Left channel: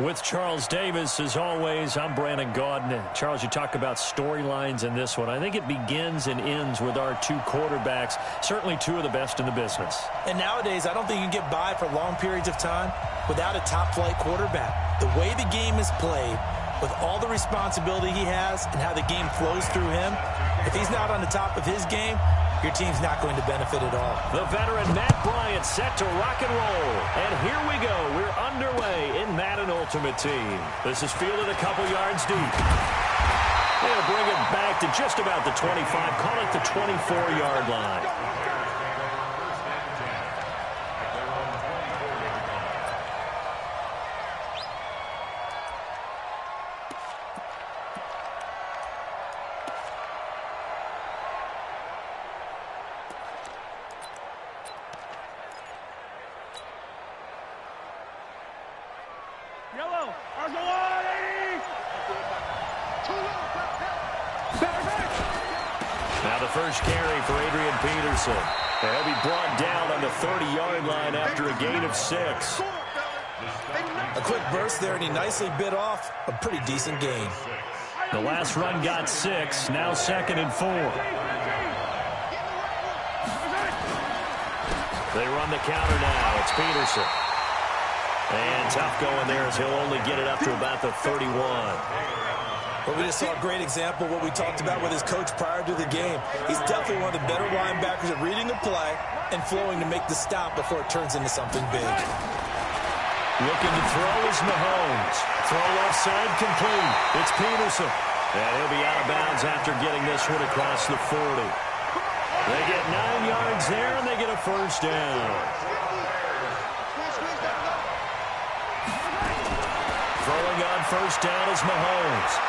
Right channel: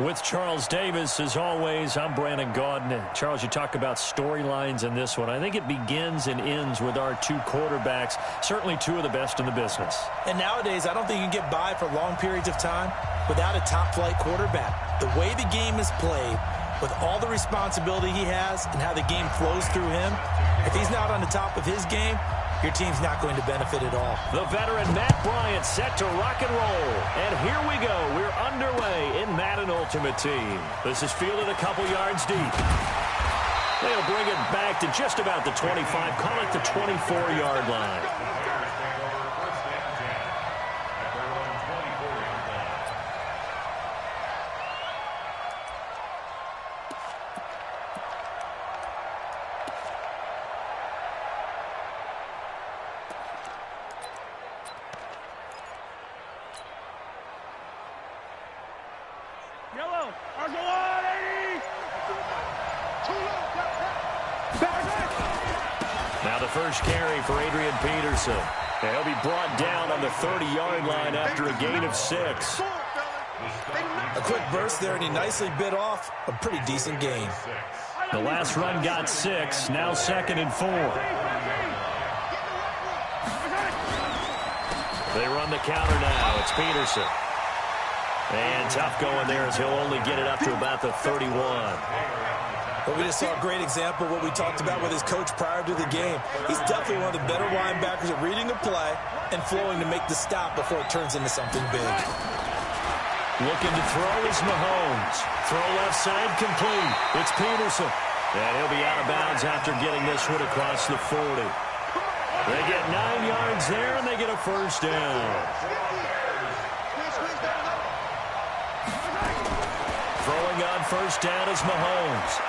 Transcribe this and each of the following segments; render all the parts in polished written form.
With Charles Davis, as always, I'm Brandon Gaudin. Charles, you talk about storylines in this one. I think it begins and ends with our two quarterbacks, certainly two of the best in the business. And nowadays, I don't think you can get by for long periods of time without a top-flight quarterback. The way the game is played, with all the responsibility he has and how the game flows through him, if he's not on the top of his game, your team's not going to benefit at all. The veteran Matt Bryant set to rock and roll. And here we go. We're underway in Madden Ultimate Team. This is fielded a couple yards deep. They'll bring it back to just about the 25. Call it the 24-yard line. Yellow, Argyle 80. Now the first carry for Adrian Peterson. He'll be brought down on the 30-yard line after a gain of 6. A quick burst there, and he nicely bit off a pretty decent gain. The last run got 6, now 2nd and 4. They run the counter now. It's Peterson. And tough going there as he'll only get it up to about the 31. Well, we just saw a great example of what we talked about with his coach prior to the game. He's definitely one of the better linebackers at reading a play and flowing to make the stop before it turns into something big. Looking to throw is Mahomes. Throw left side complete. It's Peterson. And he'll be out of bounds after getting this one across the 40. They get 9 yards there, and they get a first down. Throwing on first down is Mahomes.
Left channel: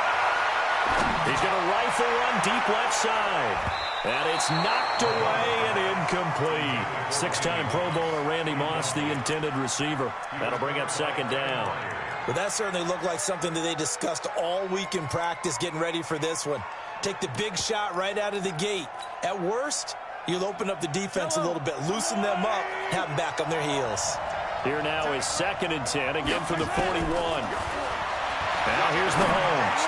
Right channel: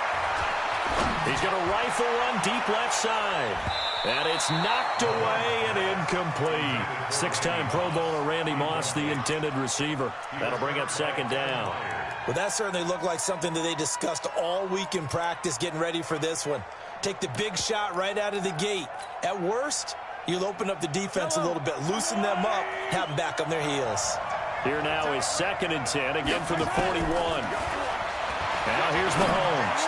He's going to rifle one deep left side. And it's knocked away and incomplete. 6-time Pro Bowler Randy Moss, the intended receiver. That'll bring up 2nd down. Well, that certainly looked like something that they discussed all week in practice getting ready for this one. Take the big shot right out of the gate. At worst, you'll open up the defense a little bit, loosen them up, have them back on their heels. Here now is 2nd and 10, again from the 41. Now here's Mahomes.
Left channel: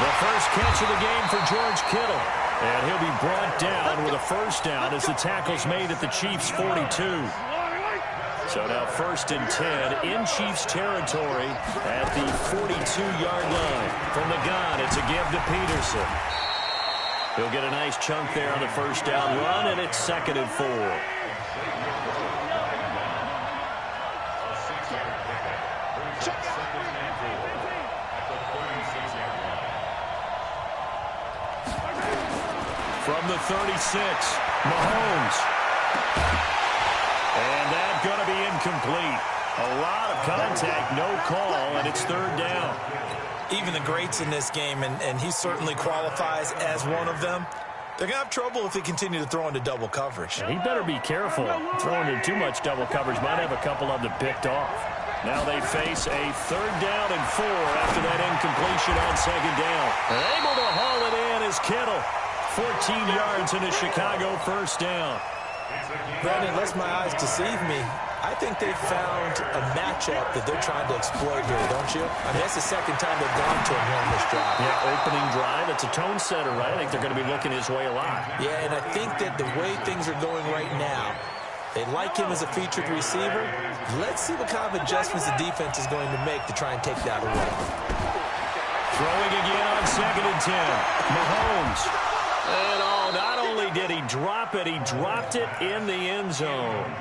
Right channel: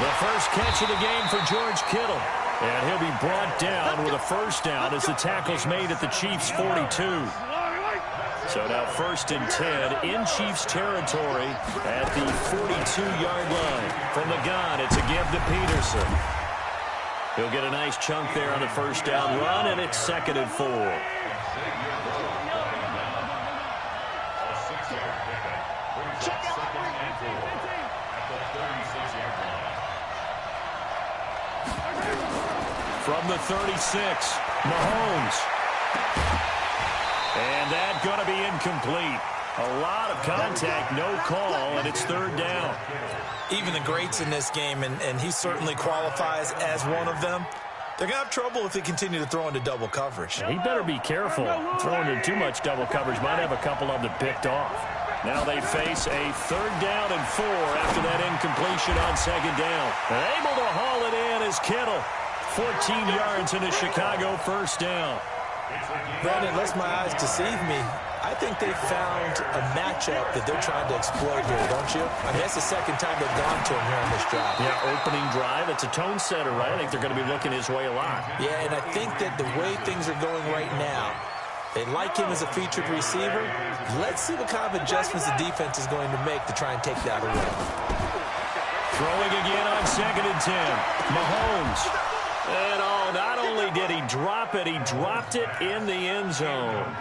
The first catch of the game for George Kittle. And he'll be brought down with a first down as the tackle's made at the Chiefs' 42. So now 1st and 10 in Chiefs territory at the 42-yard line. From the gun, it's a give to Peterson. He'll get a nice chunk there on the first down run, and it's 2nd and 4. From the 36, Mahomes. And that's going to be incomplete. A lot of contact, no call, and it's 3rd down. Even the greats in this game, and he certainly qualifies as one of them, they're going to have trouble if they continue to throw into double coverage. He better be careful. Throwing into too much double coverage might have a couple of them picked off. Now they face a 3rd down and 4 after that incompletion on 2nd down. And able to haul it in is Kittle. 14 yards in a Chicago first down. Brandon, unless my eyes deceive me, I think they found a matchup that they're trying to exploit here, don't you? I mean, that's the 2nd time they've gone to him here on this drive. Yeah, opening drive. It's a tone setter, right? I think they're going to be looking his way a lot. Yeah, and I think that the way things are going right now, they like him as a featured receiver. Let's see what kind of adjustments the defense is going to make to try and take that away. Throwing again on 2nd and 10. Mahomes. And not only did he drop it, he dropped it in the end zone.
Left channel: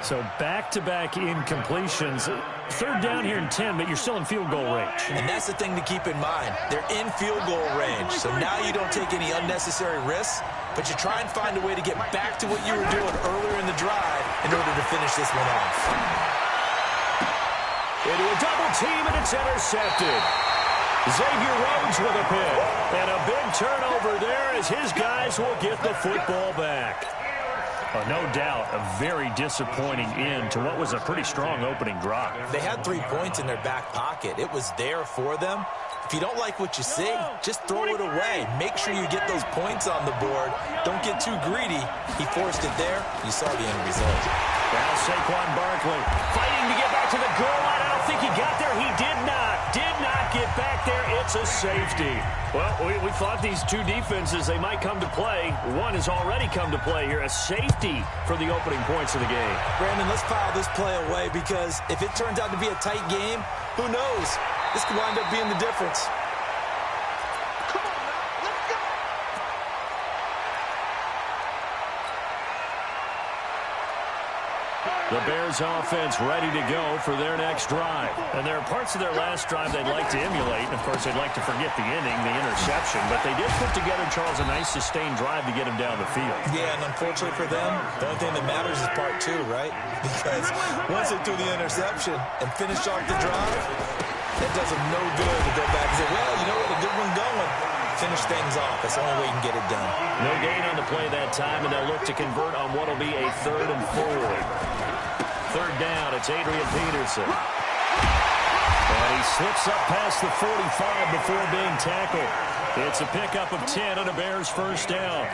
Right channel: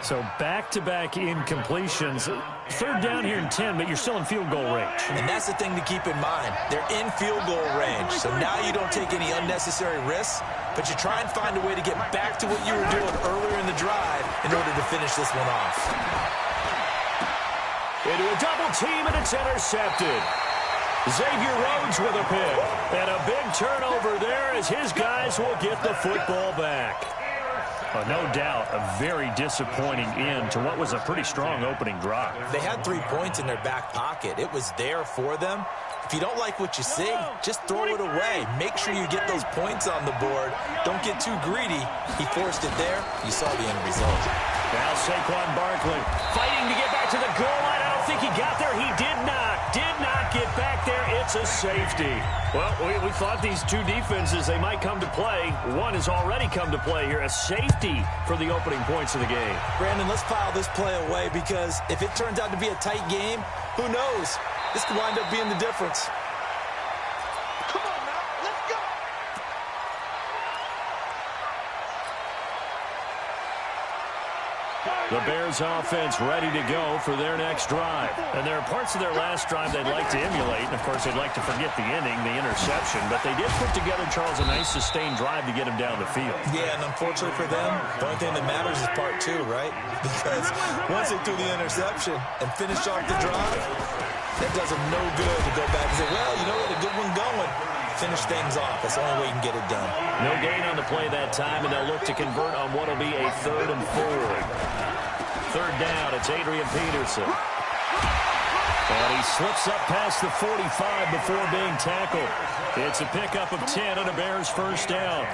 So back-to-back incompletions. 3rd down here and 10, but you're still in field goal range. And that's the thing to keep in mind. They're in field goal range. So now you don't take any unnecessary risks, but you try and find a way to get back to what you were doing earlier in the drive in order to finish this one off. Into a double team, and it's intercepted. Xavier Rhodes with a pick. And a big turnover there as his guys will get the football back. No doubt a very disappointing end to what was a pretty strong opening drive. They had 3 points in their back pocket. It was there for them. If you don't like what you see, just throw it away. Make sure you get those points on the board. Don't get too greedy. He forced it there. You saw the end result. Now Saquon Barkley fighting to get back to the goal line. think he got there. He did not get back there. It's a safety. Well, we thought these two defenses, they might come to play. One has already come to play here. A safety for the opening points of the game. Brandon, let's file this play away because if it turns out to be a tight game, who knows? This could wind up being the difference. Come on now, let's go. The Bears offense ready to go for their next drive. And there are parts of their last drive they'd like to emulate. And, of course, they'd like to forget the inning, the interception. But they did put together, Charles, a nice sustained drive to get him down the field. Yeah, and unfortunately for them, the only thing that matters is part two, right? Because once they threw the interception and finished off the drive, that does them no good to go back and say, well, you know, we had a good one going. Finish things off. That's the only way you can get it done. No gain on the play that time, and they'll look to convert on what will be a 3rd and 4. Third down, it's Adrian Peterson. And he slips up past the 45 before being tackled. It's a pickup of 10 and a Bears first down.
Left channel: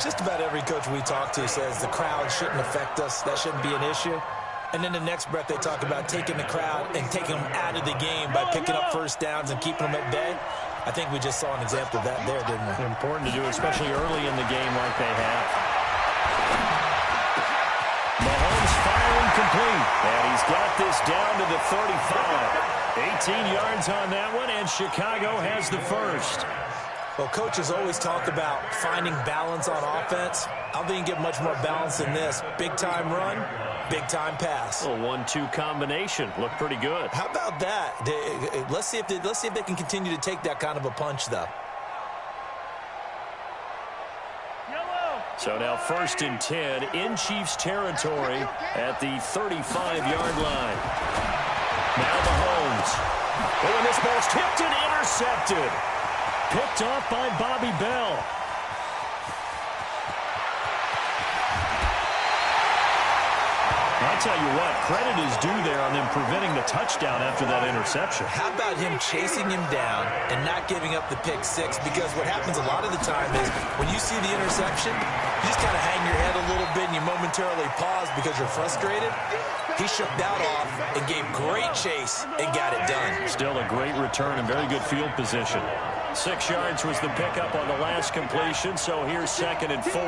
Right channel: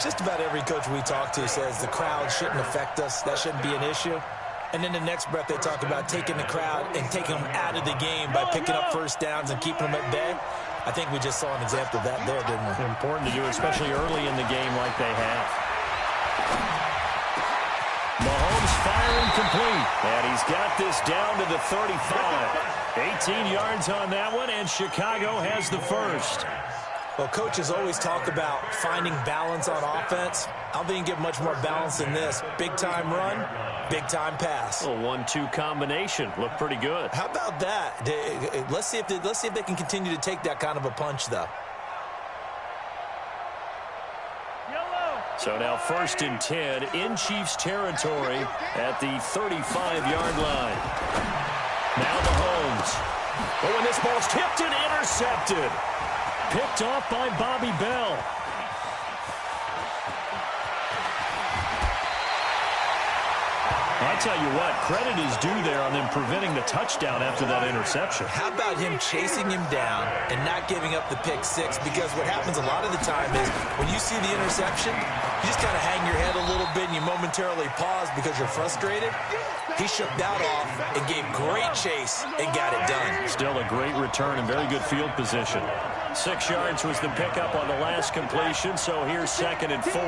Just about every coach we talk to says the crowd shouldn't affect us. That shouldn't be an issue. And then the next breath they talk about taking the crowd and taking them out of the game by picking up first downs and keeping them at bay. I think we just saw an example of that there, didn't we? Important to do, especially early in the game like they have. Mahomes firing complete. And he's got this down to the 35. 18 yards on that one, and Chicago has the first. Well, coaches always talk about finding balance on offense. I don't think you get much more balance than this. Big-time run, big-time pass. A 1-2 combination. Looked pretty good. How about that? Let's see if they can continue to take that kind of a punch, though. So now 1st and 10 in Chiefs territory at the 35-yard line. Now Mahomes. Oh, and this ball's tipped and intercepted. Picked off by Bobby Bell. I tell you what, credit is due there on them preventing the touchdown after that interception. How about him chasing him down and not giving up the pick six? Because what happens a lot of the time is when you see the interception, you just kind of hang your head a little bit and you momentarily pause because you're frustrated. He shook that off and gave great chase and got it done. Still a great return and very good field position. 6 yards was the pickup on the last completion, so here's 2nd and 4.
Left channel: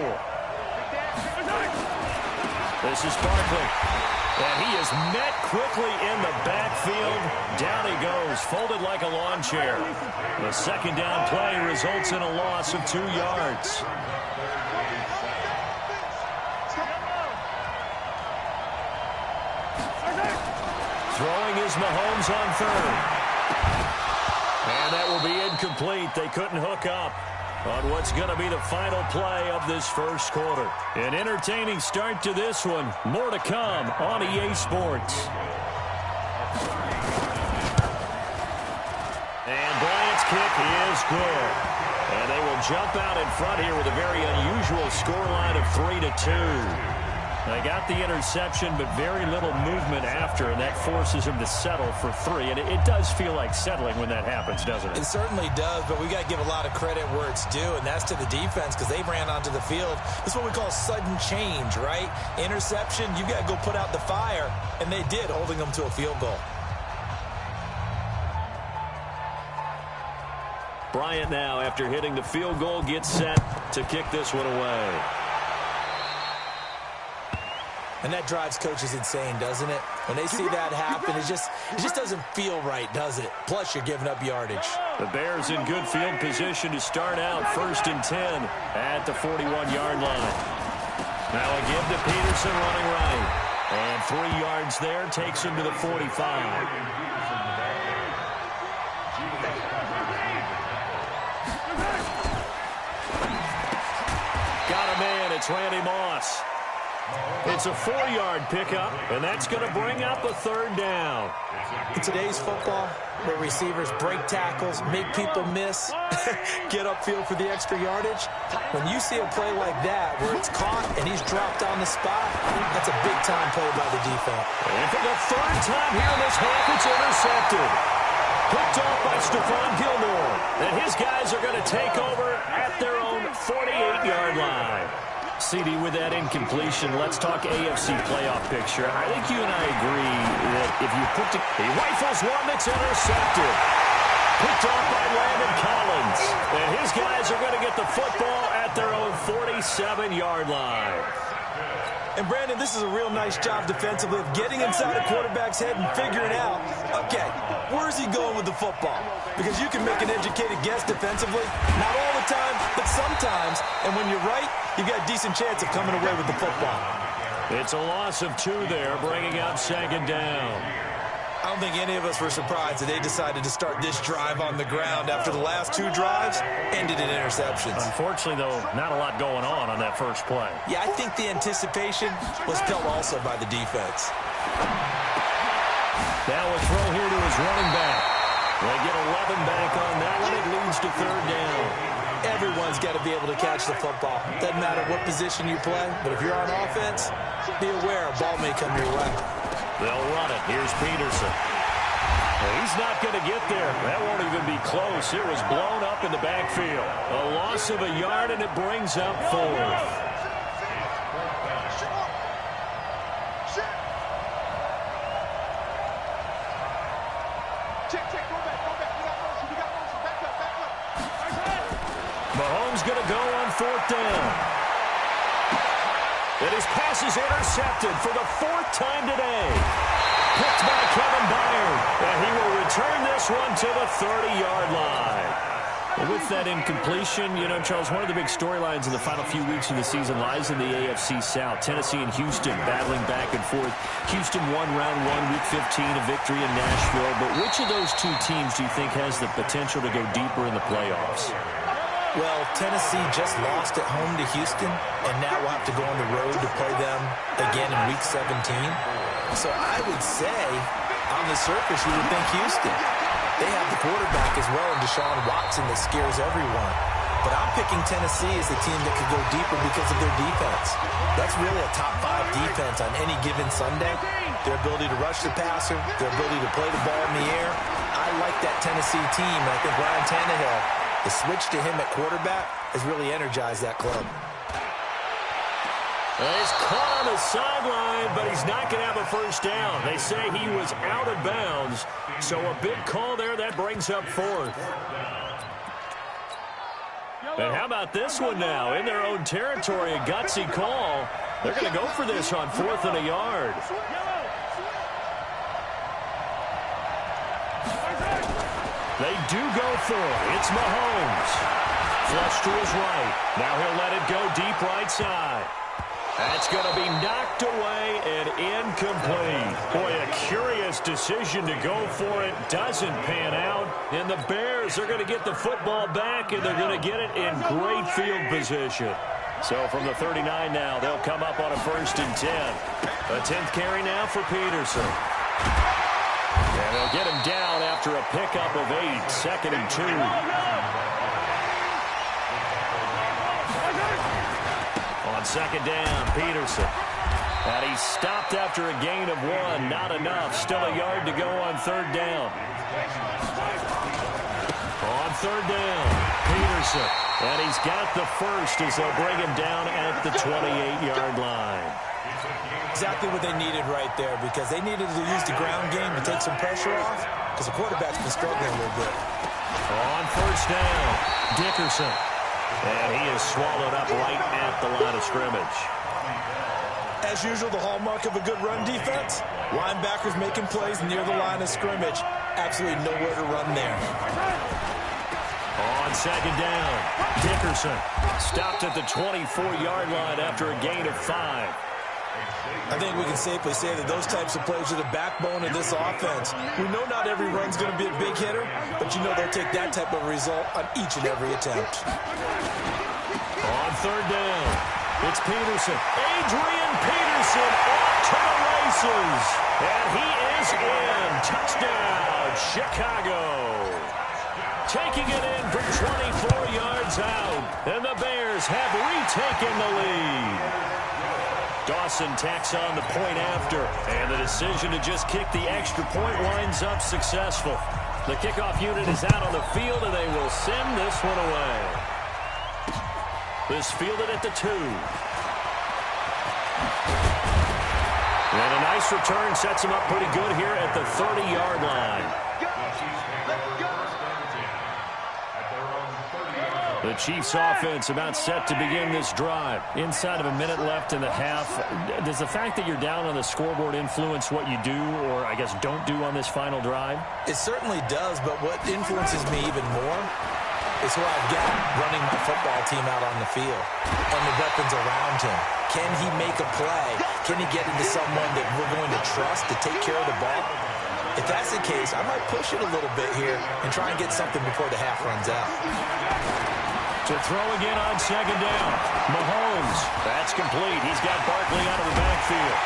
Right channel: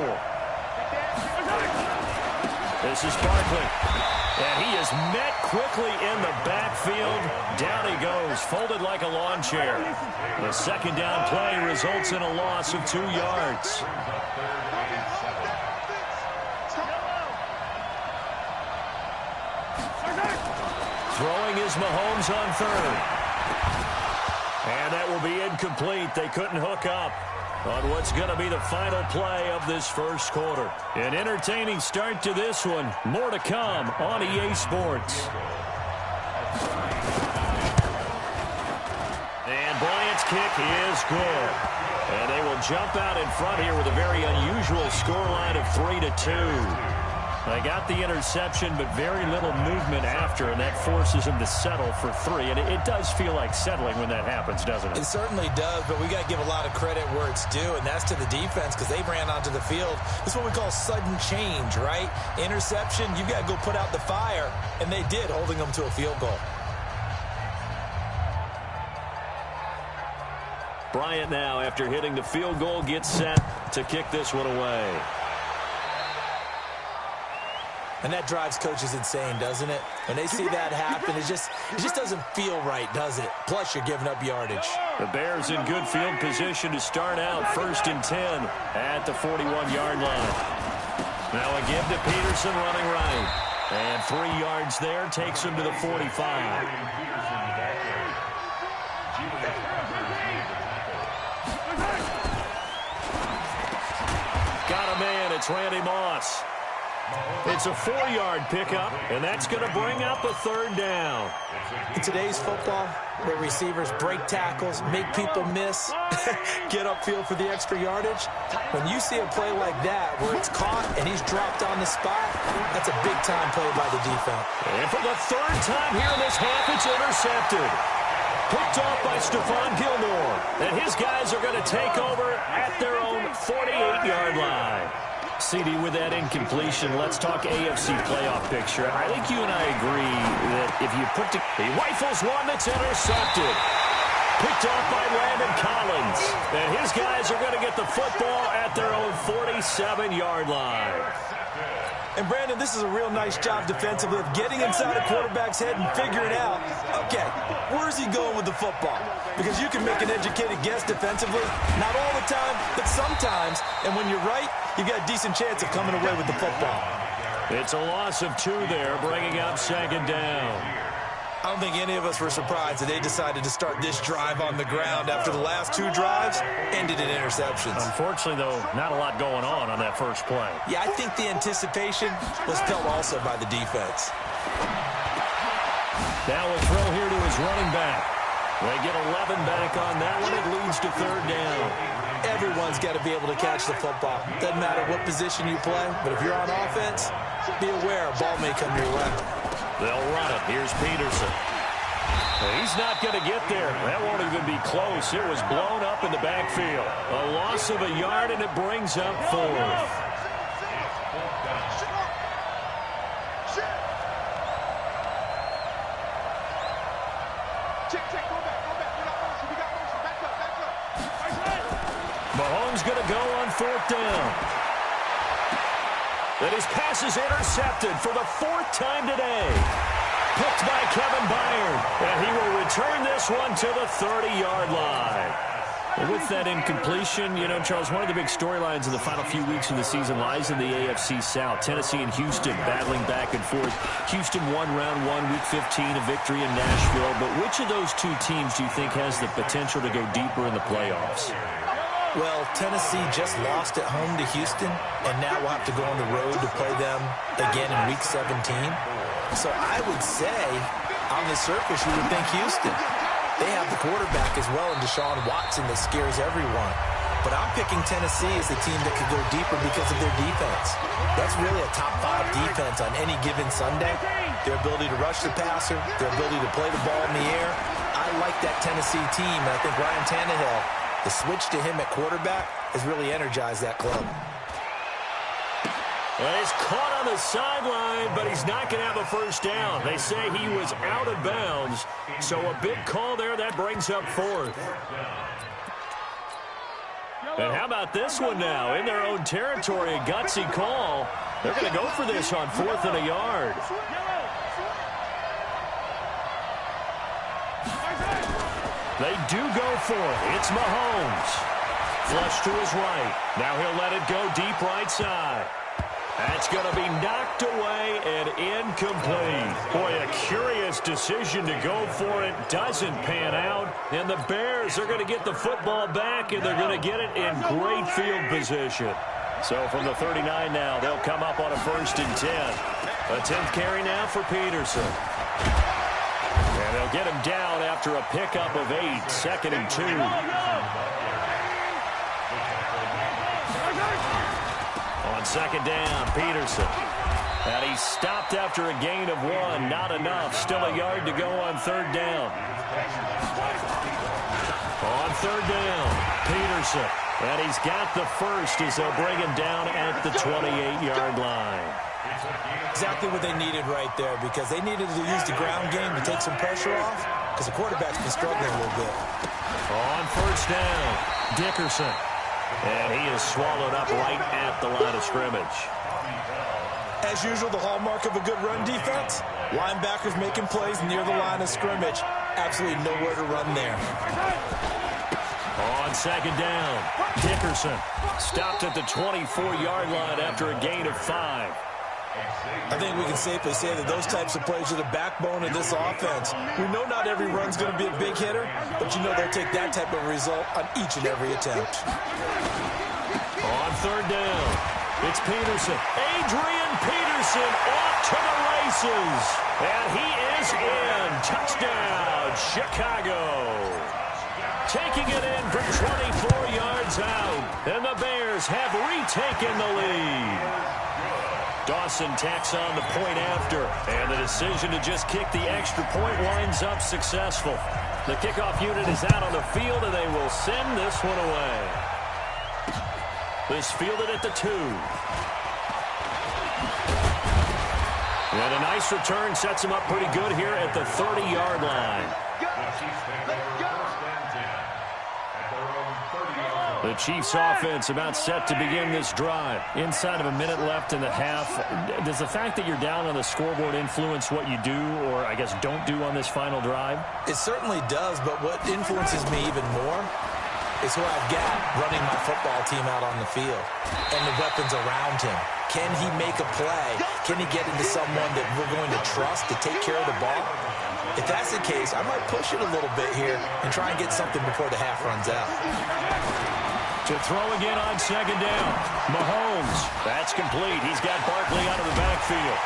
This is Barkley. And he is met quickly in the backfield. Down he goes, folded like a lawn chair. The 2nd down play results in a loss of 2 yards. Throwing is Mahomes on 3rd. And that will be incomplete. They couldn't hook up on what's going to be the final play of this first quarter. An entertaining start to this one. More to come on EA Sports. And Bryant's kick is good. And they will jump out in front here with a very unusual scoreline of 3-2. They got the interception, but very little movement after, and that forces them to settle for 3. And it does feel like settling when that happens, doesn't it? It certainly does, but we got to give a lot of credit where it's due, and that's to the defense because they ran onto the field. This is what we call sudden change, right? Interception, you've got to go put out the fire, and they did, holding them to a field goal. Bryant now, after hitting the field goal, gets set to kick this one away. And that drives coaches insane, doesn't it? When they see that happen, it just doesn't feel right, does it? Plus, you're giving up yardage. The Bears in good field position to start out 1st and 10 at the 41-yard line. Now a give to Peterson running right. And 3 yards there takes him to the 45. Got a man. It's Randy Moss. It's a 4-yard pickup, and that's going to bring up a 3rd down. In today's football, where receivers break tackles, make people miss, get upfield for the extra yardage, when you see a play like that where it's caught and he's dropped on the spot, that's a big-time play by the defense. And for the 3rd time here in this half, it's intercepted. Picked off by Stephon Gilmore. And his guys are going to take over at their own 48-yard line. CD, with that incompletion, let's talk AFC playoff picture. I think you and I agree that if you put he rifles one that's intercepted. Picked off by Landon Collins. And his guys are going to get the football at their own 47-yard line. And, Brandon, this is a real nice job defensively of getting inside a quarterback's head and figuring out, okay, where's he going with the football? Because you can make an educated guess defensively, not all the time, but sometimes. And when you're right, you've got a decent chance of coming away with the football. It's a loss of 2 there, bringing up second down. I don't think any of us were surprised that they decided to start this drive on the ground after the last 2 drives ended in interceptions. Unfortunately, though, not a lot going on that first play. Yeah, I think the anticipation was felt also by the defense. Now a throw here to his running back. They get 11 back on that one. It leads to third down. Everyone's got to be able to catch the football. Doesn't matter what position you play, but if you're on offense, be aware a ball may come your way. They'll run it. Here's Peterson. He's not going to get there. That won't even be close. It was blown up in the backfield. A loss of a yard, and it brings up 4th. Mahomes going to go on 4th down. And his pass is intercepted for the 4th time today. Picked by Kevin Byard. And he will return this one to the 30-yard line. Well, with that incompletion, you know, Charles, one of the big storylines in the final few weeks of the season lies in the AFC South. Tennessee and Houston battling back and forth. Houston won round 1, week 15, a victory in Nashville. But which of those 2 teams do you think has the potential to go deeper in the playoffs? Well, Tennessee just lost at home to Houston, and now we'll have to go on the road to play them again in Week 17. So I would say, on the surface, you would think Houston. They have the quarterback as well in Deshaun Watson that scares everyone. But I'm picking Tennessee as the team that could go deeper because of their defense. That's really a top 5 defense on any given Sunday. Their ability to rush the passer, their ability to play the ball in the air. I like that Tennessee team, and I think Ryan Tannehill, the switch to him at quarterback has really energized that club. Well, he's caught on the sideline, but he's not going to have a first down. They say he was out of bounds, so a big call there. That brings up 4th. And how about this one now? In their own territory, a gutsy call. They're going to go for this on 4th and a yard. They do go for it. It's Mahomes. Flush to his right. Now he'll let it go deep right side. That's going to be knocked away and incomplete. Boy, a curious decision to go for it. Doesn't pan out. And the Bears are going to get the football back, and they're going to get it in great field position. So from the 39 now, they'll come up on a 1st and 10. A 10th carry now for Peterson. And they'll get him down after a pickup of 8, 2nd and 2. On 2nd down, Peterson. And he's stopped after a gain of 1. Not enough. Still a yard to go on 3rd down. On 3rd down, Peterson. And he's got the first as they'll bring him down at the 28-yard line. Exactly what they needed right there, because they needed to use the ground game to take some pressure off, because the quarterback's been struggling a little bit. On 1st down, Dickerson. And he is swallowed up right at the line of scrimmage. As usual, the hallmark of a good run defense, linebackers making plays near the line of scrimmage. Absolutely nowhere to run there. On 2nd down, Dickerson stopped at the 24-yard line after a gain of 5. I think we can safely say that those types of plays are the backbone of this offense. We know not every run's going to be a big hitter, but you know they'll take that type of result on each and every attempt. On 3rd down, it's Peterson. Adrian Peterson off to the races. And he is in. Touchdown, Chicago. Taking it in for 24 yards out. And the Bears have retaken the lead. Dawson tacks on the point after, and the decision to just kick the extra point winds up successful. The kickoff unit is out on the field, and they will send this one away. This fielded at the 2. And a nice return sets him up pretty good here at the 30-yard line. The Chiefs offense about set to begin this drive. Inside of a minute left in the half. Does the fact that you're down on the scoreboard influence what you do, or I guess don't do on this final drive? It certainly does, but what influences me even more is who I've got running my football team out on the field and the weapons around him. Can he make a play? Can he get into someone that we're going to trust to take care of the ball? If that's the case, I might push it a little bit here and try and get something before the half runs out. To throw again on second down. Mahomes. That's complete. He's got Barkley out of the backfield.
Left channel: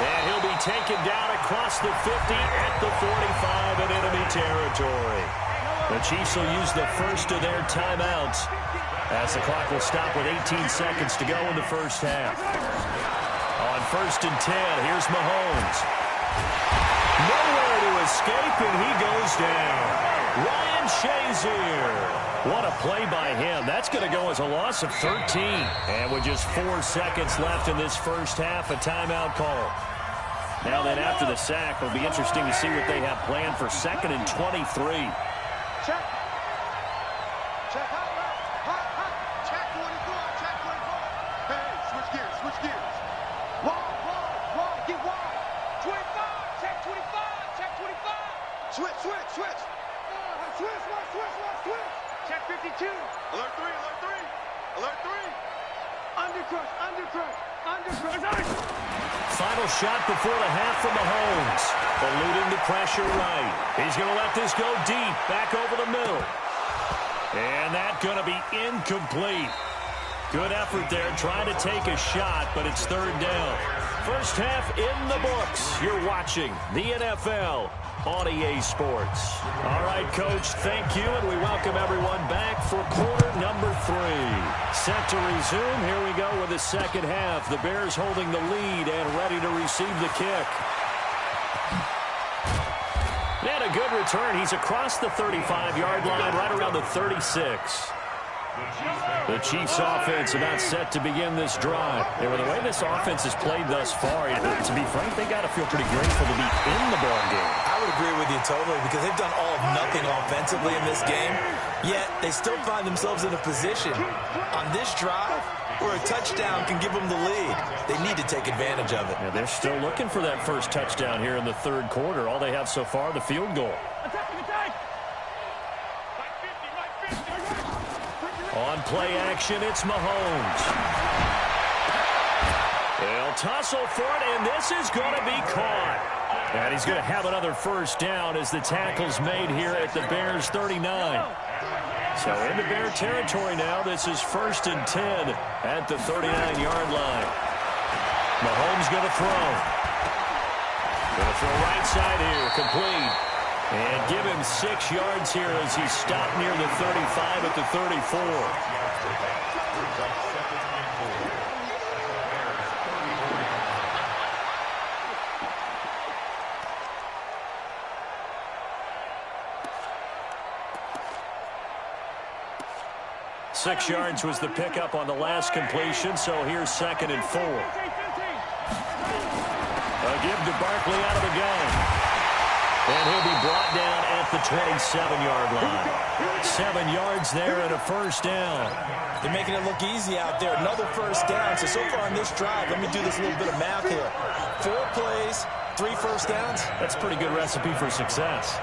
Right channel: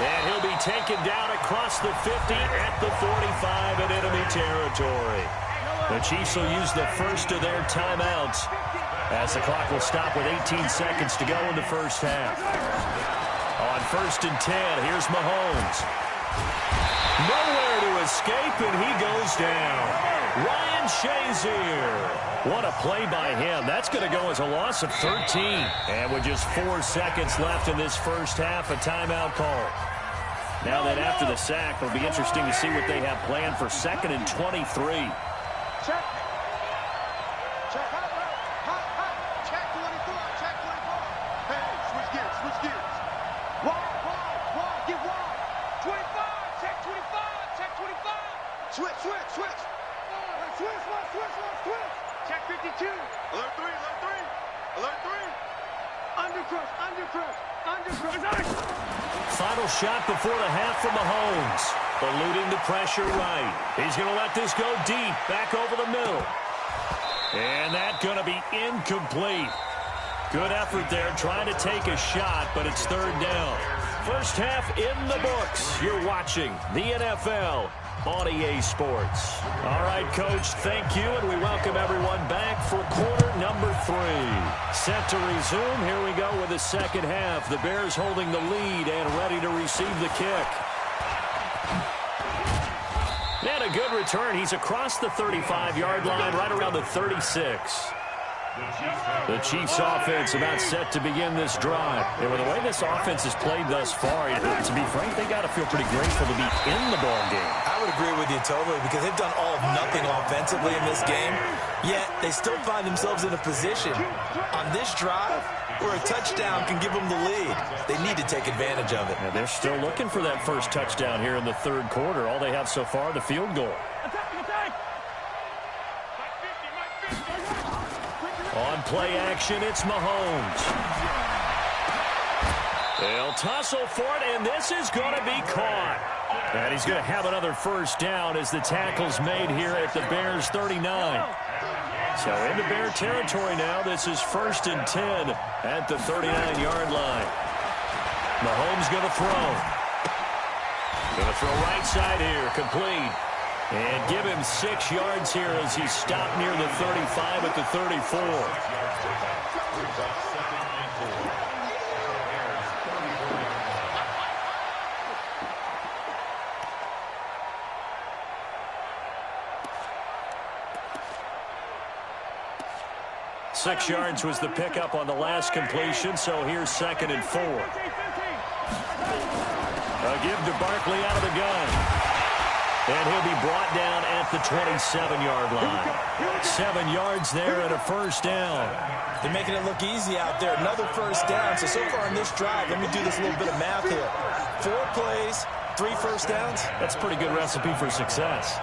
And he'll be taken down across the 50 at the 45 in enemy territory. The Chiefs will use the first of their timeouts as the clock will stop with 18 seconds to go in the first half. On 1st and 10, here's Mahomes. Nowhere to escape, and he goes down. Ryan Shazier. What a play by him. That's going to go as a loss of 13. And with just 4 seconds left in this first half, a timeout call. Now then, after the sack, it'll be interesting to see what they have planned for 2nd and 23. Check. Check. Hot. Check 24. Check 24. Hey, switch gears. Wide. Get wide. 25. Check 25. Check 25. Switch. Switch. Check 52. Alert 3. Undercrush. Final shot before the half from Mahomes. Eluding the pressure right. He's going to let this go deep. Back over the middle. And that's going to be incomplete. Good effort there trying to take a shot, but it's 3rd down. First half in the books. You're watching the NFL on EA Sports. All right, Coach, thank you, and we welcome everyone back for quarter number 3. Set to resume. Here we go with the second half. The Bears holding the lead and ready to receive the kick. And a good return. He's across the 35-yard line, right around the 36. The Chiefs offense about set to begin this drive. And with the way this offense has played thus far, to be frank, they got to feel pretty grateful to be in the ball game. I would agree with you totally, because they've done all of nothing offensively in this game, yet they still find themselves in a position on this drive where a touchdown can give them the lead. They need to take advantage of it. Yeah, they're still looking for that first touchdown here in the 3rd quarter. All they have so far, the field goal. On play action, it's Mahomes. They'll tussle for it, and this is going to be caught. And he's going to have another first down as the tackle's made here at the Bears' 39. So into Bear territory now. This is 1st and 10 at the 39-yard line. Mahomes going to throw. Going to throw right side here, complete. And give him 6 yards here as he stopped near the 35 at the 34. Six yards was the pickup on the last completion, so here's 2nd and 4. A give to Barkley out of the gun. And he'll be brought down at the 27-yard line. 7 yards there and a first down. They're making it look easy out there. Another first down. So far in this drive, let me do this little bit of math here. 4 plays, 3 first downs. That's a pretty good recipe for success.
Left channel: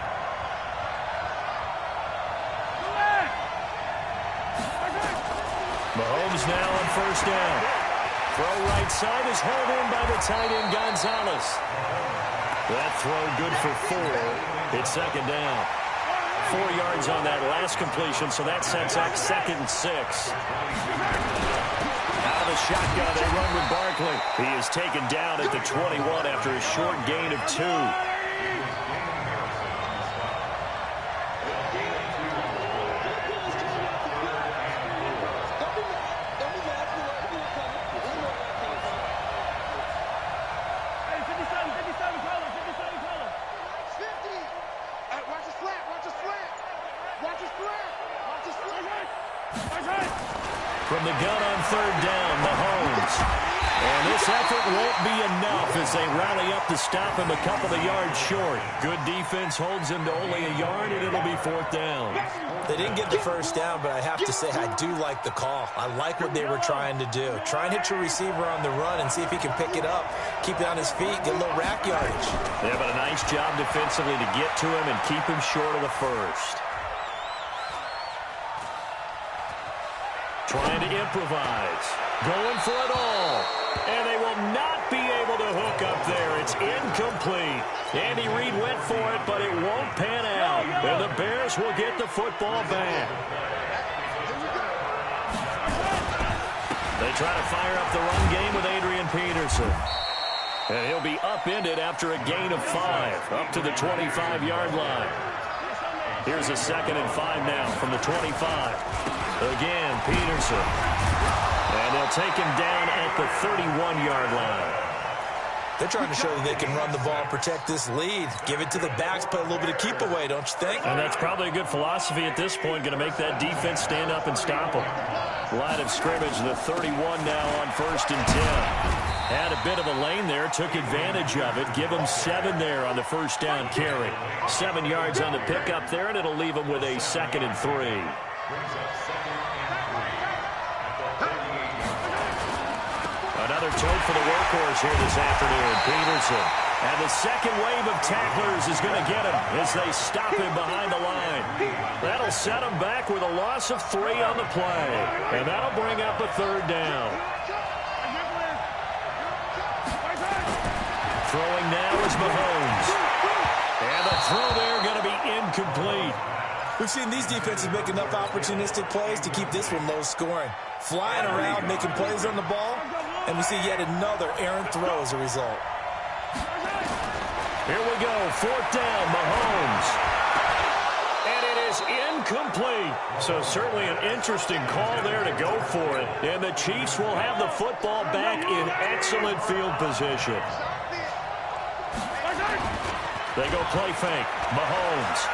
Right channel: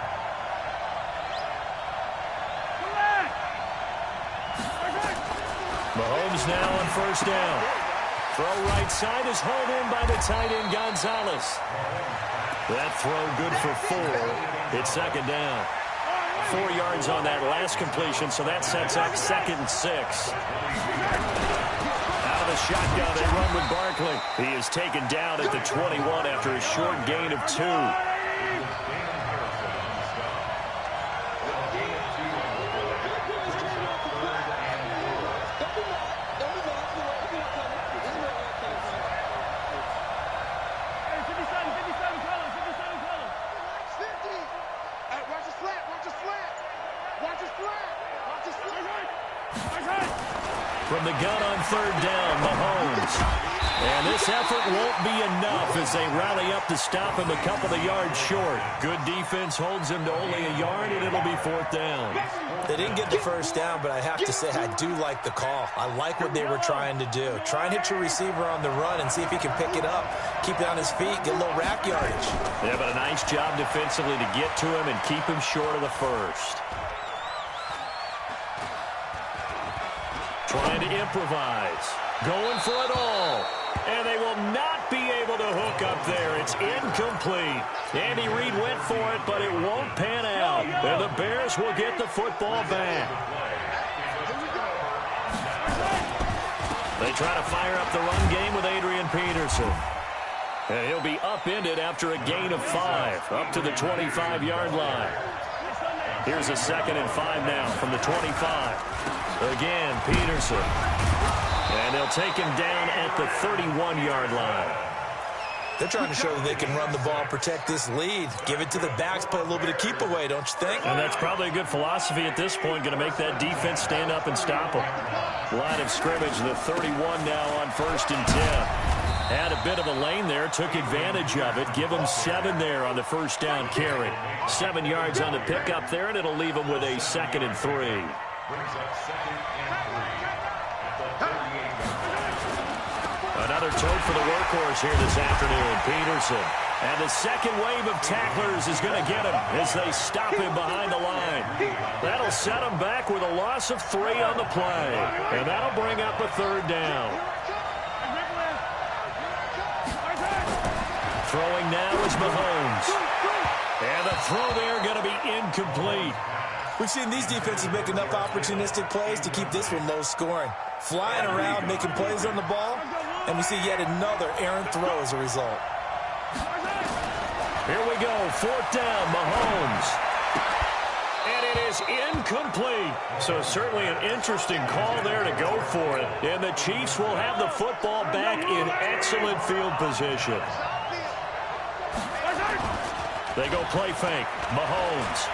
Mahomes now on first down. Throw right side is hauled in by the tight end Gonzalez. That throw good for 4. It's 2nd down. 4 yards on that last completion, so that sets up 2nd and 6. Out of the shotgun, they run with Barkley. He is taken down at the 21 after a short gain of 2. From the gun on third down, Mahomes. And this effort won't be enough as they rally up to stop him a couple of yards short. Good defense holds him to only a yard, and it'll be fourth down. They didn't get the first down, but I have to say I do like the call. I like what they were trying to do. Try and hit your receiver on the run and see if he can pick it up, keep it on his feet, get a little rack yardage. Yeah, but a nice job defensively to get to him and keep him short of the first. Trying to improvise. Going for it all. And they will not be able to hook up there. It's incomplete. Andy Reid went for it, but it won't pan out. And the Bears will get the football back. They try to fire up the run game with Adrian Peterson. And he'll be upended after a gain of 5, up to the 25-yard line. Here's a 2nd and 5 now from the 25. Again, Peterson. And they'll take him down at the 31-yard line. They're trying to show that they can run the ball, protect this lead, give it to the backs, play a little bit of keep away, don't you think? And that's probably a good philosophy at this point, going to make that defense stand up and stop them. Line of scrimmage, the 31 now on 1st and 10. Had a bit of a lane there, took advantage of it. Give them 7 there on the first down carry. 7 yards on the pickup there, and it'll leave them with a 2nd and 3. Another tote for the workhorse here this afternoon, Peterson. And the second wave of tacklers is going to get him as they stop him behind the line. That'll set him back with a loss of 3 on the play. And that'll bring up a 3rd down. Throwing now is Mahomes. And the throw there going to be incomplete. We've seen these defenses make enough opportunistic plays to keep this one low scoring. Flying around, making plays on the ball, and we see yet another errant throw as a result. Here we go, 4th down, Mahomes. And it is incomplete. So certainly an interesting call there to go for it. And the Chiefs will have the football back in excellent field position. They go play fake, Mahomes.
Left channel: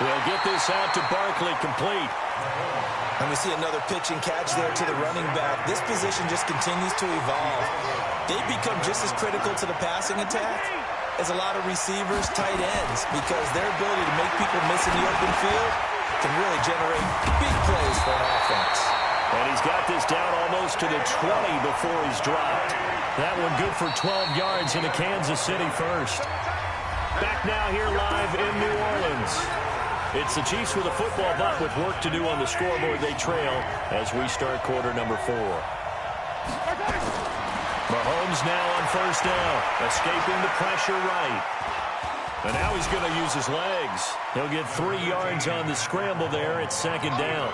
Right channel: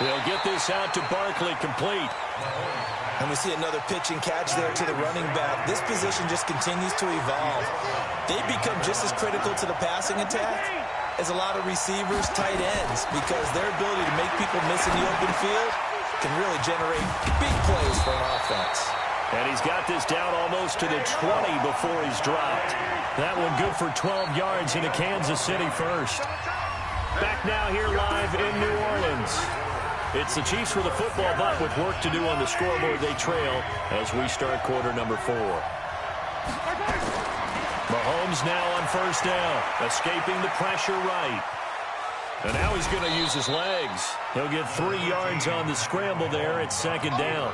They'll get this out to Barkley, complete. And we see another pitch and catch there to the running back. This position just continues to evolve. They become just as critical to the passing attack as a lot of receivers, tight ends, because their ability to make people miss in the open field can really generate big plays for an offense. And he's got this down almost to the 20 before he's dropped. That one good for 12 yards into Kansas City first. Back now here live in New Orleans. It's the Chiefs with a football, but with work to do on the scoreboard. They trail as we start quarter number 4. Mahomes now on 1st down, escaping the pressure right. And now he's going to use his legs. He'll get 3 yards on the scramble there at 2nd down.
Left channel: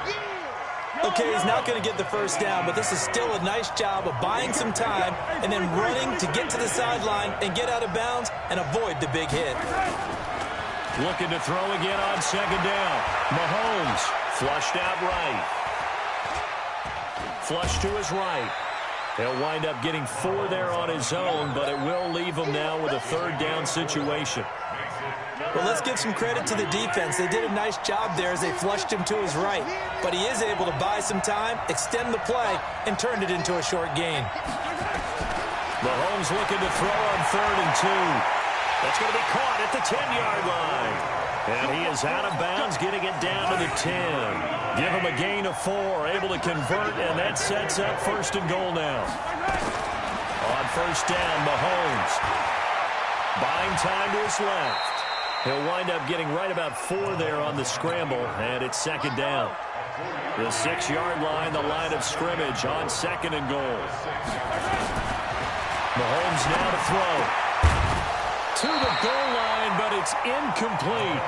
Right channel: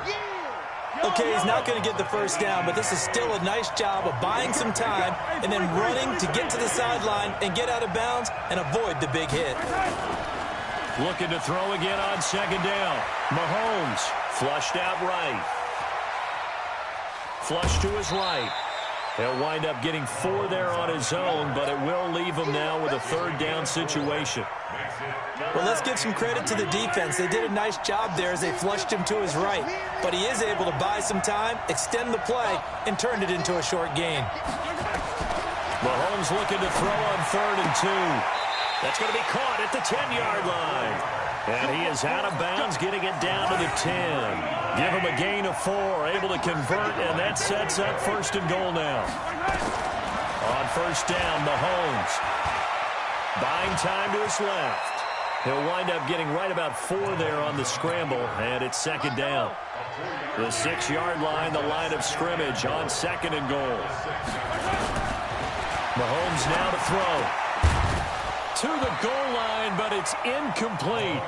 Okay, he's not going to get the first down, but this is still a nice job of buying some time and then running to get to the sideline and get out of bounds and avoid the big hit. Looking to throw again on 2nd down. Mahomes flushed out right. Flush to his right. He'll wind up getting 4 there on his own, but it will leave him now with a 3rd down situation. Well, let's give some credit to the defense. They did a nice job there as they flushed him to his right. But he is able to buy some time, extend the play, and turn it into a short gain. Mahomes looking to throw on 3rd and 2. That's going to be caught at the 10-yard line. And he is out of bounds, getting it down to the 10. Give him a gain of 4, able to convert, and that sets up 1st and goal now. On 1st down, Mahomes. Buying time to his left. He'll wind up getting right about 4 there on the scramble, and it's 2nd down. The 6-yard line, the line of scrimmage on 2nd and goal. Mahomes now to throw. To the goal line, but it's incomplete.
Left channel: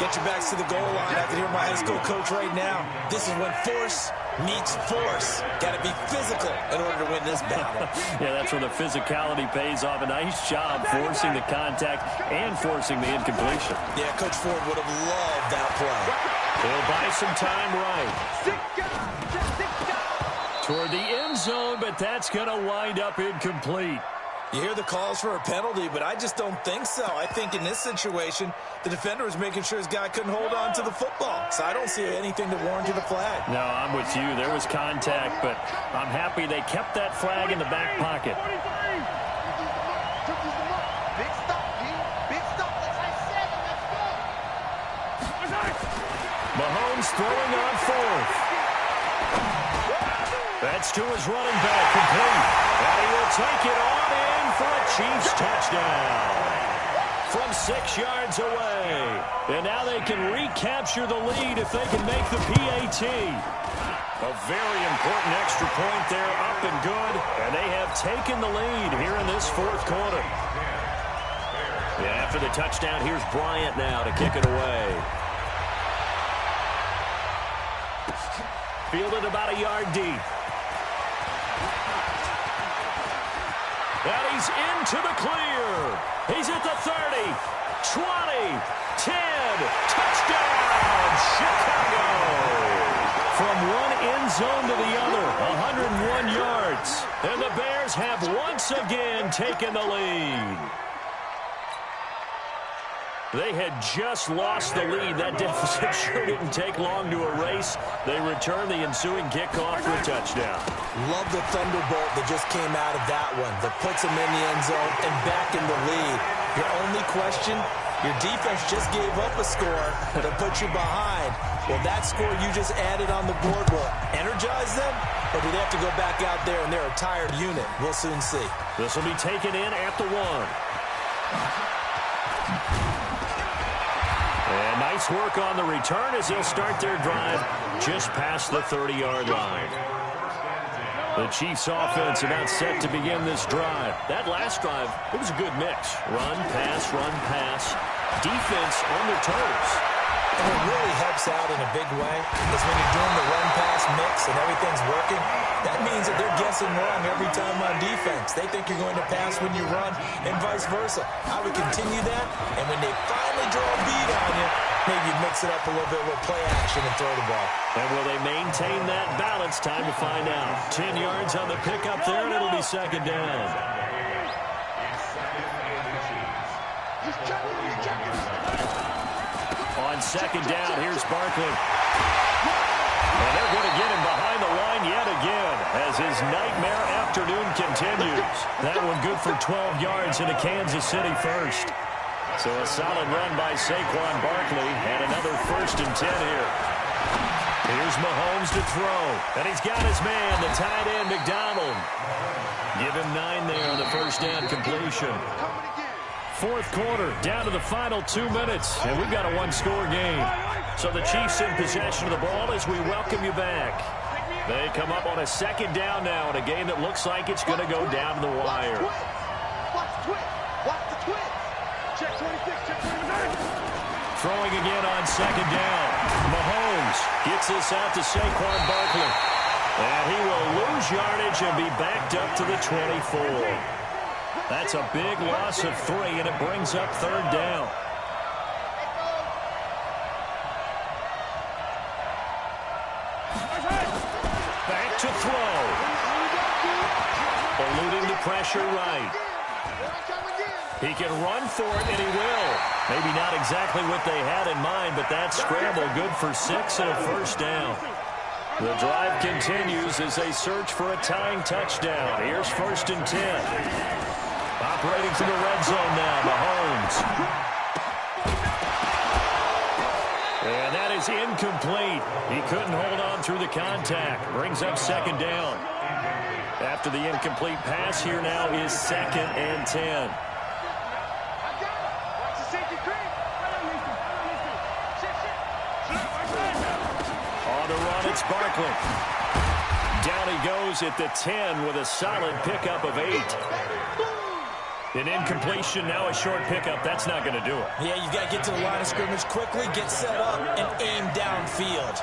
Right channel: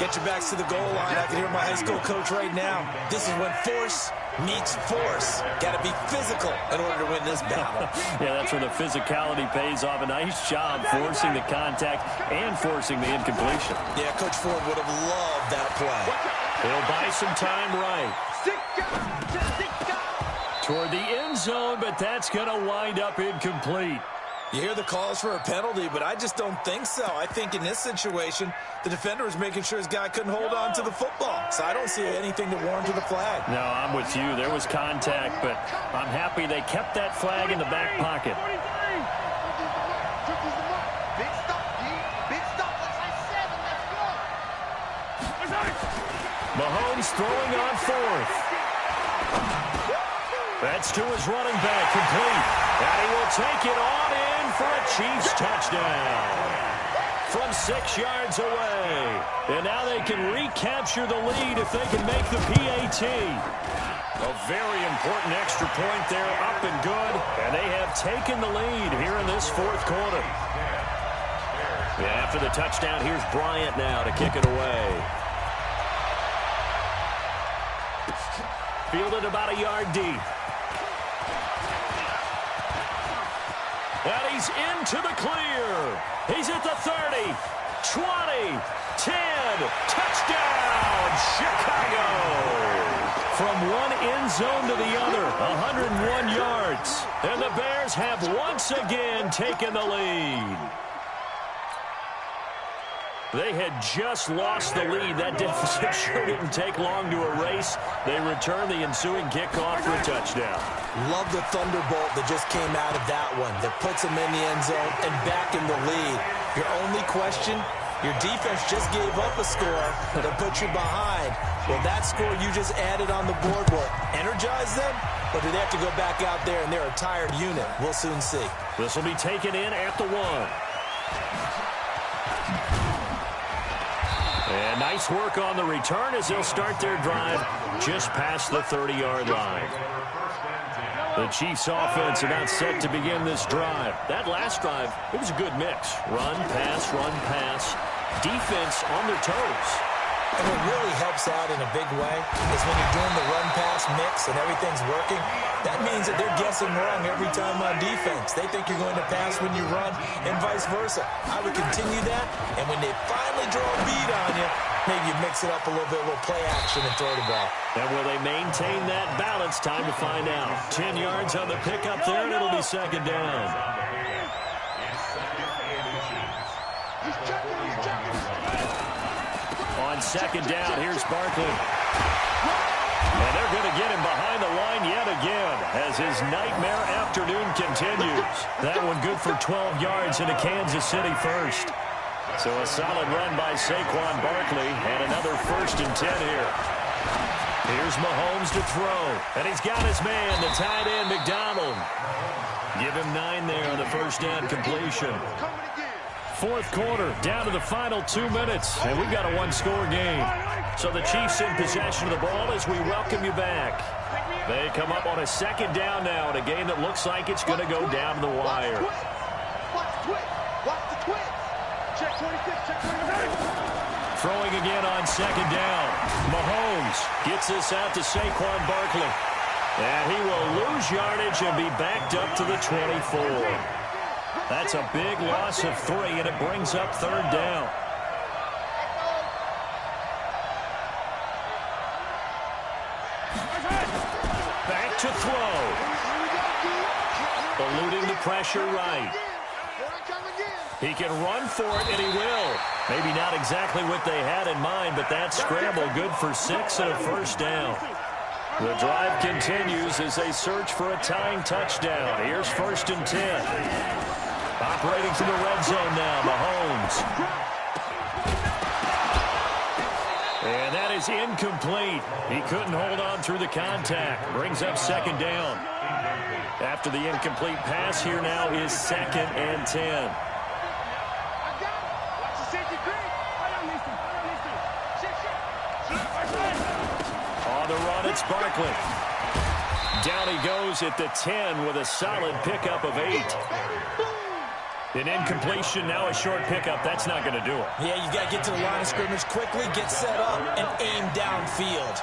Get your backs to the goal line. I can hear my high school coach right now. This is when force meets force. Got to be physical in order to win this battle. Yeah, that's where the physicality pays off. A nice job forcing the contact and forcing the incompletion. Yeah, Coach Ford would have loved that play. He'll buy some time right. Toward the end zone, but that's going to wind up incomplete. You hear the calls for a penalty, but I just don't think so. I think in this situation, the defender was making sure his guy couldn't hold on to the football. So I don't see anything to warrant the flag. No, I'm with you. There was contact, but I'm happy they kept that flag in the back pocket. Big stop, D. Big stop. Let's high 7. Let's go. Mahomes throwing on fourth. That's to his running back, complete. And he will take it on in for a Chiefs touchdown from 6 yards away. And now they can recapture the lead if they can make the PAT. A very important extra point there, up and good. And they have taken the lead here in this fourth quarter. After the touchdown, here's Bryant now to kick it away. Fielded about a yard deep. And he's into the clear. He's at the 30, 20, 10. Touchdown, Chicago. From one end zone to the other, 101 yards. And the Bears have once again taken the lead. They had just lost the lead. That deficit sure didn't take long to erase. They return the ensuing kickoff for a touchdown. Love the thunderbolt that just came out of that one. That puts them in the end zone and back in the lead. Your only question, your defense just gave up a score that put you behind. Well, that score you just added on the board will energize them? Or do they have to go back out there and they're a tired unit? We'll soon see. This will be taken in at the 1. And nice work on the return as they'll start their drive just past the 30-yard line. The Chiefs offense about set to begin this drive. That last drive, it was a good mix. Run, pass, defense on their toes. And what really helps out in a big way is when you're doing the run-pass mix and everything's working, that means that they're guessing wrong every time on defense. They think you're going to pass when you run and vice versa. I would continue that, and when they finally draw a bead on you, maybe you mix it up a little bit, a little play action and throw the ball. And will they maintain that balance? Time to find out. 10 yards on the pickup there, and it'll be second down. He's checking. On second down, here's Barkley. And they're going to get him behind the line yet again as his nightmare afternoon continues. That one good for 12 yards into Kansas City first. So a solid run by Saquon Barkley and another 1st and 10 here. Here's Mahomes to throw. And he's got his man, the tight end, McDonald. Give him 9 there on the first down completion. Fourth quarter, down to the final 2 minutes, and we've got a one-score game. So the Chiefs in possession of the ball as we welcome you back. They come up on a second down now in a game that looks like it's going to go down to the wire. Watch the twist. Check 26, check 26. Throwing again on second down. Mahomes gets this out to Saquon Barkley. And he will lose yardage and be backed up to the 24. That's a big loss of 3, and it brings up third down. Back to throw. Eluding the pressure right. He can run for it, and he will. Maybe not exactly what they had in mind, but that scramble good for 6 and a first down. The drive continues as they search for a tying touchdown. Here's 1st and 10. Operating from the red zone now, Mahomes. And that is incomplete. He couldn't hold on through the contact. Brings up second down. After the incomplete pass, here now is 2nd and 10. On the run, it's Barkley. Down he goes at the 10 with a solid pickup of 8. An incompletion, now a short pickup. That's not going to do it. Yeah, you've got to get to the line of scrimmage quickly, get set up, and aim downfield.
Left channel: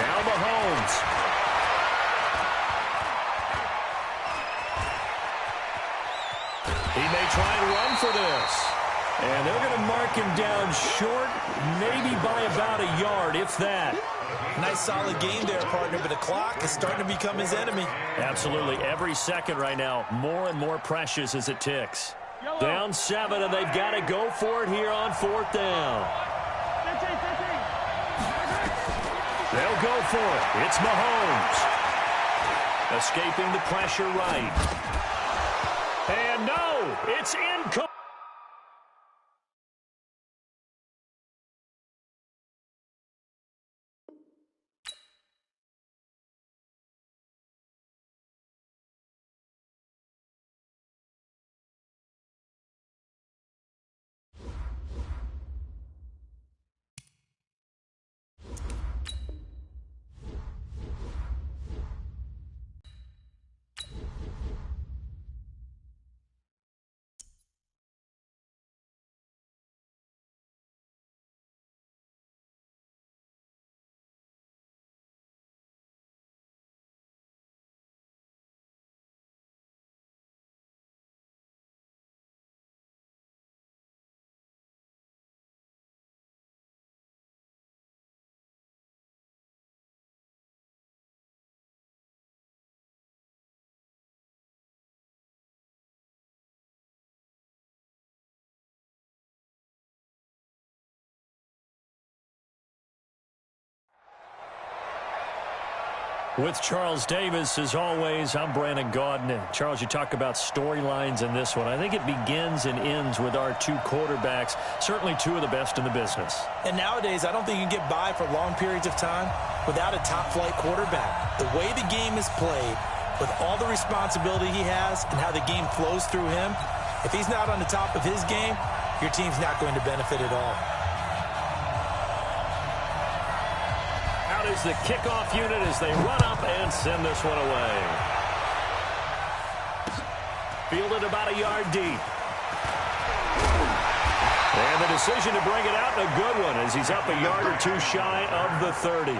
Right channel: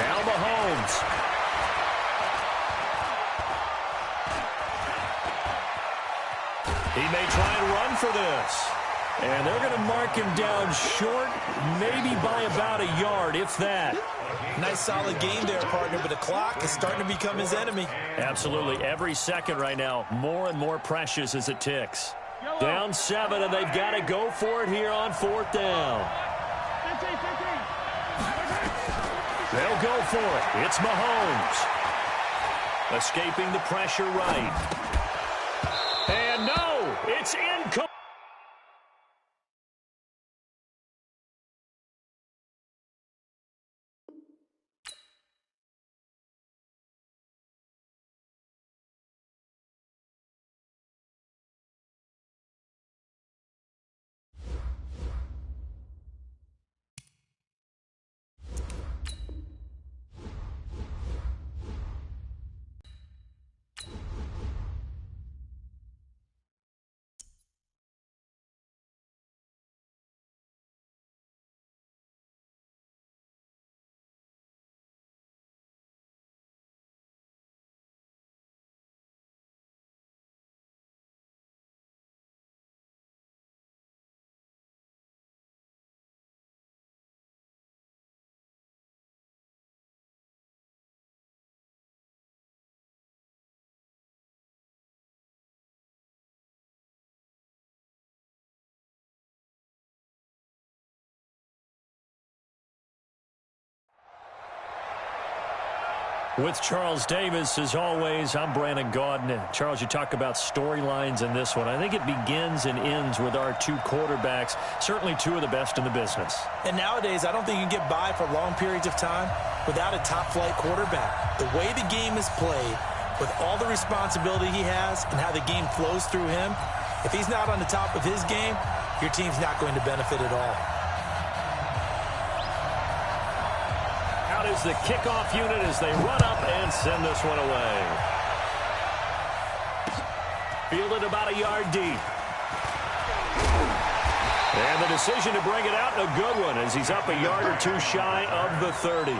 Now Mahomes. He may try and run for this. And they're going to mark him down short, maybe by about a yard, if that. Nice solid game there, partner, but the clock is starting to become his enemy. Absolutely. Every second right now, more and more precious as it ticks. Down 7, and they've got to go for it here on 4th down. They'll go for it. It's Mahomes. Escaping the pressure right. And no, it's incomplete. With Charles Davis, as always, I'm Brandon Gaudin. Charles, you talk about storylines in this one. I think it begins and ends with our two quarterbacks, certainly two of the best in the business. And nowadays, I don't think you can get by for long periods of time without a top-flight quarterback. The way the game is played, with all the responsibility he has and how the game flows through him, if he's not on the top of his game, your team's not going to benefit at all. Out is the kickoff unit as they run up and send this one away. Fielded about a yard deep. And the decision to bring it out, a good one, as he's up a yard or two shy of the 30.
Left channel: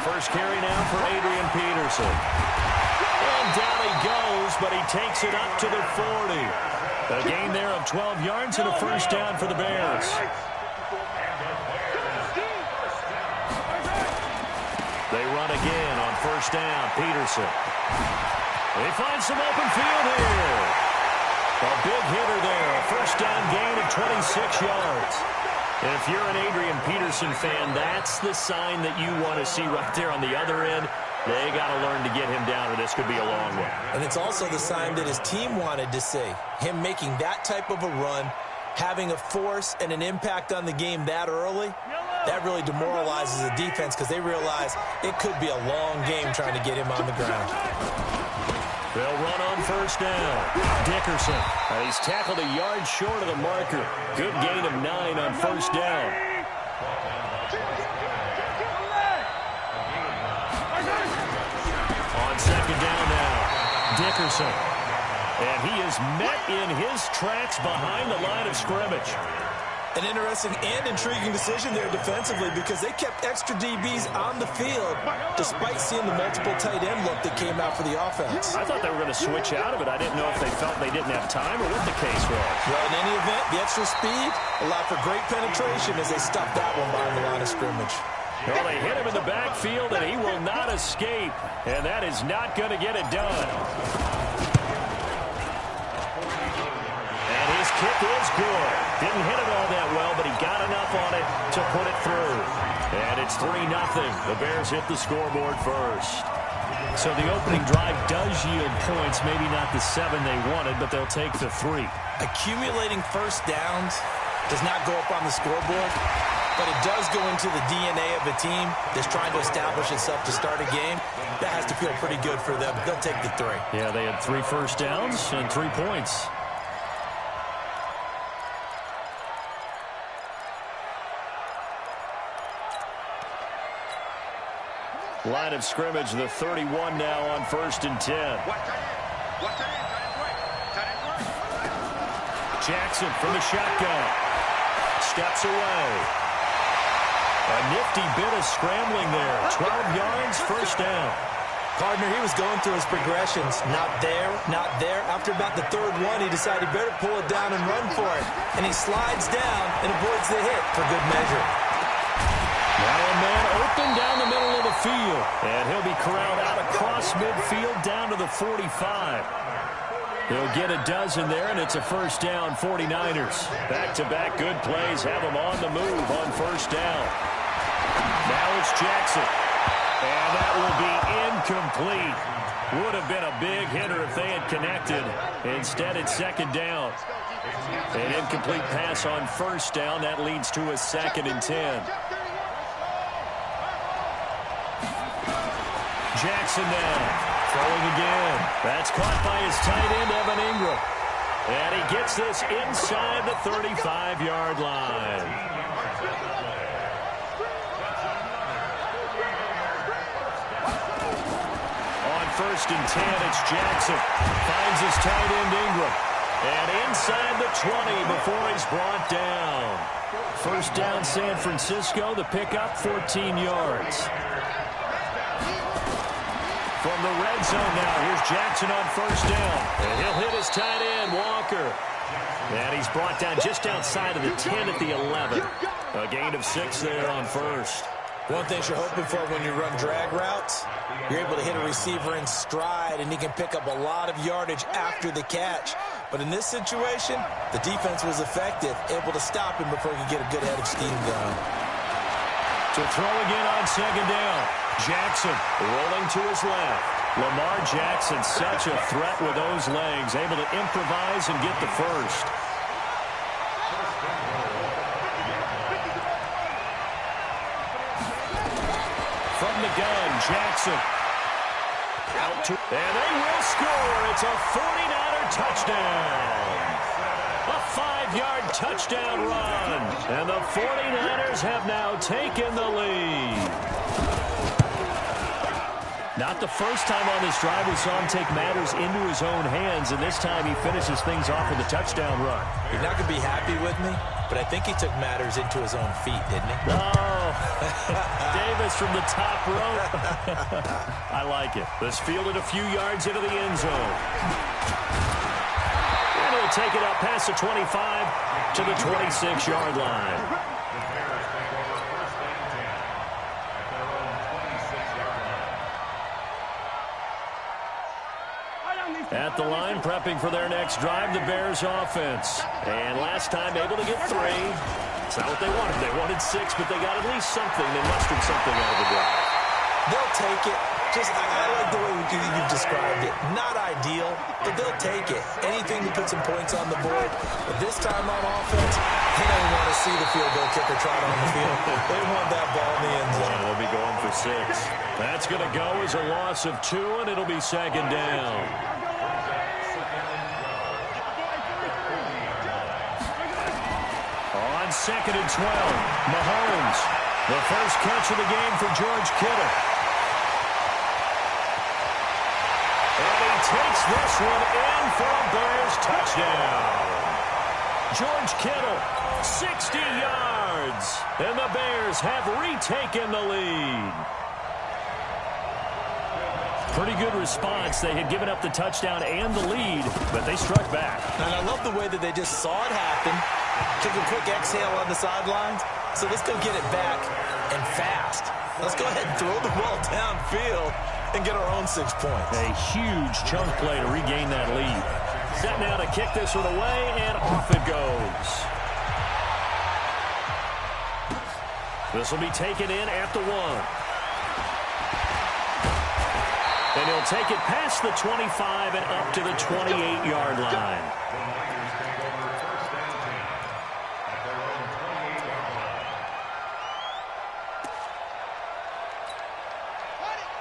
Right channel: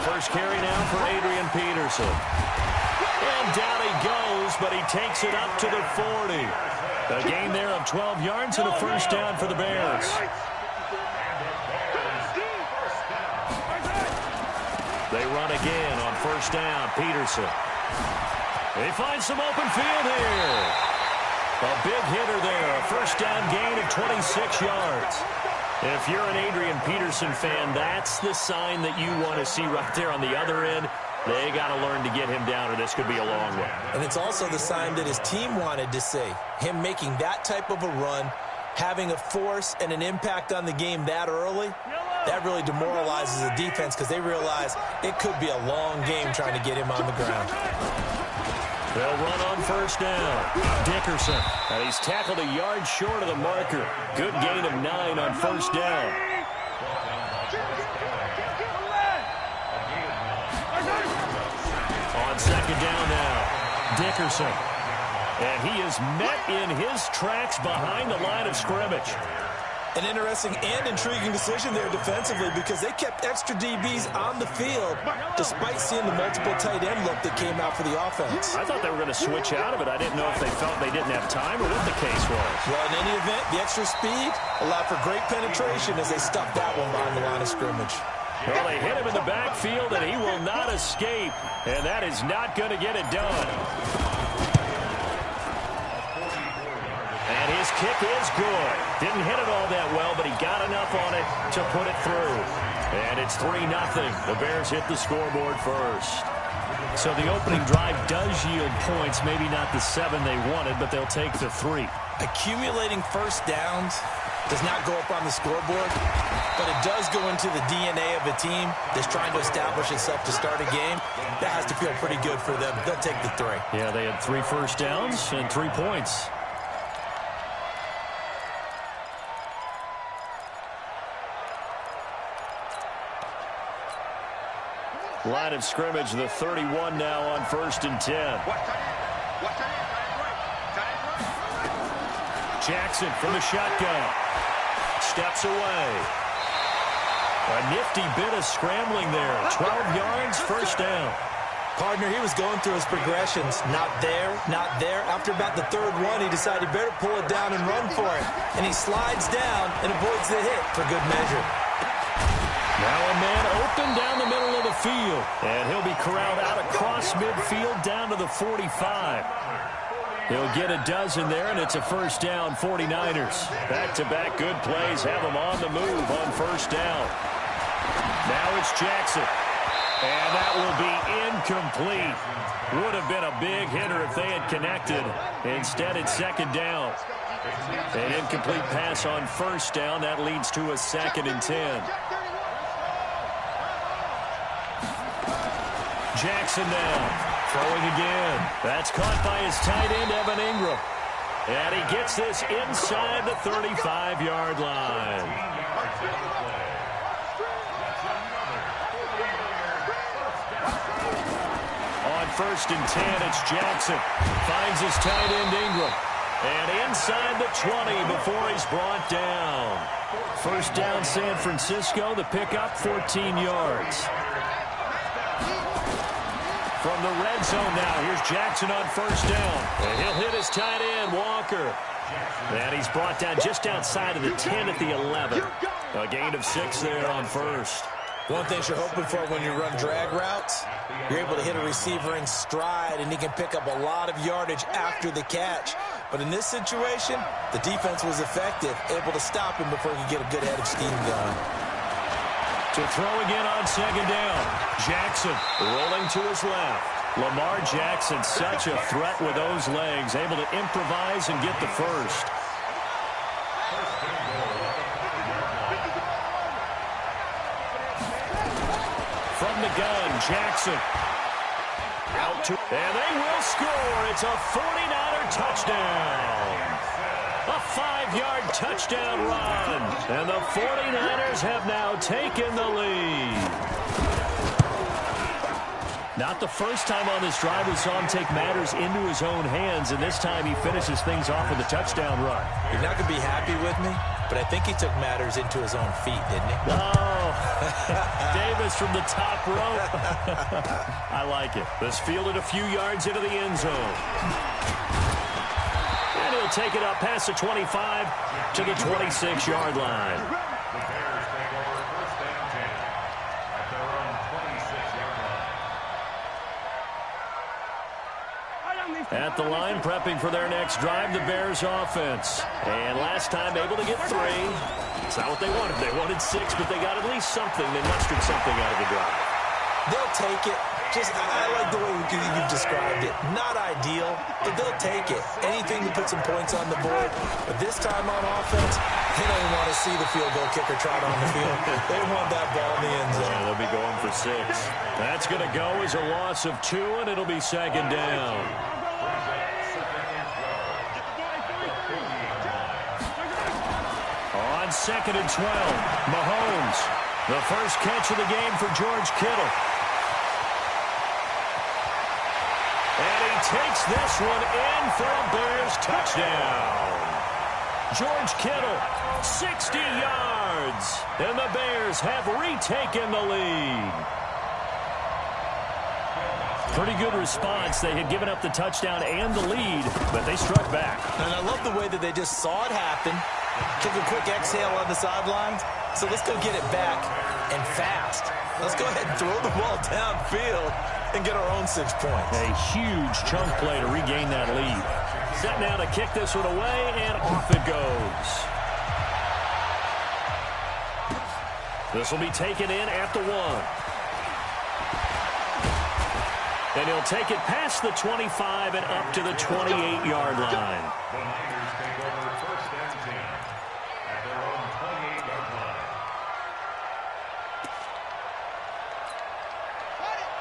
First carry now for Adrian Peterson. And down he goes, but he takes it up to the 40. A gain there of 12 yards and a first down for the Bears. They run again on first down. Peterson. They find some open field here. A big hitter there. A first down gain of 26 yards. If you're an Adrian Peterson fan, that's the sign that you want to see right there on the other end. They got to learn to get him down, or this could be a long one. And it's also the sign that his team wanted to see. Him making that type of a run, having a force and an impact on the game that early, that really demoralizes the defense because they realize it could be a long game trying to get him on the ground. They'll run on first down. Dickerson. And he's tackled a yard short of the marker. Good gain of 9 on first down. On second down now. Dickerson. And he is met in his tracks behind the line of scrimmage. An interesting and intriguing decision there defensively because they kept extra DBs on the field despite seeing the multiple tight end look that came out for the offense. I thought they were going to switch out of it. I didn't know if they felt they didn't have time or what the case was. Well, in any event, the extra speed allowed for great penetration as they stuffed that one behind the line of scrimmage. Well, they hit him in the backfield, and he will not escape. And that is not going to get it done. And his kick is good. Didn't hit it all that well, but he got enough on it to put it through. And it's 3-0. The Bears hit the scoreboard first. So the opening drive does yield points, maybe not the 7 they wanted, but they'll take the 3. Accumulating first downs does not go up on the scoreboard, but it does go into the DNA of a team that's trying to establish itself to start a game. That has to feel pretty good for them. They'll take the 3. Yeah, they had 3 first downs and 3 points. Line of scrimmage, the 31 now on 1st and 10. Jackson from the shotgun. Steps away. A nifty bit of scrambling there. 12 yards, first down. Partner, he was going through his progressions. Not there, not there. After about the third one, he decided he better pull it down and run for it. And he slides down and avoids the hit for good measure. Now a man open down the middle of the field. And he'll be corralled out across midfield down to the 45. He'll get a dozen there, and it's a first down, 49ers. Back-to-back good plays have them on the move on first down. Now it's Jackson. And that will be incomplete. Would have been a big hitter if they had connected. Instead, it's second down. An incomplete pass on first down. That leads to a 2nd and 10. Jackson now. Throwing again. That's caught by his tight end, Evan Ingram. And he gets this inside the 35-yard line. On 1st and 10, it's Jackson. Finds his tight end, Ingram. And inside the 20 before he's brought down. First down, San Francisco. The pickup, 14 yards. From the red zone now, here's Jackson on first down. And he'll hit his tight end, Walker. And he's brought down just outside of the 10 at the 11. A gain of 6 there on first. One thing you're hoping for when you run drag routes, you're able to hit a receiver in stride, and he can pick up a lot of yardage after the catch. But in this situation, the defense was effective, able to stop him before he could get a good head of steam going. To throw again on second down. Jackson rolling to his left. Lamar Jackson, such a threat with those legs, able to improvise and get the first. From the gun, Jackson. Out to, and they will score. It's a 49er touchdown. A 5-yard touchdown run. And the 49ers have now taken the lead. Not the first time on this drive we saw him take matters into his own hands, and this time he finishes things off with a touchdown run. You're not going to be happy with me, but I think he took matters into his own feet, didn't he? Oh, Davis from the top rope. I like it. This fielded a few yards into the end zone. And he'll take it up past the 25 to the 26-yard line. At the line, prepping for their next drive, the Bears offense. And last time able to get 3. It's not what they wanted. They wanted 6, but they got at least something. They mustered something out of the drive. They'll take it. I like the way you've described it. Not ideal, but they'll take it. Anything to put some points on the board. But this time on offense, they don't want to see the field goal kicker trot on the field. They want that ball in the end zone. Yeah, they'll be going for 6. That's going to go as a loss of 2, and it'll be second down. On 2nd and 12, Mahomes. The first catch of the game for George Kittle. And he takes this one in for a Bears touchdown. George Kittle, 60 yards. And the Bears have retaken the lead. Pretty good response. They had given up the touchdown and the lead, but they struck back. And I love the way that they just saw it happen, took a quick exhale on the sidelines. So let's go get it back and fast. Let's go ahead and throw the ball downfield and get our own 6 points. A huge chunk play to regain that lead. Set now to kick this one away, and off it goes. This will be taken in at the 1. And he'll take it past the 25 and up to the 28-yard line.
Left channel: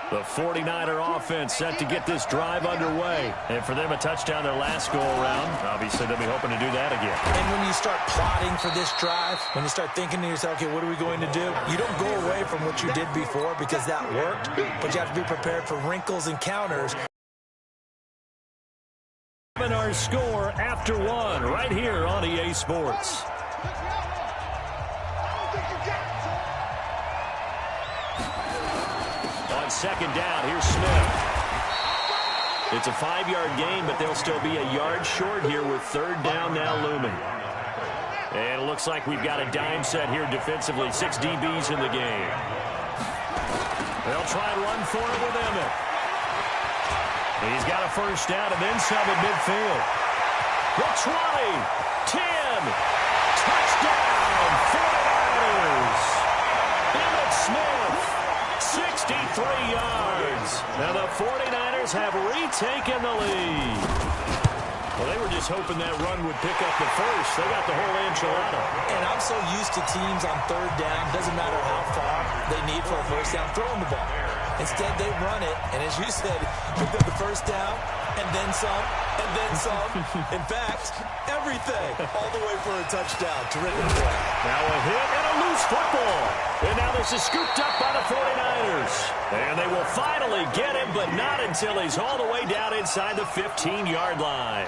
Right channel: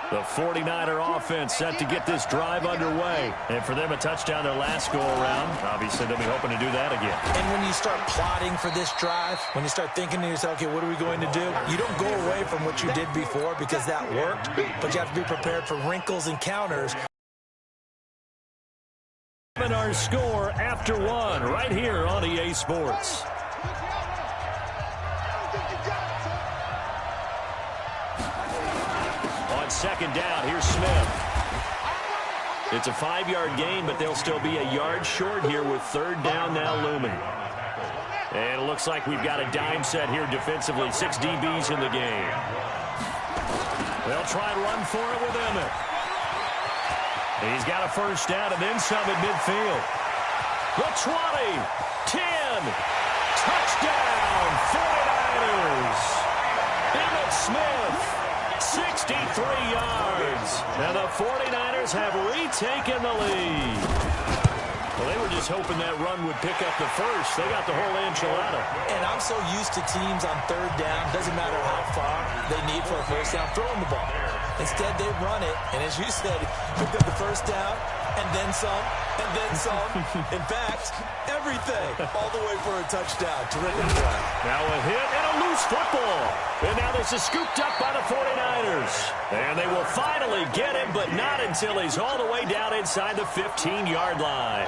The 49er offense set to get this drive underway. And for them, a touchdown their last go-around. Obviously, they'll be hoping to do that again. And when you start plotting for this drive, when you start thinking to yourself, okay, what are we going to do? You don't go away from what you did before because that worked, but you have to be prepared for wrinkles and counters. Our score after one right here on EA Sports. On second down, here's Smith. It's a 5-yard gain, but they'll still be a yard short here with third down now looming. And it looks like we've got a dime set here defensively. 6 DBs in the game. They'll try and run for it with Emmett. He's got a first down and then some at midfield. The 20, 10, touchdown, 49ers. Emmett Smith, 63 yards. Now the 49ers have retaken the lead. Well, they were just hoping that run would pick up the first. They got the whole enchilada. And I'm so used to teams on third down, doesn't matter how far they need for a first down, throwing the ball. Instead, they run it, and as you said, picked up the first down, and then some, and then some. In fact, everything, all the way for a touchdown. Terrific play. Now a hit and a loose football. And now this is scooped up by the 49ers. And they will finally get him, but not until he's all the way down inside the 15-yard line.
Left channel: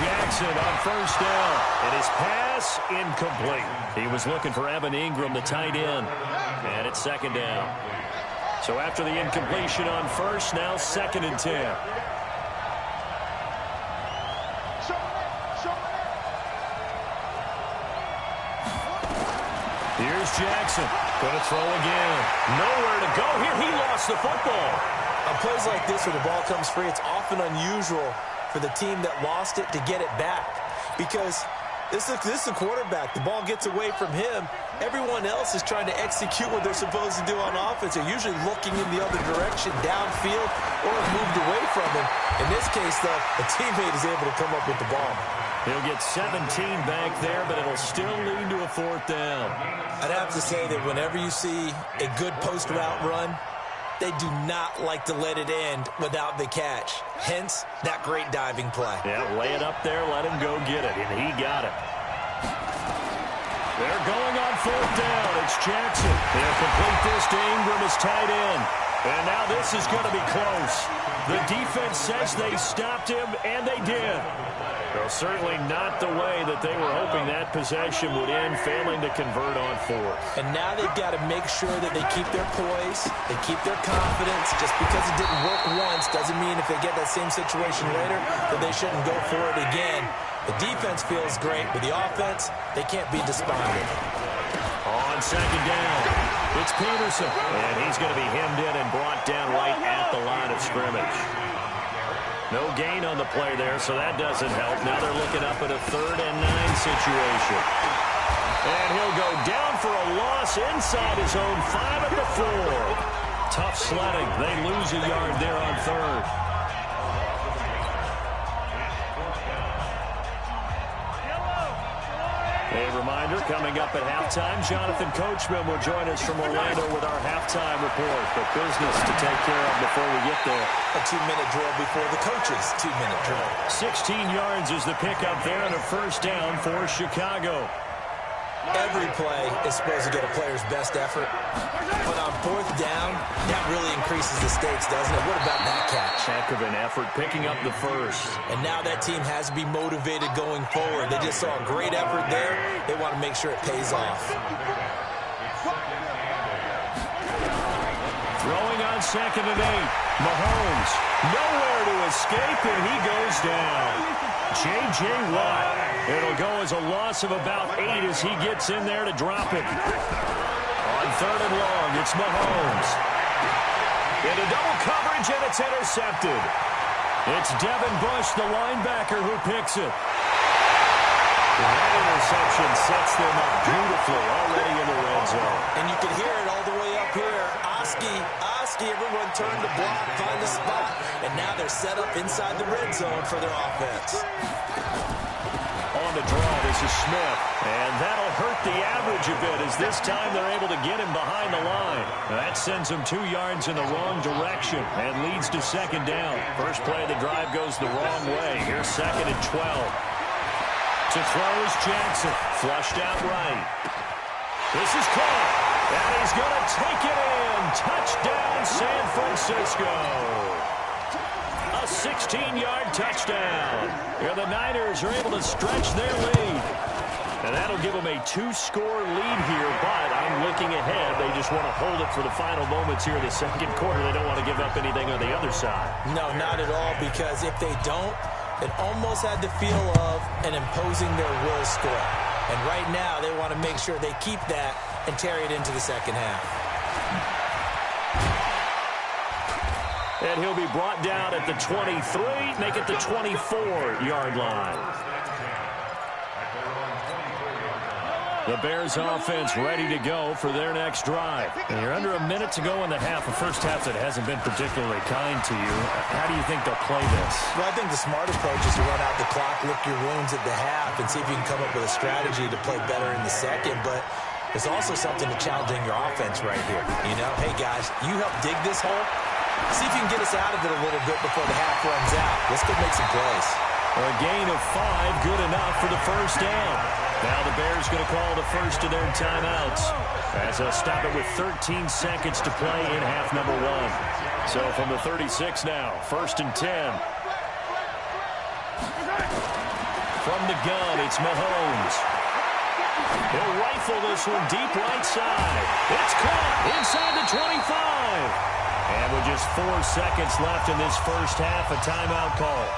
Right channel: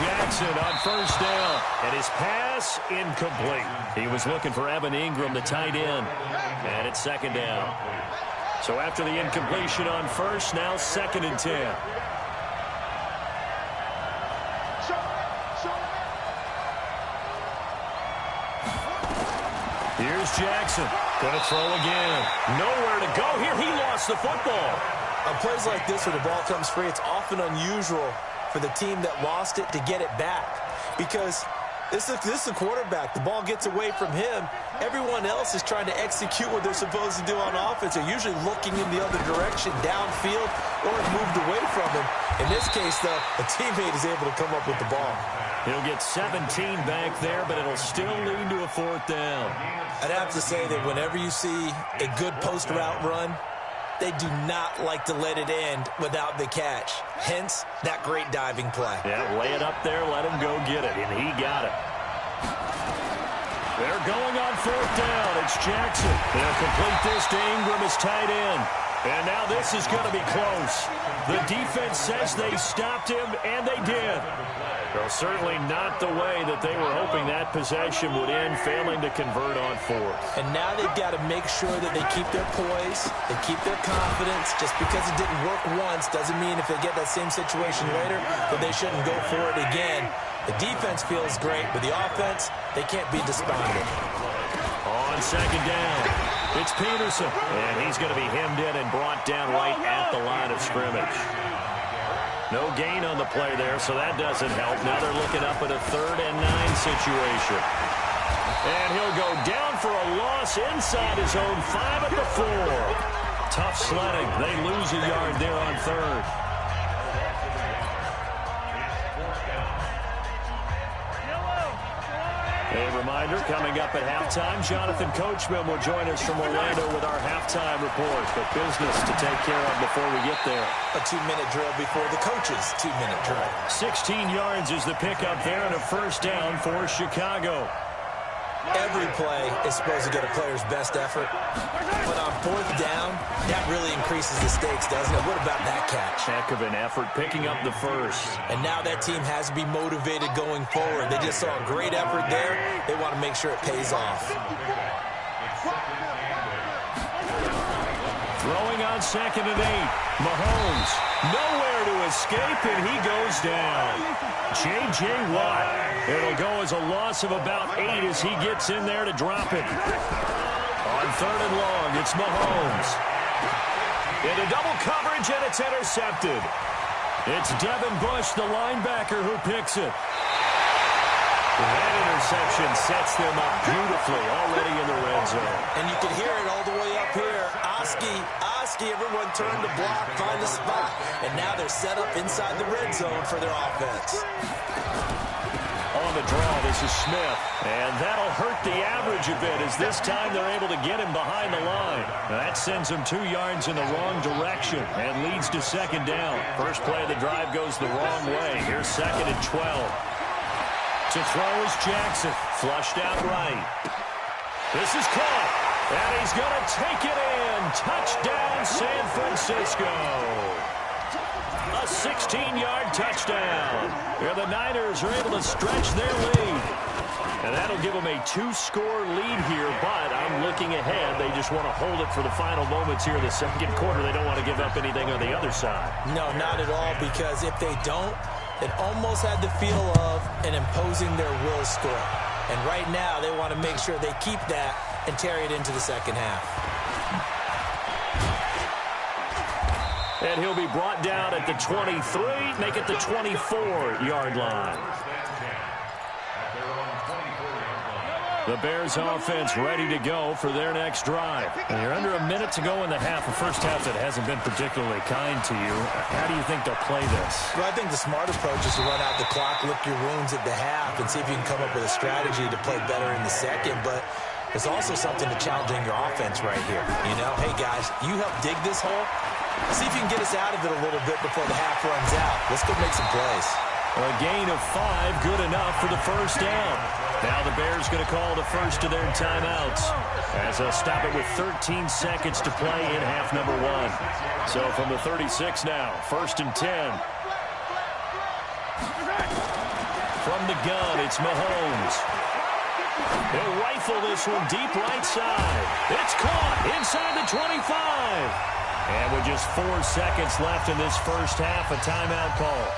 Jackson on first down, and his pass incomplete. He was looking for Evan Ingram, the tight end, and it's second down. So after the incompletion on first, now second and 10. Here's Jackson, going to throw again. Nowhere to go here. He lost the football. On plays like this where the ball comes free, it's often unusual for the team that lost it to get it back, because this is the quarterback. The ball gets away from him. Everyone else is trying to execute what they're supposed to do on offense. They're usually looking in the other direction, downfield, or have moved away from him. In this case, though, a teammate is able to come up with the ball. He'll get 17 back there, but it'll still lead to a fourth down. I'd have to say that whenever you see a good post route run, they do not like to let it end without the catch. Hence, that great diving play. Yeah, lay it up there, let him go get it, and he got it. They're going on fourth down. It's Jackson. They'll complete this to Ingram as tight end. And now this is going to be close. The defense says they stopped him, and they did. Well, certainly not the way that they were hoping that possession would end, failing to convert on fourth. And now they've got to make sure that they keep their poise, they keep their confidence. Just because it didn't work once doesn't mean if they get that same situation later that they shouldn't go for it again. The defense feels great, but the offense, they can't be despondent. On second down, it's Peterson. And he's going to be hemmed in and brought down right at the line of scrimmage. No gain on the play there, so that doesn't help. Now they're looking up at a 3rd and 9 situation. And he'll go down for a loss inside his own 5 at the 4. Tough sledding. They lose a yard there on 3rd. A reminder, coming up at halftime, Jonathan Coachman will join us from Orlando with our halftime report. But business to take care of before we get there. A 2-minute drill before the coach's 2-minute drill. 16 yards is the pickup there and a first down for Chicago. Every play is supposed to get a player's best effort. But on fourth down, that really increases the stakes, doesn't it? What about that catch? Heck of an effort, picking up the first. And now that team has to be motivated going forward. They just saw a great effort there. They want to make sure it pays off. Throwing on 2nd and 8. Mahomes, nowhere to escape, and he goes down. J.J. Watt. It'll go as a loss of about 8 as he gets in there to drop it. On 3rd and long, it's Mahomes. Into double coverage, and it's intercepted. It's Devin Bush, the linebacker, who picks it. That interception sets them up beautifully already in the red zone. And you can hear it all the way up here. Oski Trubisky. Everyone turned to block, find a spot, and now they're set up inside the red zone for their offense. On the draw, this is Smith. And that'll hurt the average a bit as this time they're able to get him behind the line. That sends him 2 yards in the wrong direction and leads to second down. First play of the drive goes the wrong way. Here's 2nd and 12. To throw is Jackson. Flushed out right. This is caught. And he's going to take it in. Touchdown, San Francisco. A 16-yard touchdown. Here the Niners are able to stretch their lead. And that'll give them a 2-score lead here, but I'm looking ahead. They just want to hold it for the final moments here in the second quarter. They don't want to give up anything on the other side. No, not at all, because if they don't, it almost had the feel of an imposing their will score. And right now, they want to make sure they keep that and carry it into the second half. And he'll be brought down at the 23, make it the 24-yard line. The Bears offense ready to go for their next drive. And you're under a minute to go in the half, a first half that hasn't been particularly kind to you. How do you think they'll play this? Well, I think the smart approach is to run out the clock, lick your wounds at the half, and see if you can come up with a strategy to play better in the second. But there's also something to challenging your offense right here. You know, hey, guys, you help dig this hole. See if you can get us out of it a little bit before the half runs out. Let's go make some plays. A gain of 5, good enough for the first down. Now the Bears going to call the first of their timeouts as they'll stop it with 13 seconds to play in half number 1. So from the 36 now, 1st and 10. From the gun, it's Mahomes. He'll rifle this one deep right side. It's caught inside the 25. And with just 4 seconds left in this first half, a timeout call.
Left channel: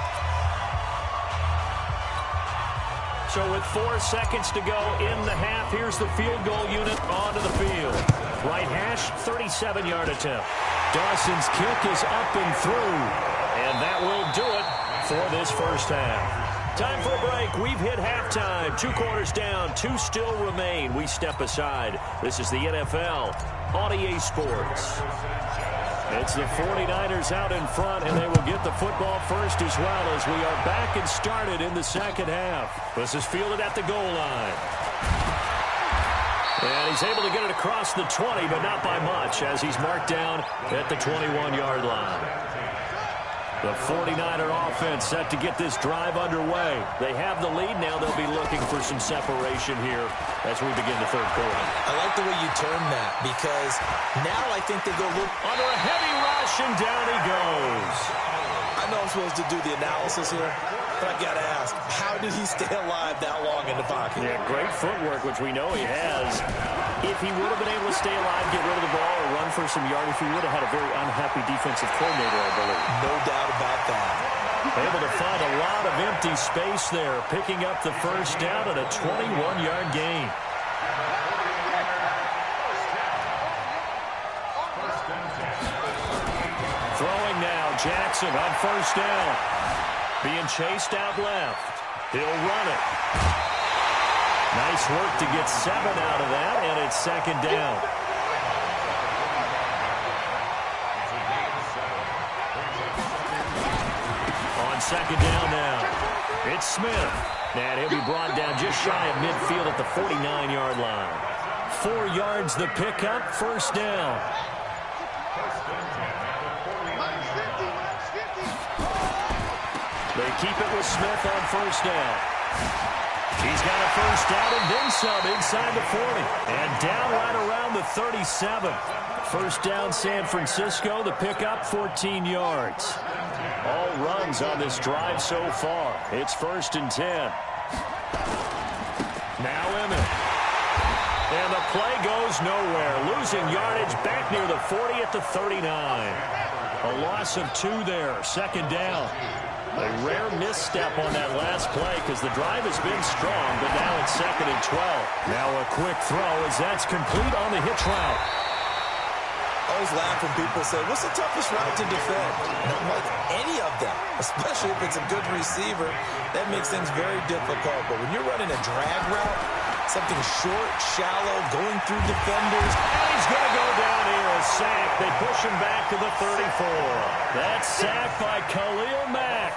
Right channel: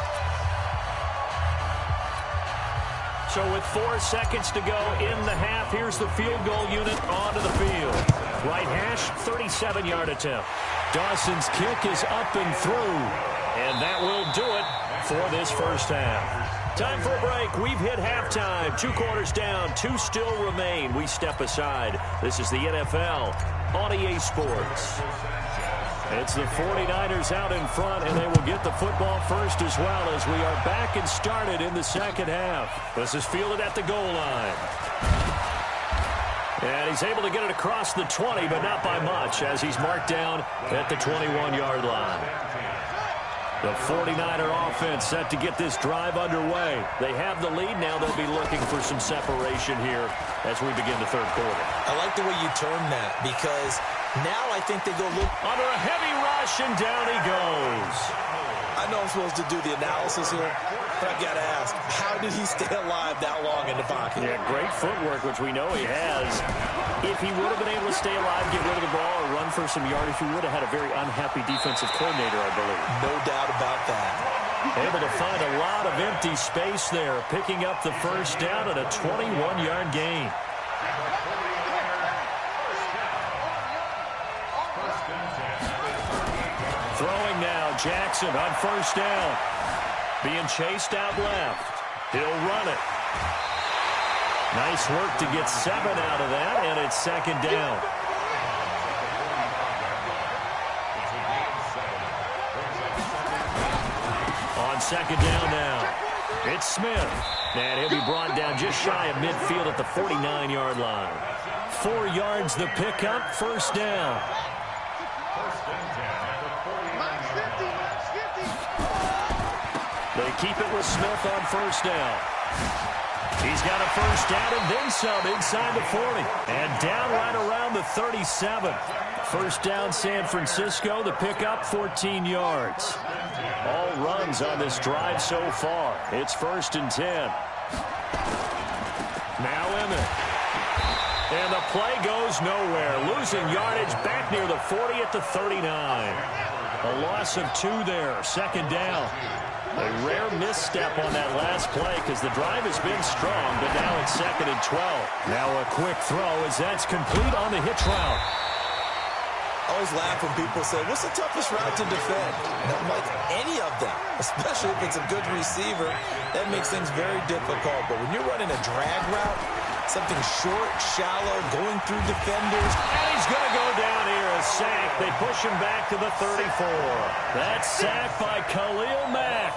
So with 4 seconds to go in the half, here's the field goal unit onto the field. Right hash, 37-yard attempt. Dawson's kick is up and through. And that will do it for this first half. Time for a break. We've hit halftime. 2 quarters down, 2 still remain. We step aside. This is the NFL on EA Sports. It's the 49ers out in front, and they will get the football first as well as we are back and started in the second half. This is fielded at the goal line. And he's able to get it across the 20, but not by much, as he's marked down at the 21-yard line. The 49er offense set to get this drive underway. They have the lead. Now they'll be looking for some separation here as we begin the third quarter. I like the way you term that, because now I think they go under a heavy rush, and down he goes. I know I'm supposed to do the analysis here, but I got to ask, how did he stay alive that long in the pocket? Yeah, great footwork, which we know he has. If he would have been able to stay alive, get rid of the ball, or run for some yardage, he would have had a very unhappy defensive coordinator, I believe. No doubt about that. Able to find a lot of empty space there, picking up the first down at a 21-yard gain. Throwing now, Jackson on first down. Being chased out left. He'll run it. Nice work to get 7 out of that, and it's second down. On second down now, it's Smith. And he'll be brought down just shy of midfield at the 49-yard line. 4 yards the pickup, first down. They keep it with Smith on first down. He's got a first down and then some inside the 40. And down right around the 37. First down San Francisco. The pickup 14 yards. All runs on this drive so far. It's 1st and 10. Now Emmett. And the play goes nowhere. Losing yardage back near the 40 at the 39. A loss of 2 there. Second down. A rare misstep on that last play because the drive has been strong, but now it's 2nd and 12. Now a quick throw as that's complete on the hitch route. I always laugh when people say, what's the toughest route to defend? And I'm like, any of them, especially if it's a good receiver. That makes things very difficult. But when you're running a drag route, Something short, shallow, going through defenders. And he's going to go down here, a sack. They push him back to the 34. That sack by Khalil Mack.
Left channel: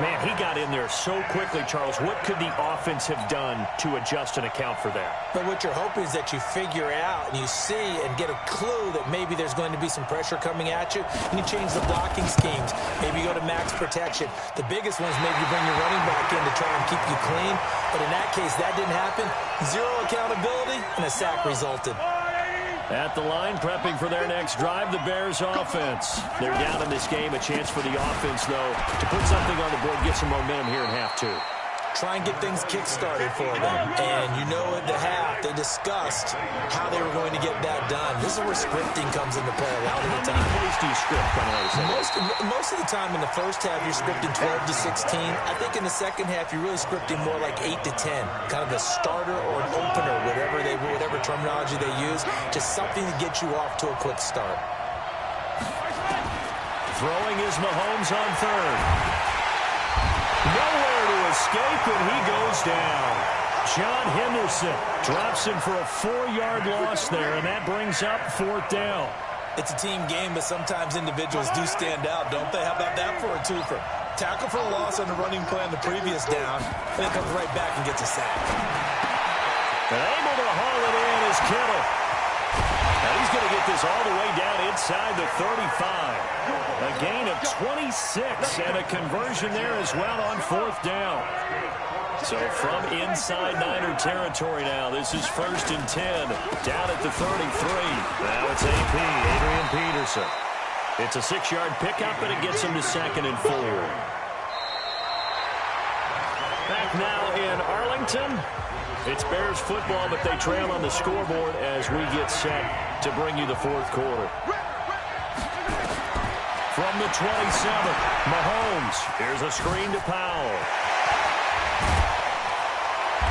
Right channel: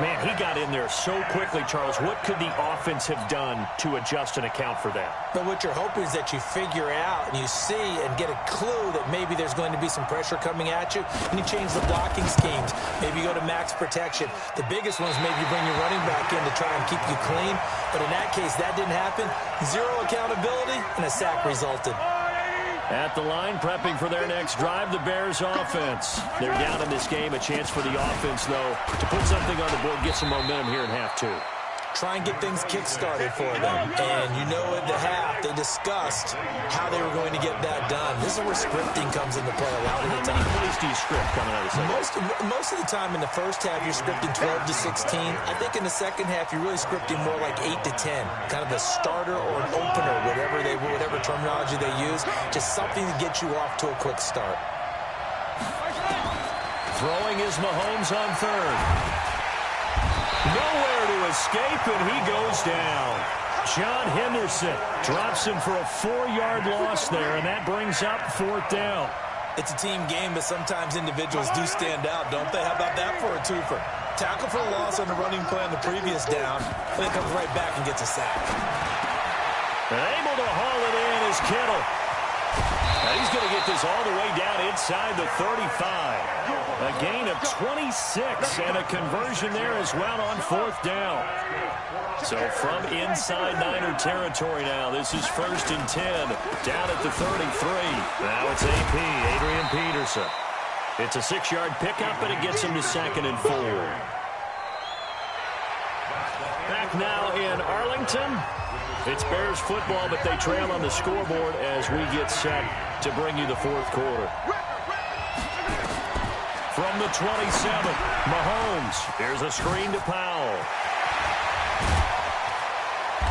Man, he got in there so quickly, Charles. What could the offense have done to adjust and account for that? But what you're hoping is that you figure out and you see and get a clue that maybe there's going to be some pressure coming at you, and you change the blocking schemes. Maybe you go to max protection. The biggest one is maybe you bring your running back in to try and keep you clean. But in that case, that didn't happen. Zero accountability, and a sack resulted. At the line, prepping for their next drive, the Bears offense. They're down in this game. A chance for the offense, though, to put something on the board, get some momentum here in half two. Try and get things kick-started for them. And you know at the half, they discussed how they were going to get that done. This is where scripting comes into play a lot of the time. How many plays do you script coming out of the second? Most of the time in the first half, you're scripting 12 to 16. I think in the second half, you're really scripting more like 8 to 10. Kind of a starter or an opener, whatever terminology they use. Just something to get you off to a quick start. Throwing is Mahomes on third. Nowhere to escape, and he goes down. John Henderson drops him for a 4-yard loss there, and that brings up fourth down. It's a team game, but sometimes individuals do stand out, don't they? How about that for a twofer? Tackle for a loss on the running play on the previous down, and then comes right back and gets a sack. And able to haul it in is Kittle. And he's going to get this all the way down inside the 35. A gain of 26 and a conversion there as well on fourth down. So from inside Niner territory now, this is 1st and 10 down at the 33. Now it's AP, Adrian Peterson. It's a 6-yard pickup, and it gets him to 2nd and 4. Back now in Arlington. It's Bears football, but they trail on the scoreboard as we get set to bring you the fourth quarter. From the 27, Mahomes. Here's a screen to Powell.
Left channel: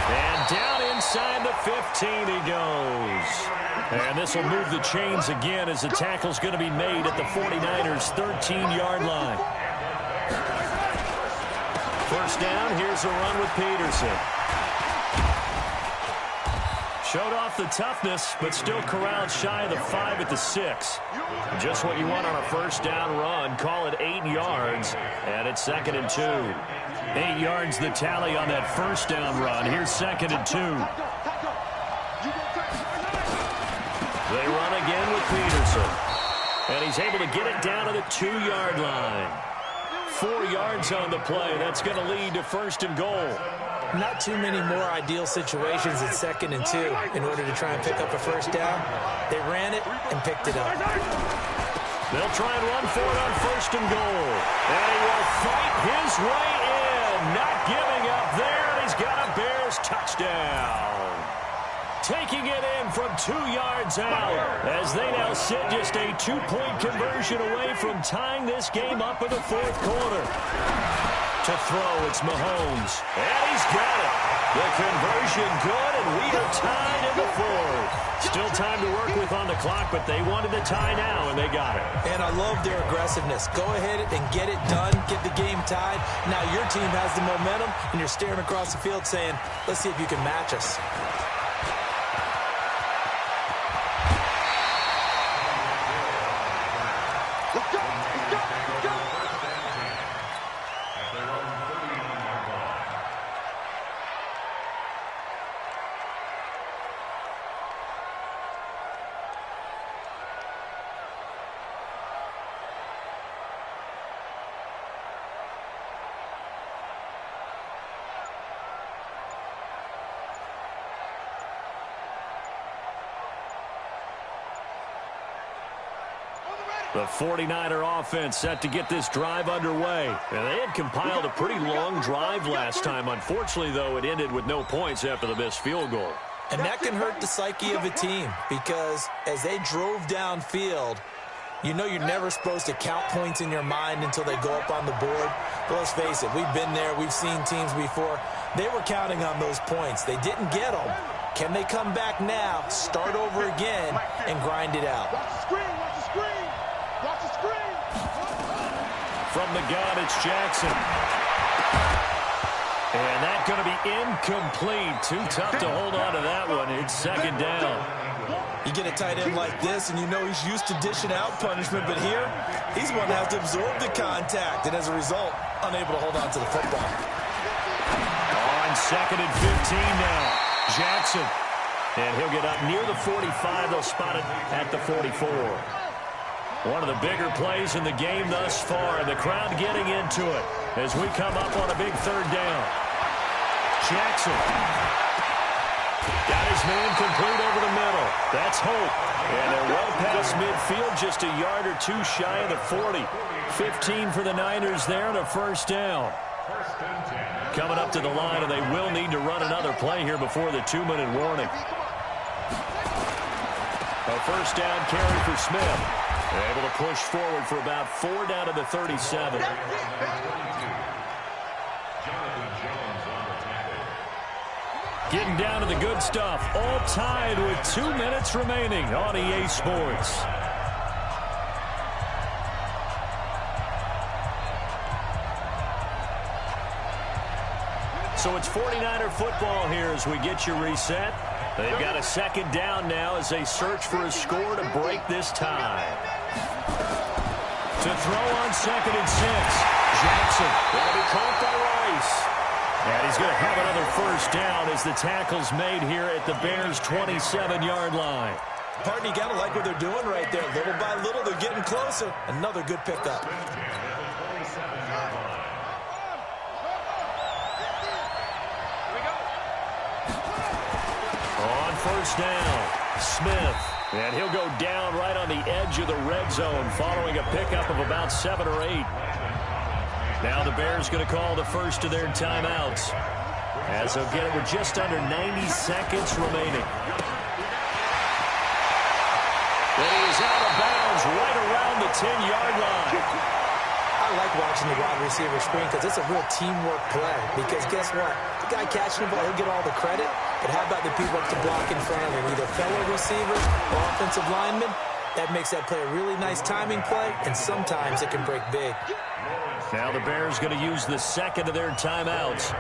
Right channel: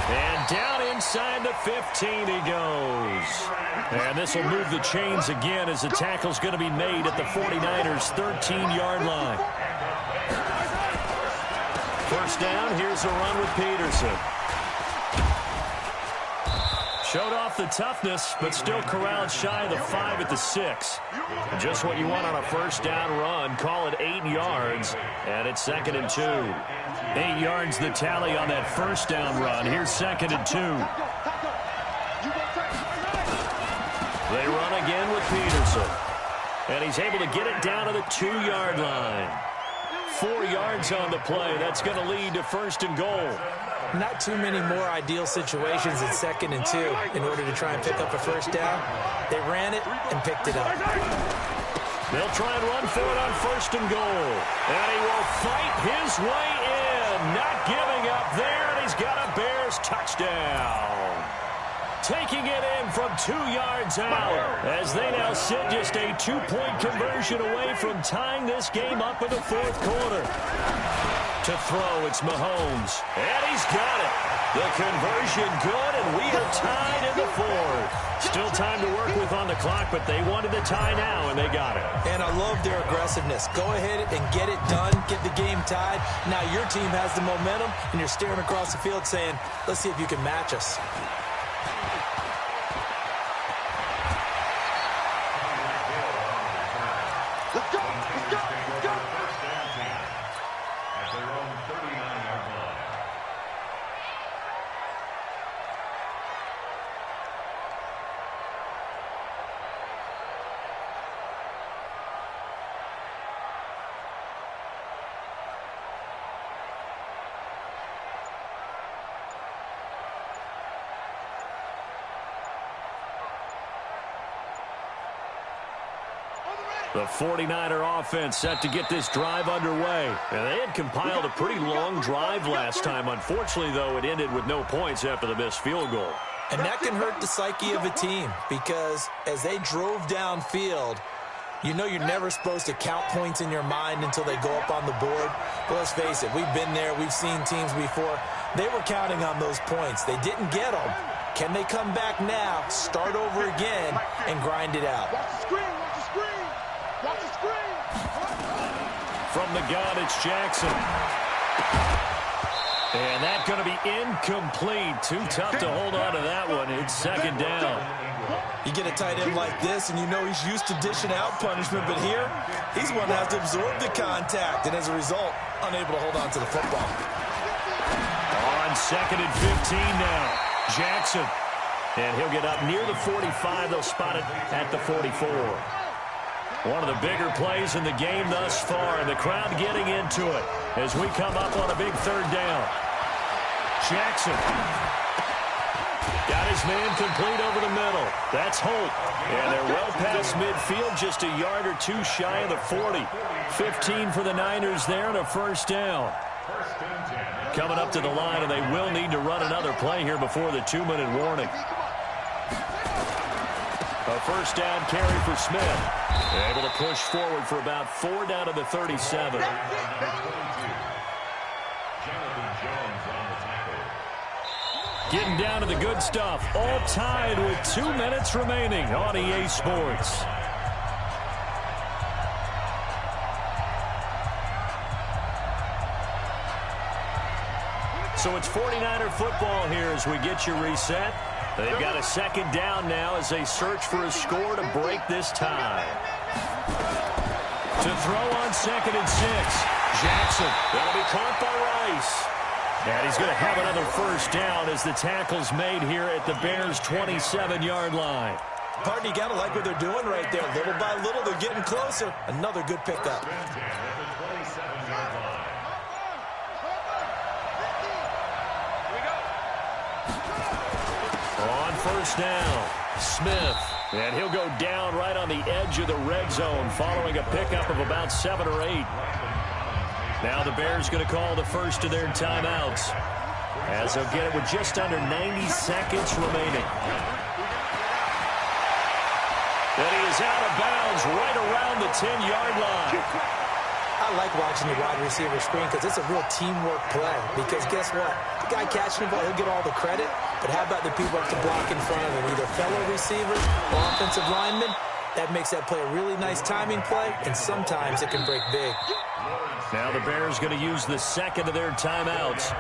And down inside the 15 he goes. And this will move the chains again as the tackle's going to be made at the 49ers' 13-yard line. First down, here's a run with Peterson. Showed off the toughness, but still corralled shy of the 5 at the 6. Just what you want on a first down run. Call it 8 yards, and it's 2nd and 2. 8 yards the tally on that first down run. Here's 2nd and 2. They run again with Peterson, and he's able to get it down to the 2-yard line. 4 yards on the play. That's going to lead to 1st and goal. Not too many more ideal situations at 2nd and 2 in order to try and pick up a first down. They ran it and picked it up. They'll try and run for it on 1st and goal. And he will fight his way in. Not giving up there, and he's got a Bears touchdown. Taking it in from 2 yards out as they now sit just a 2-point conversion away from tying this game up in the fourth quarter. To throw, it's Mahomes, and he's got it. The conversion good, and we are tied in the fourth. Still time to work with on the clock, but they wanted the tie now, and they got it. And I love their aggressiveness. Go ahead and get it done, get the game tied. Now your team has the momentum, and you're staring across the field saying, let's see if you can match us. Let's go, let's go, let's go. At their own 39-yard line. The 49er offense set to get this drive underway. And they had compiled a pretty long drive last time. Unfortunately, though, it ended with no points after the missed field goal. And that can hurt the psyche of a team because as they drove downfield, you know you're never supposed to count points in your mind until they go up on the board. But let's face it, we've been there. We've seen teams before. They were counting on those points. They didn't get them. Can they come back now, start over again, and grind it out? Watch the screen, watch the screen. Watch the screen. From the gun, it's Jackson. And that's going to be incomplete. Too tough to hold on to that one. It's second down. You get a tight end like this, and you know he's used to dishing out punishment, but here, he's one that has to absorb the contact, and as a result, unable to hold on to the football. On second and 15 now, Jackson. And he'll get up near the 45. They'll spot it at the 44. One of the bigger plays in the game thus far, and the crowd getting into it as we come up on a big third down. Jackson got his man complete over the middle. That's Holt. And they're well past midfield, just a yard or two shy of the 40. 15 for the Niners there and a first down. Coming up to the line, and they will need to run another play here before the 2-minute warning. A first down carry for Smith. Able to push forward for about 4 down to the 37. Getting down to the good stuff. All tied with 2 minutes remaining on EA Sports. So it's 49er football here as we get you reset. They've got a second down now as they search for a score to break this tie. To throw on second and 6. Jackson. That'll be caught by Rice. And he's going to have another first down as the tackle's made here at the Bears' 27-yard line. Partner, you got to like what they're doing right there. Little by little, they're getting closer. Another good pickup. On first down, Smith. And he'll go down right on the edge of the red zone following a pickup of about 7 or 8. Now the Bears going to call the first of their timeouts as they'll get it with just under 90 seconds remaining. And he is out of bounds right around the 10-yard line. I like watching the wide receiver screen because it's a real teamwork play. Because guess what? The guy catching the ball, he'll get all the credit. But how about the people up to block in front of him? Either fellow receivers or offensive linemen. That makes that play a really nice timing play, and sometimes it can break big. Now the Bears going to use the second of their timeouts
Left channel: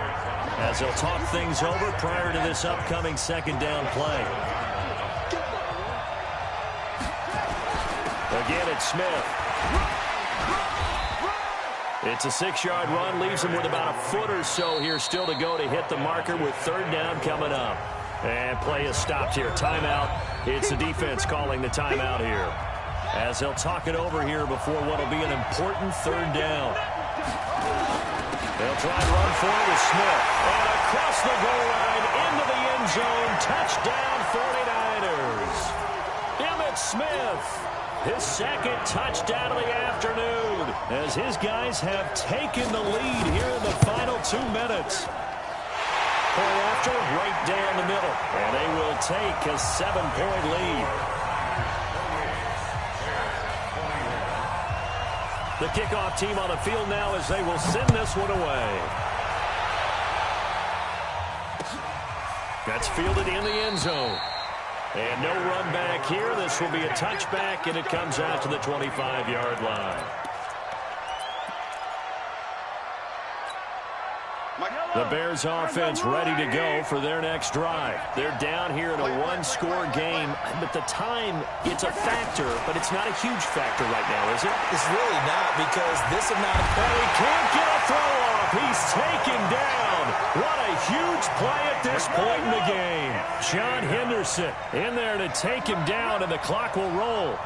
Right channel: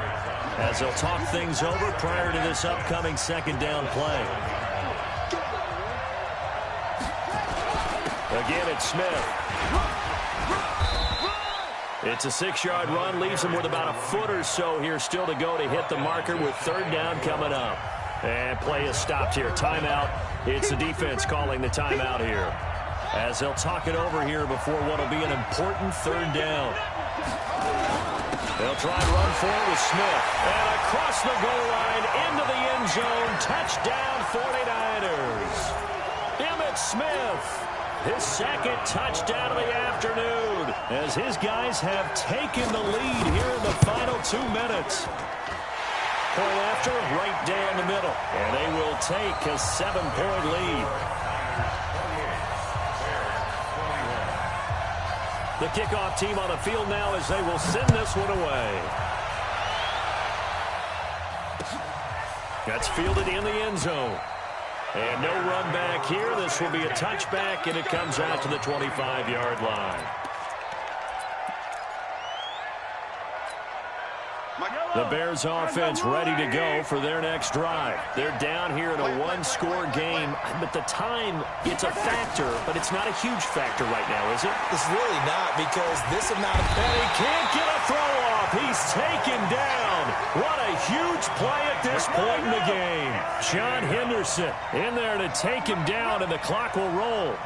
as they'll talk things over prior to this upcoming second down play. Again, it's Smith. It's a 6-yard run, leaves him with about a foot or so here still to go to hit the marker with third down coming up. And play is stopped here. Timeout. It's the defense calling the timeout here as they'll talk it over here before what will be an important third down. They'll try and run for it with Smith. And across the goal line into the end zone. Touchdown 49ers. Emmitt Smith. His second touchdown of the afternoon as his guys have taken the lead here in the final 2 minutes. Point after, right down the middle. And they will take a 7-point lead. The kickoff team on the field now as they will send this one away. That's fielded in the end zone. And no run back here. This will be a touchback, and it comes out to the 25-yard line. The Bears offense ready to go for their next drive. They're down here in a one-score game, but the time, it's a factor, but it's not a huge factor right now, is it? It's really not because this amount of... And he can't get a throw off. He's taken down. What a huge play at this point in the game. John Henderson in there to take him down, and the clock will roll.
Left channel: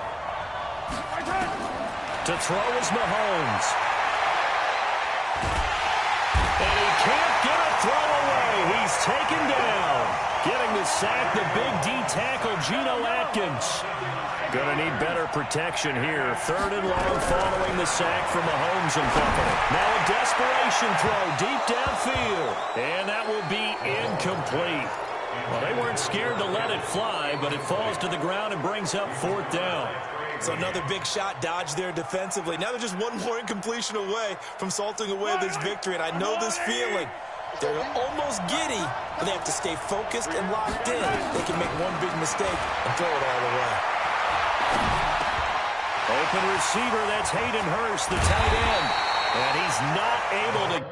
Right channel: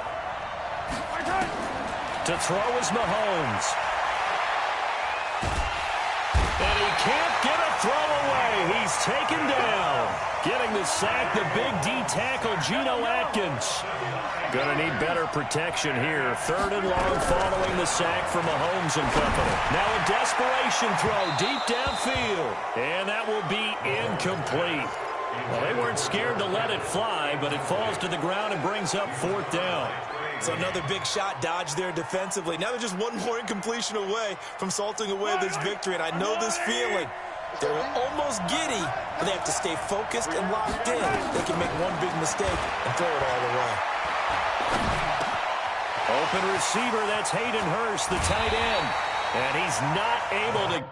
To throw is Mahomes. And he can't get a throw away. He's taken down. Getting the sack, the big D tackle, Geno Atkins. Going to need better protection here. Third and long following the sack from Mahomes and company. Now a desperation throw deep downfield. And that will be incomplete. Well, they weren't scared to let it fly, but it falls to the ground and brings up fourth down. So another big shot dodged there defensively. Now they're just one more incompletion away from salting away this victory. And I know this feeling. They're almost giddy, but they have to stay focused and locked in. They can make one big mistake and throw it all away. Open receiver, that's Hayden Hurst, the tight end. And he's not able to...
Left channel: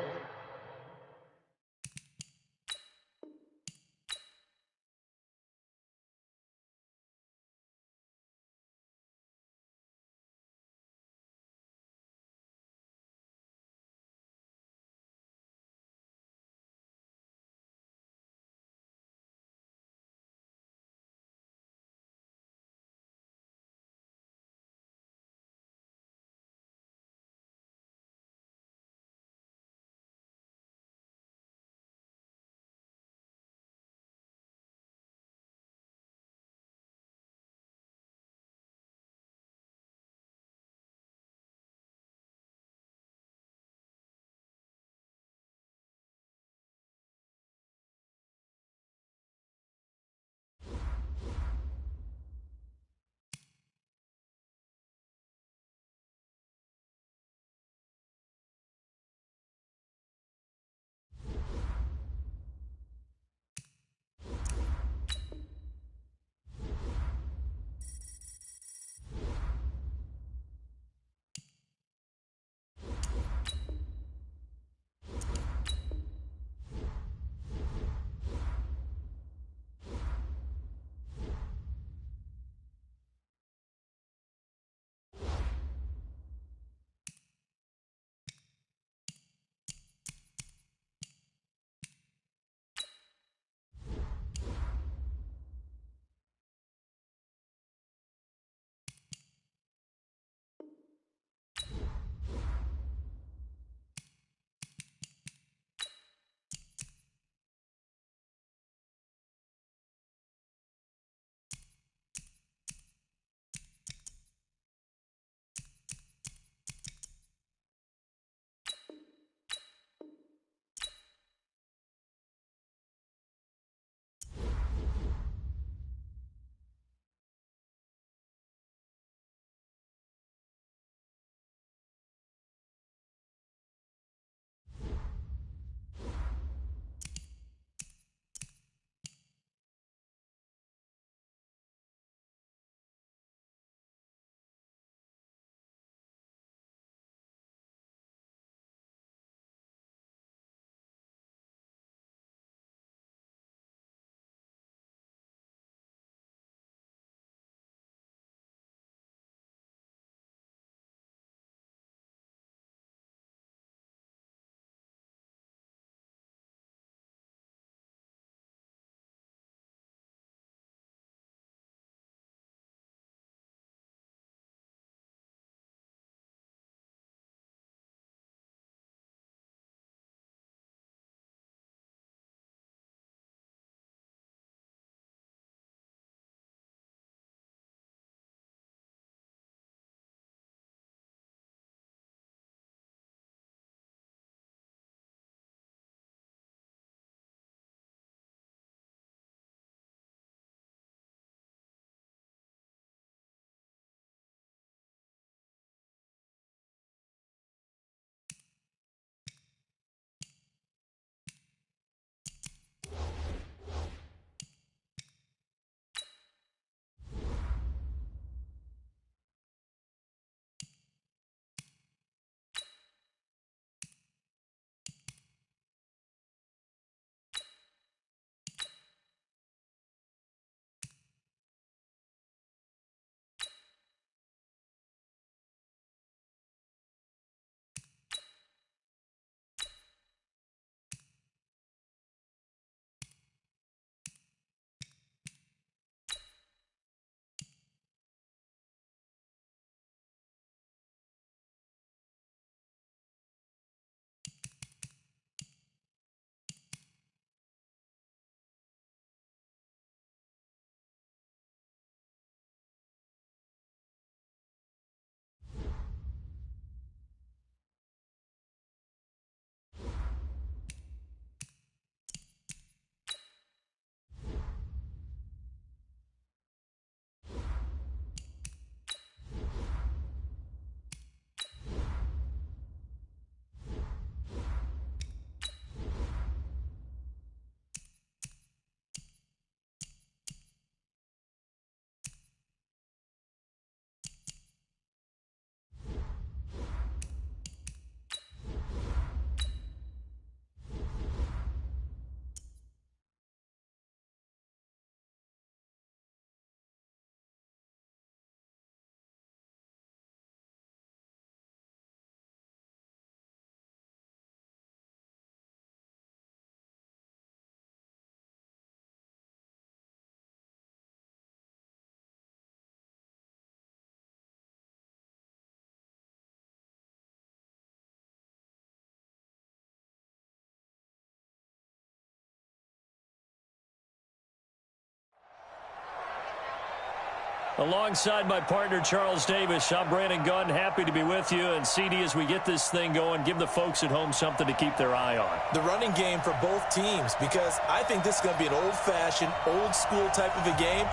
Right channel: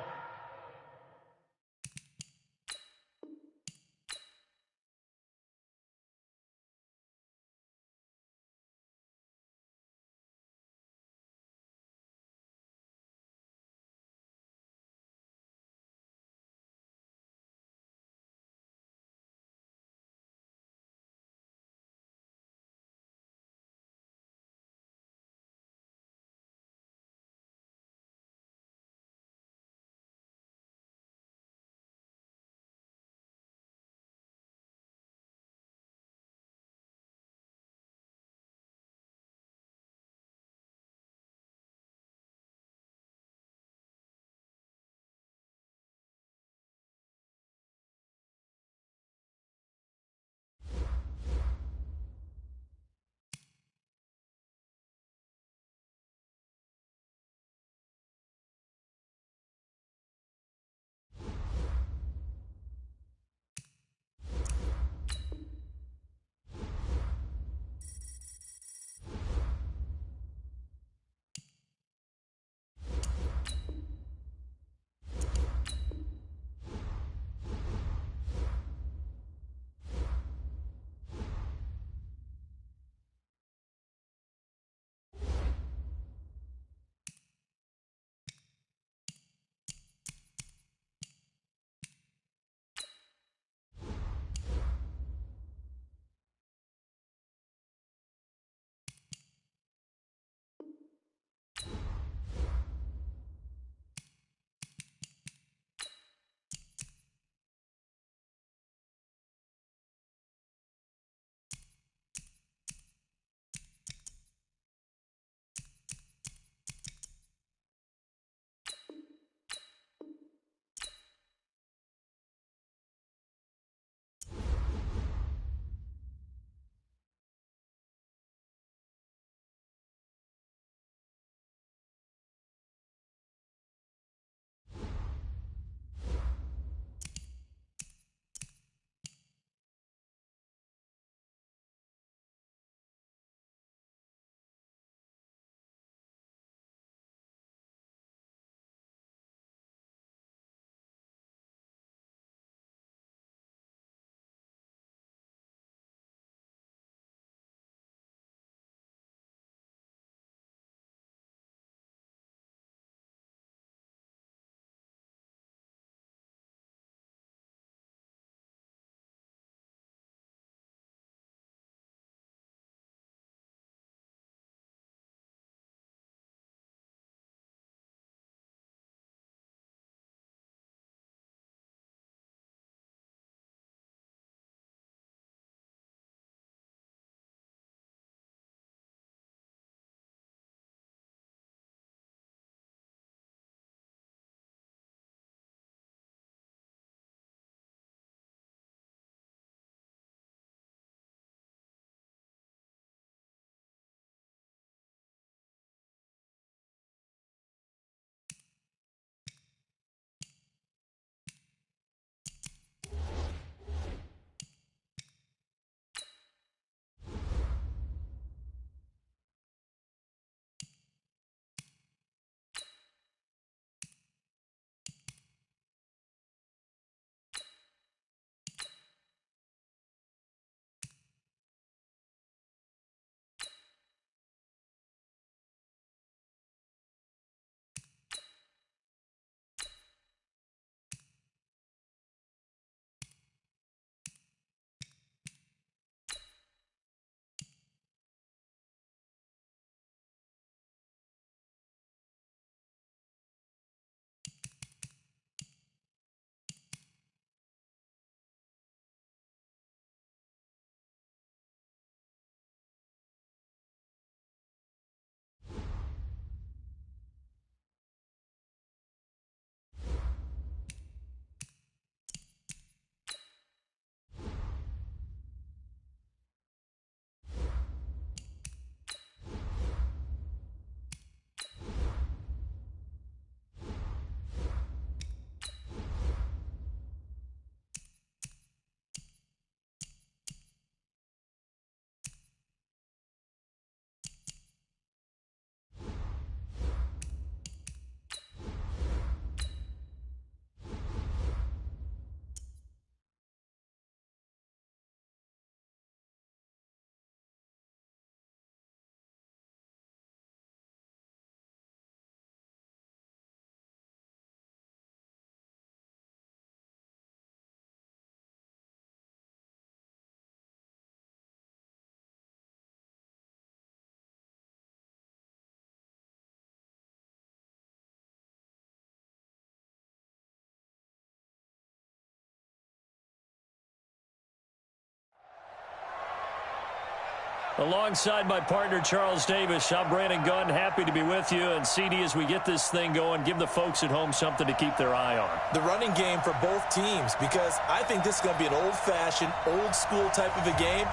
Alongside my partner, Charles Davis, I'm Brandon Gunn. Happy to be with you. And, CD, as we get this thing going, give the folks at home something to keep their eye on. The running game for both teams, because I think this is going to be an old-fashioned, old-school type of a game.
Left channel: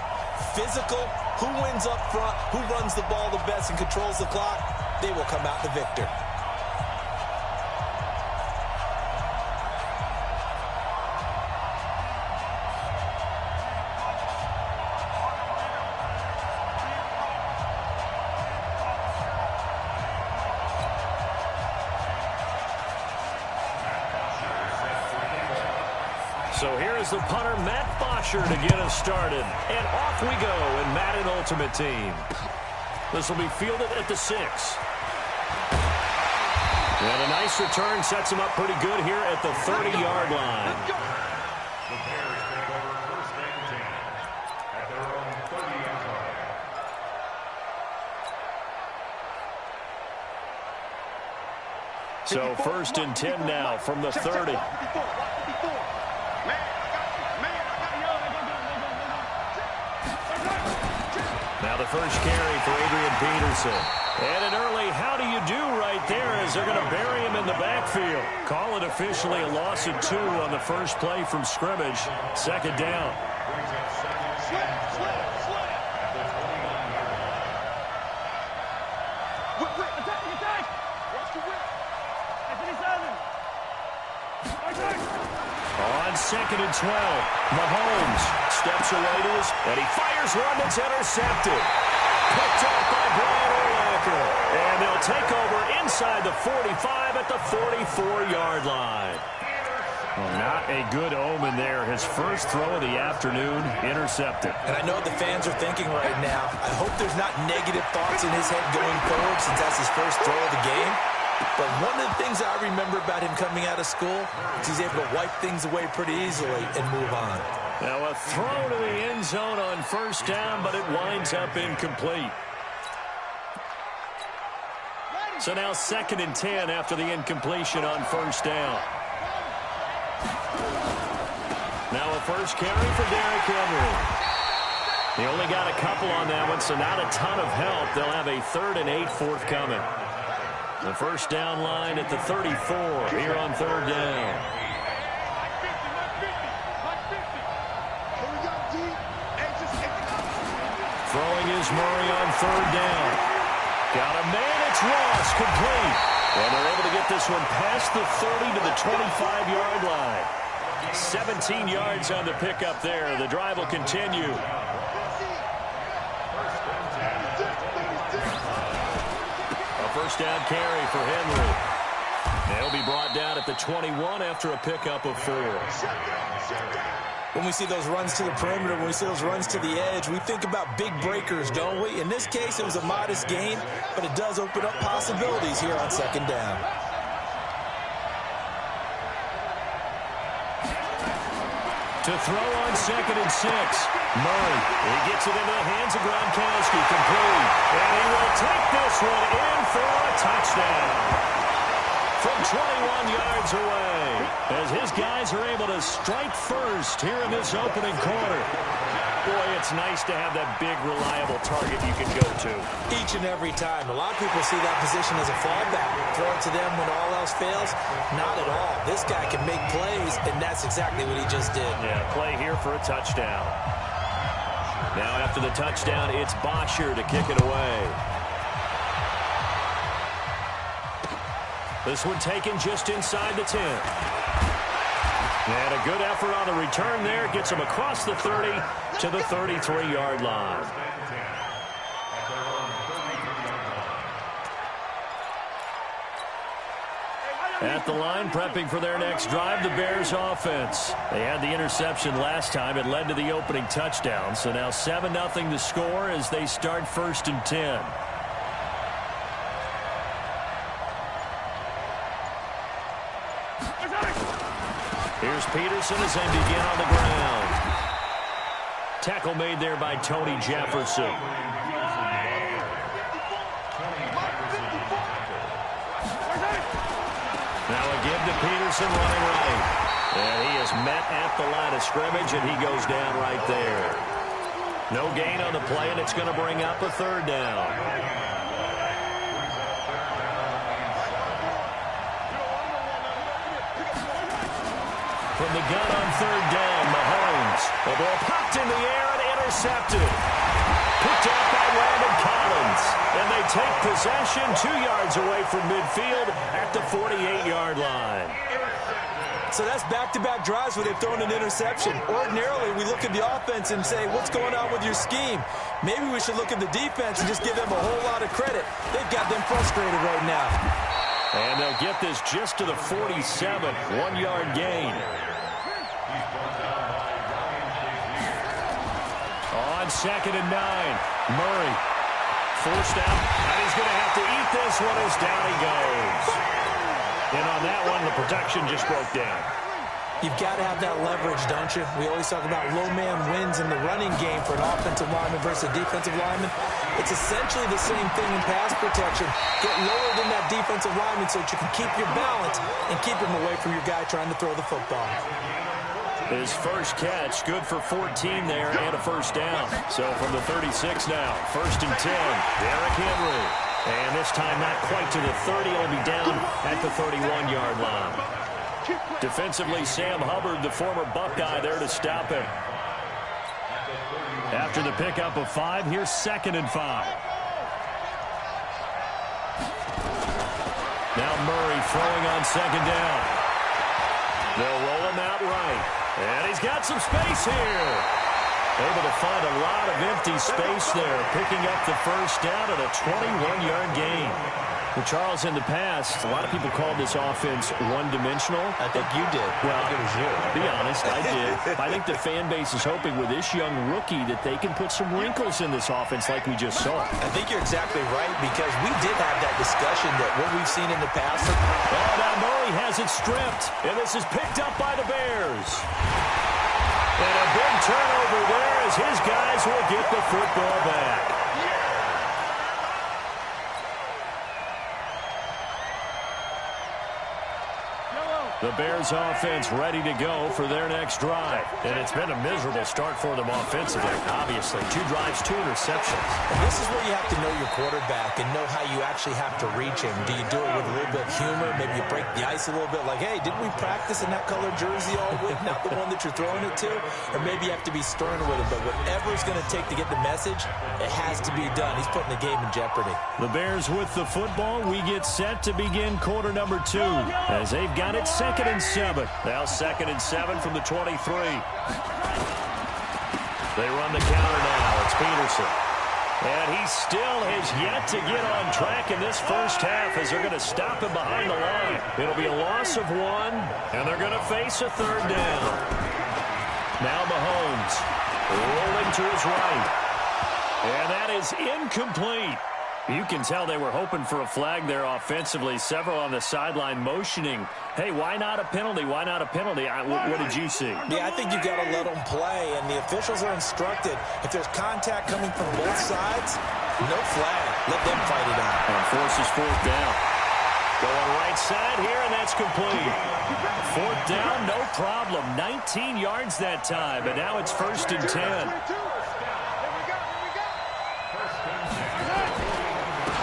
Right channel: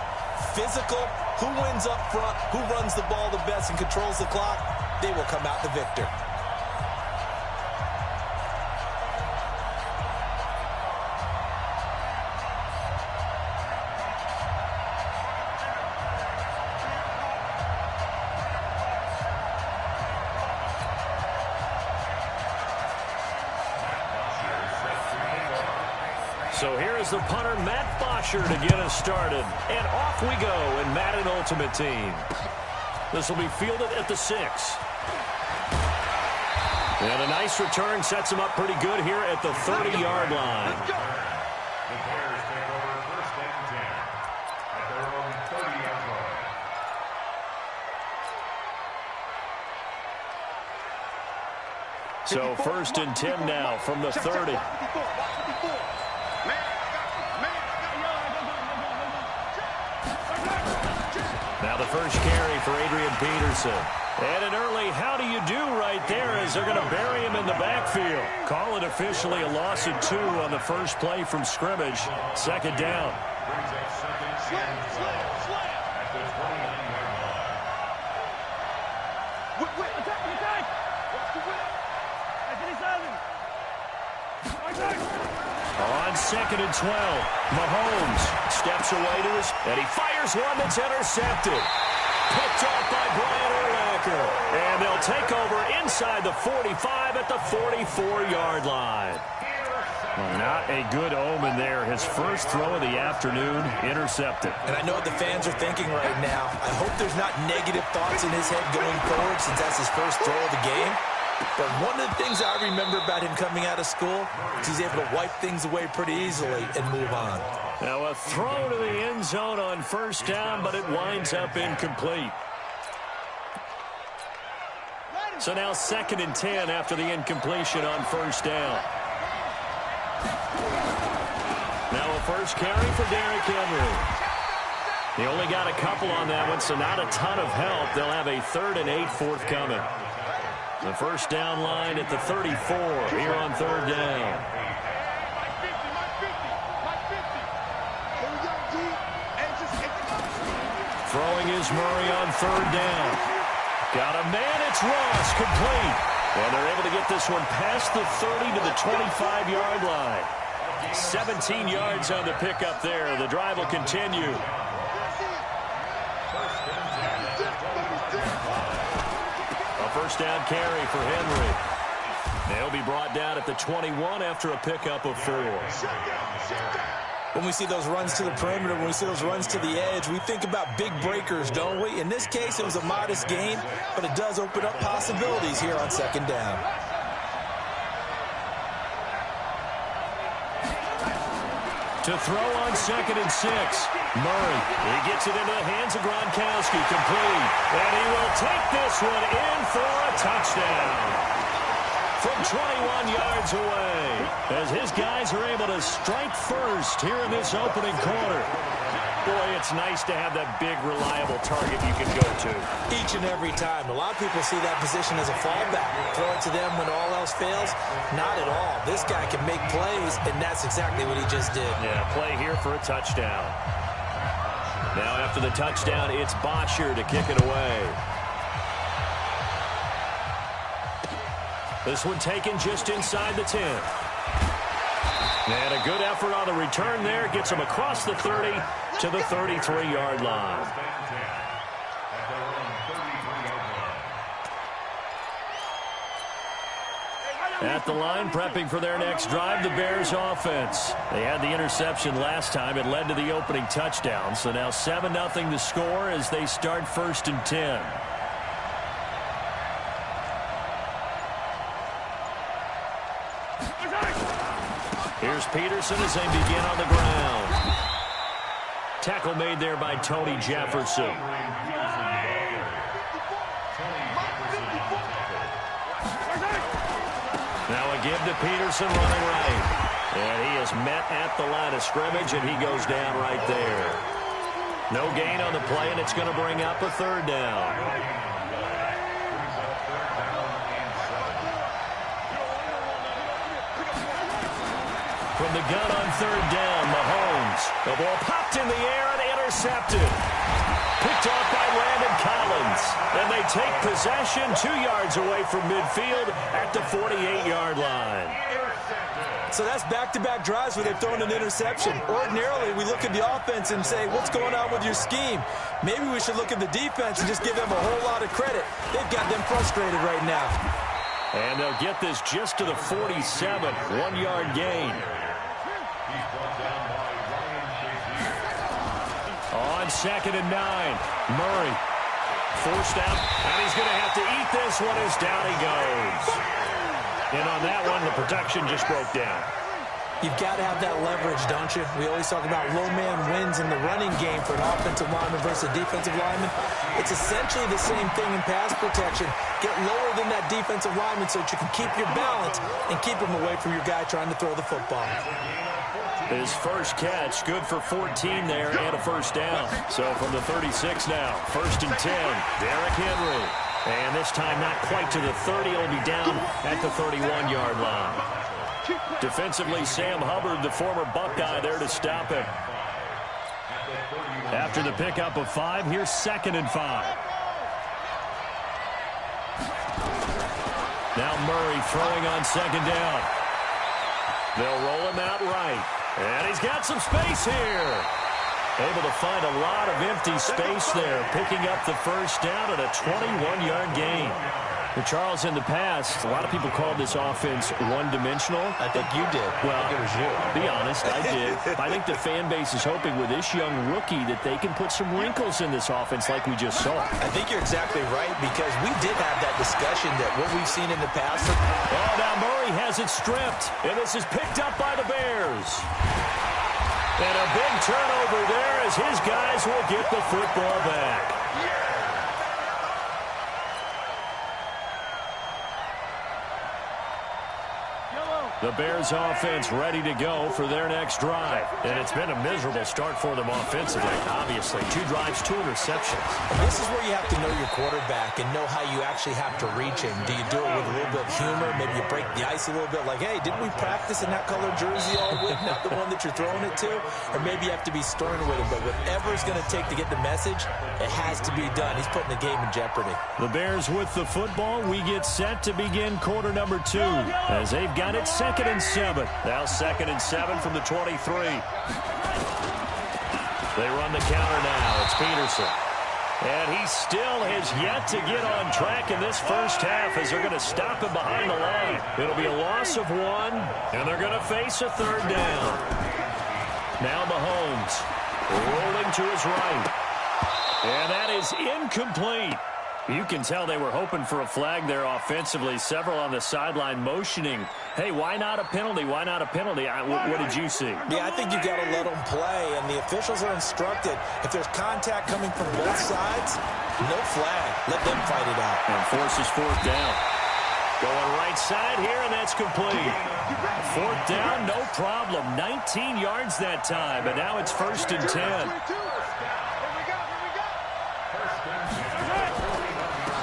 Physical, who wins up front, who runs the ball the best and controls the clock, they will come out the victor. So here is the punter, Matt Bosher, to get us started. And off we go in Madden Ultimate Team. This will be fielded at the 6. And a nice return sets him up pretty good here at the 30-yard line. The Bears take over first and 10 at their own 30-yard line. So first and 10 now from the 30. Now the first carry for Adrian Peterson. And an early how do you do right there as they're going to bury him in the backfield. Call it officially a loss of 2 on the first play from scrimmage. Second down. Brings up second and 12 at the 29-yard line. Whip. Attack. Watch the whip. 57. On second and 12, Mahomes steps away to his, and he fires one that's intercepted. Picked off by Brian Urlacher. And they'll take over inside the 45 at the 44-yard line. Well, not a good omen there. His first throw of the afternoon, intercepted. And I know what the fans are thinking right now. I hope there's not negative thoughts in his head going forward since that's his first throw of the game. But one of the things I remember about him coming out of school is he's able to wipe things away pretty easily and move on. Now a throw to the end zone on first down, but it winds up incomplete. So now second and 10 after the incompletion on first down. Now a first carry for Derrick Henry. He only got a couple on that one, so not a ton of help. They'll have a 3rd and 8 forthcoming. The first down line at the 34 here on third down. Throwing is Murray on third down. Got a man, it's Ross, complete. And they're able to get this one past the 30 to the 25-yard line. 17 yards on the pickup there. The drive will continue. A first down carry for Henry. They'll be brought down at the 21 after a pickup of 4. When we see those runs to the perimeter, when we see those runs to the edge, we think about big breakers, don't we? In this case, it was a modest gain, but it does open up possibilities here on second down. To throw on second and 6. Murray, he gets it into the hands of Gronkowski, complete. And he will take this one in for a touchdown. From 21 yards away, as his guys are able to strike first here in this opening quarter. Boy, it's nice to have that big, reliable target you can go to. Each and every time. A lot of people see that position as a fallback. Throw it to them when all else fails. Not at all. This guy can make plays, and that's exactly what he just did. Yeah, play here for a touchdown. Now after the touchdown, it's Bosher to kick it away. This one taken just inside the 10. And a good effort on the return there. Gets him across the 30 to the 33-yard line. At the line, prepping for their next drive, the Bears offense. They had the interception last time. It led to the opening touchdown. So now 7-0 the score as they start first and 10. Here's Peterson as they begin on the ground. Tackle made there by Tony Jefferson. Now a give to Peterson running right. And he is met at the line of scrimmage, and he goes down right there. No gain on the play, and it's going to bring up a third down. From the gun on third down, Mahomes. The ball popped in the air and intercepted. Picked off by Landon Collins. And they take possession 2 yards away from midfield at the 48-yard line. So that's back-to-back drives where they've thrown an interception. Ordinarily, we look at the offense and say, what's going on with your scheme? Maybe we should look at the defense and just give them a whole lot of credit. They've got them frustrated right now. And they'll get this just to the 47, 1-yard gain. On 2nd and 9, Murray forced out, and he's going to have to eat this one as down he goes. And on that one, the protection just broke down. You've got to have that leverage, don't you? We always talk about low man wins in the running game for an offensive lineman versus a defensive lineman. It's essentially the same thing in pass protection. Get lower than that defensive lineman so that you can keep your balance and keep him away from your guy trying to throw the football. His first catch, good for 14 there and a first down. So from the 36 now, 1st and 10, Derrick Henry. And this time not quite to the 30. It'll be down at the 31-yard line. Defensively, Sam Hubbard, the former Buckeye, there to stop him. After the pickup of 5, here's 2nd and 5. Now Murray throwing on 2nd down. They'll roll him out right. And he's got some space here. Able to find a lot of empty space there, picking up the first down at a 21-yard gain. Well, Charles, in the past, a lot of people called this offense one-dimensional. I think you did. Well, I think it was you. Be honest, I did. I think the fan base is hoping with this young rookie that they can put some wrinkles in this offense like we just saw. I think you're exactly right, because we did have that discussion that what we've seen in the past. Oh, now Murray has it stripped, and this is picked up by the Bears. And a big turnover there as his guys will get the football back. The Bears offense ready to go for their next drive. And it's been a miserable start for them offensively, obviously. 2 drives, 2 interceptions. And this is where you have to know your quarterback and know how you actually have to reach him. Do you do it with a little bit of humor? Maybe you break the ice a little bit like, hey, didn't we practice in that color jersey all week, not the one that you're throwing it to? Or maybe you have to be stern with him. But whatever it's going to take to get the message, it has to be done. He's putting the game in jeopardy. The Bears with the football. We get set to begin quarter number 2 as they've got it 2nd and 7. Now 2nd and 7 from the 23. They run the counter now. It's Peterson. And he still has yet to get on track in this first half as they're going to stop him behind the line. It'll be a loss of 1, and they're going to face a 3rd down. Now Mahomes rolling to his right. And that is incomplete. You can tell they were hoping for a flag there offensively. Several on the sideline motioning, hey, why not a penalty? Why not a penalty? What did you see? Yeah, I think you've got to let them play, and the officials are instructed. If there's contact coming from both sides, no flag. Let them fight it out. And forces 4th down. Going right side here, and that's complete. 4th down, no problem. 19 yards that time, but now it's 1st and 10.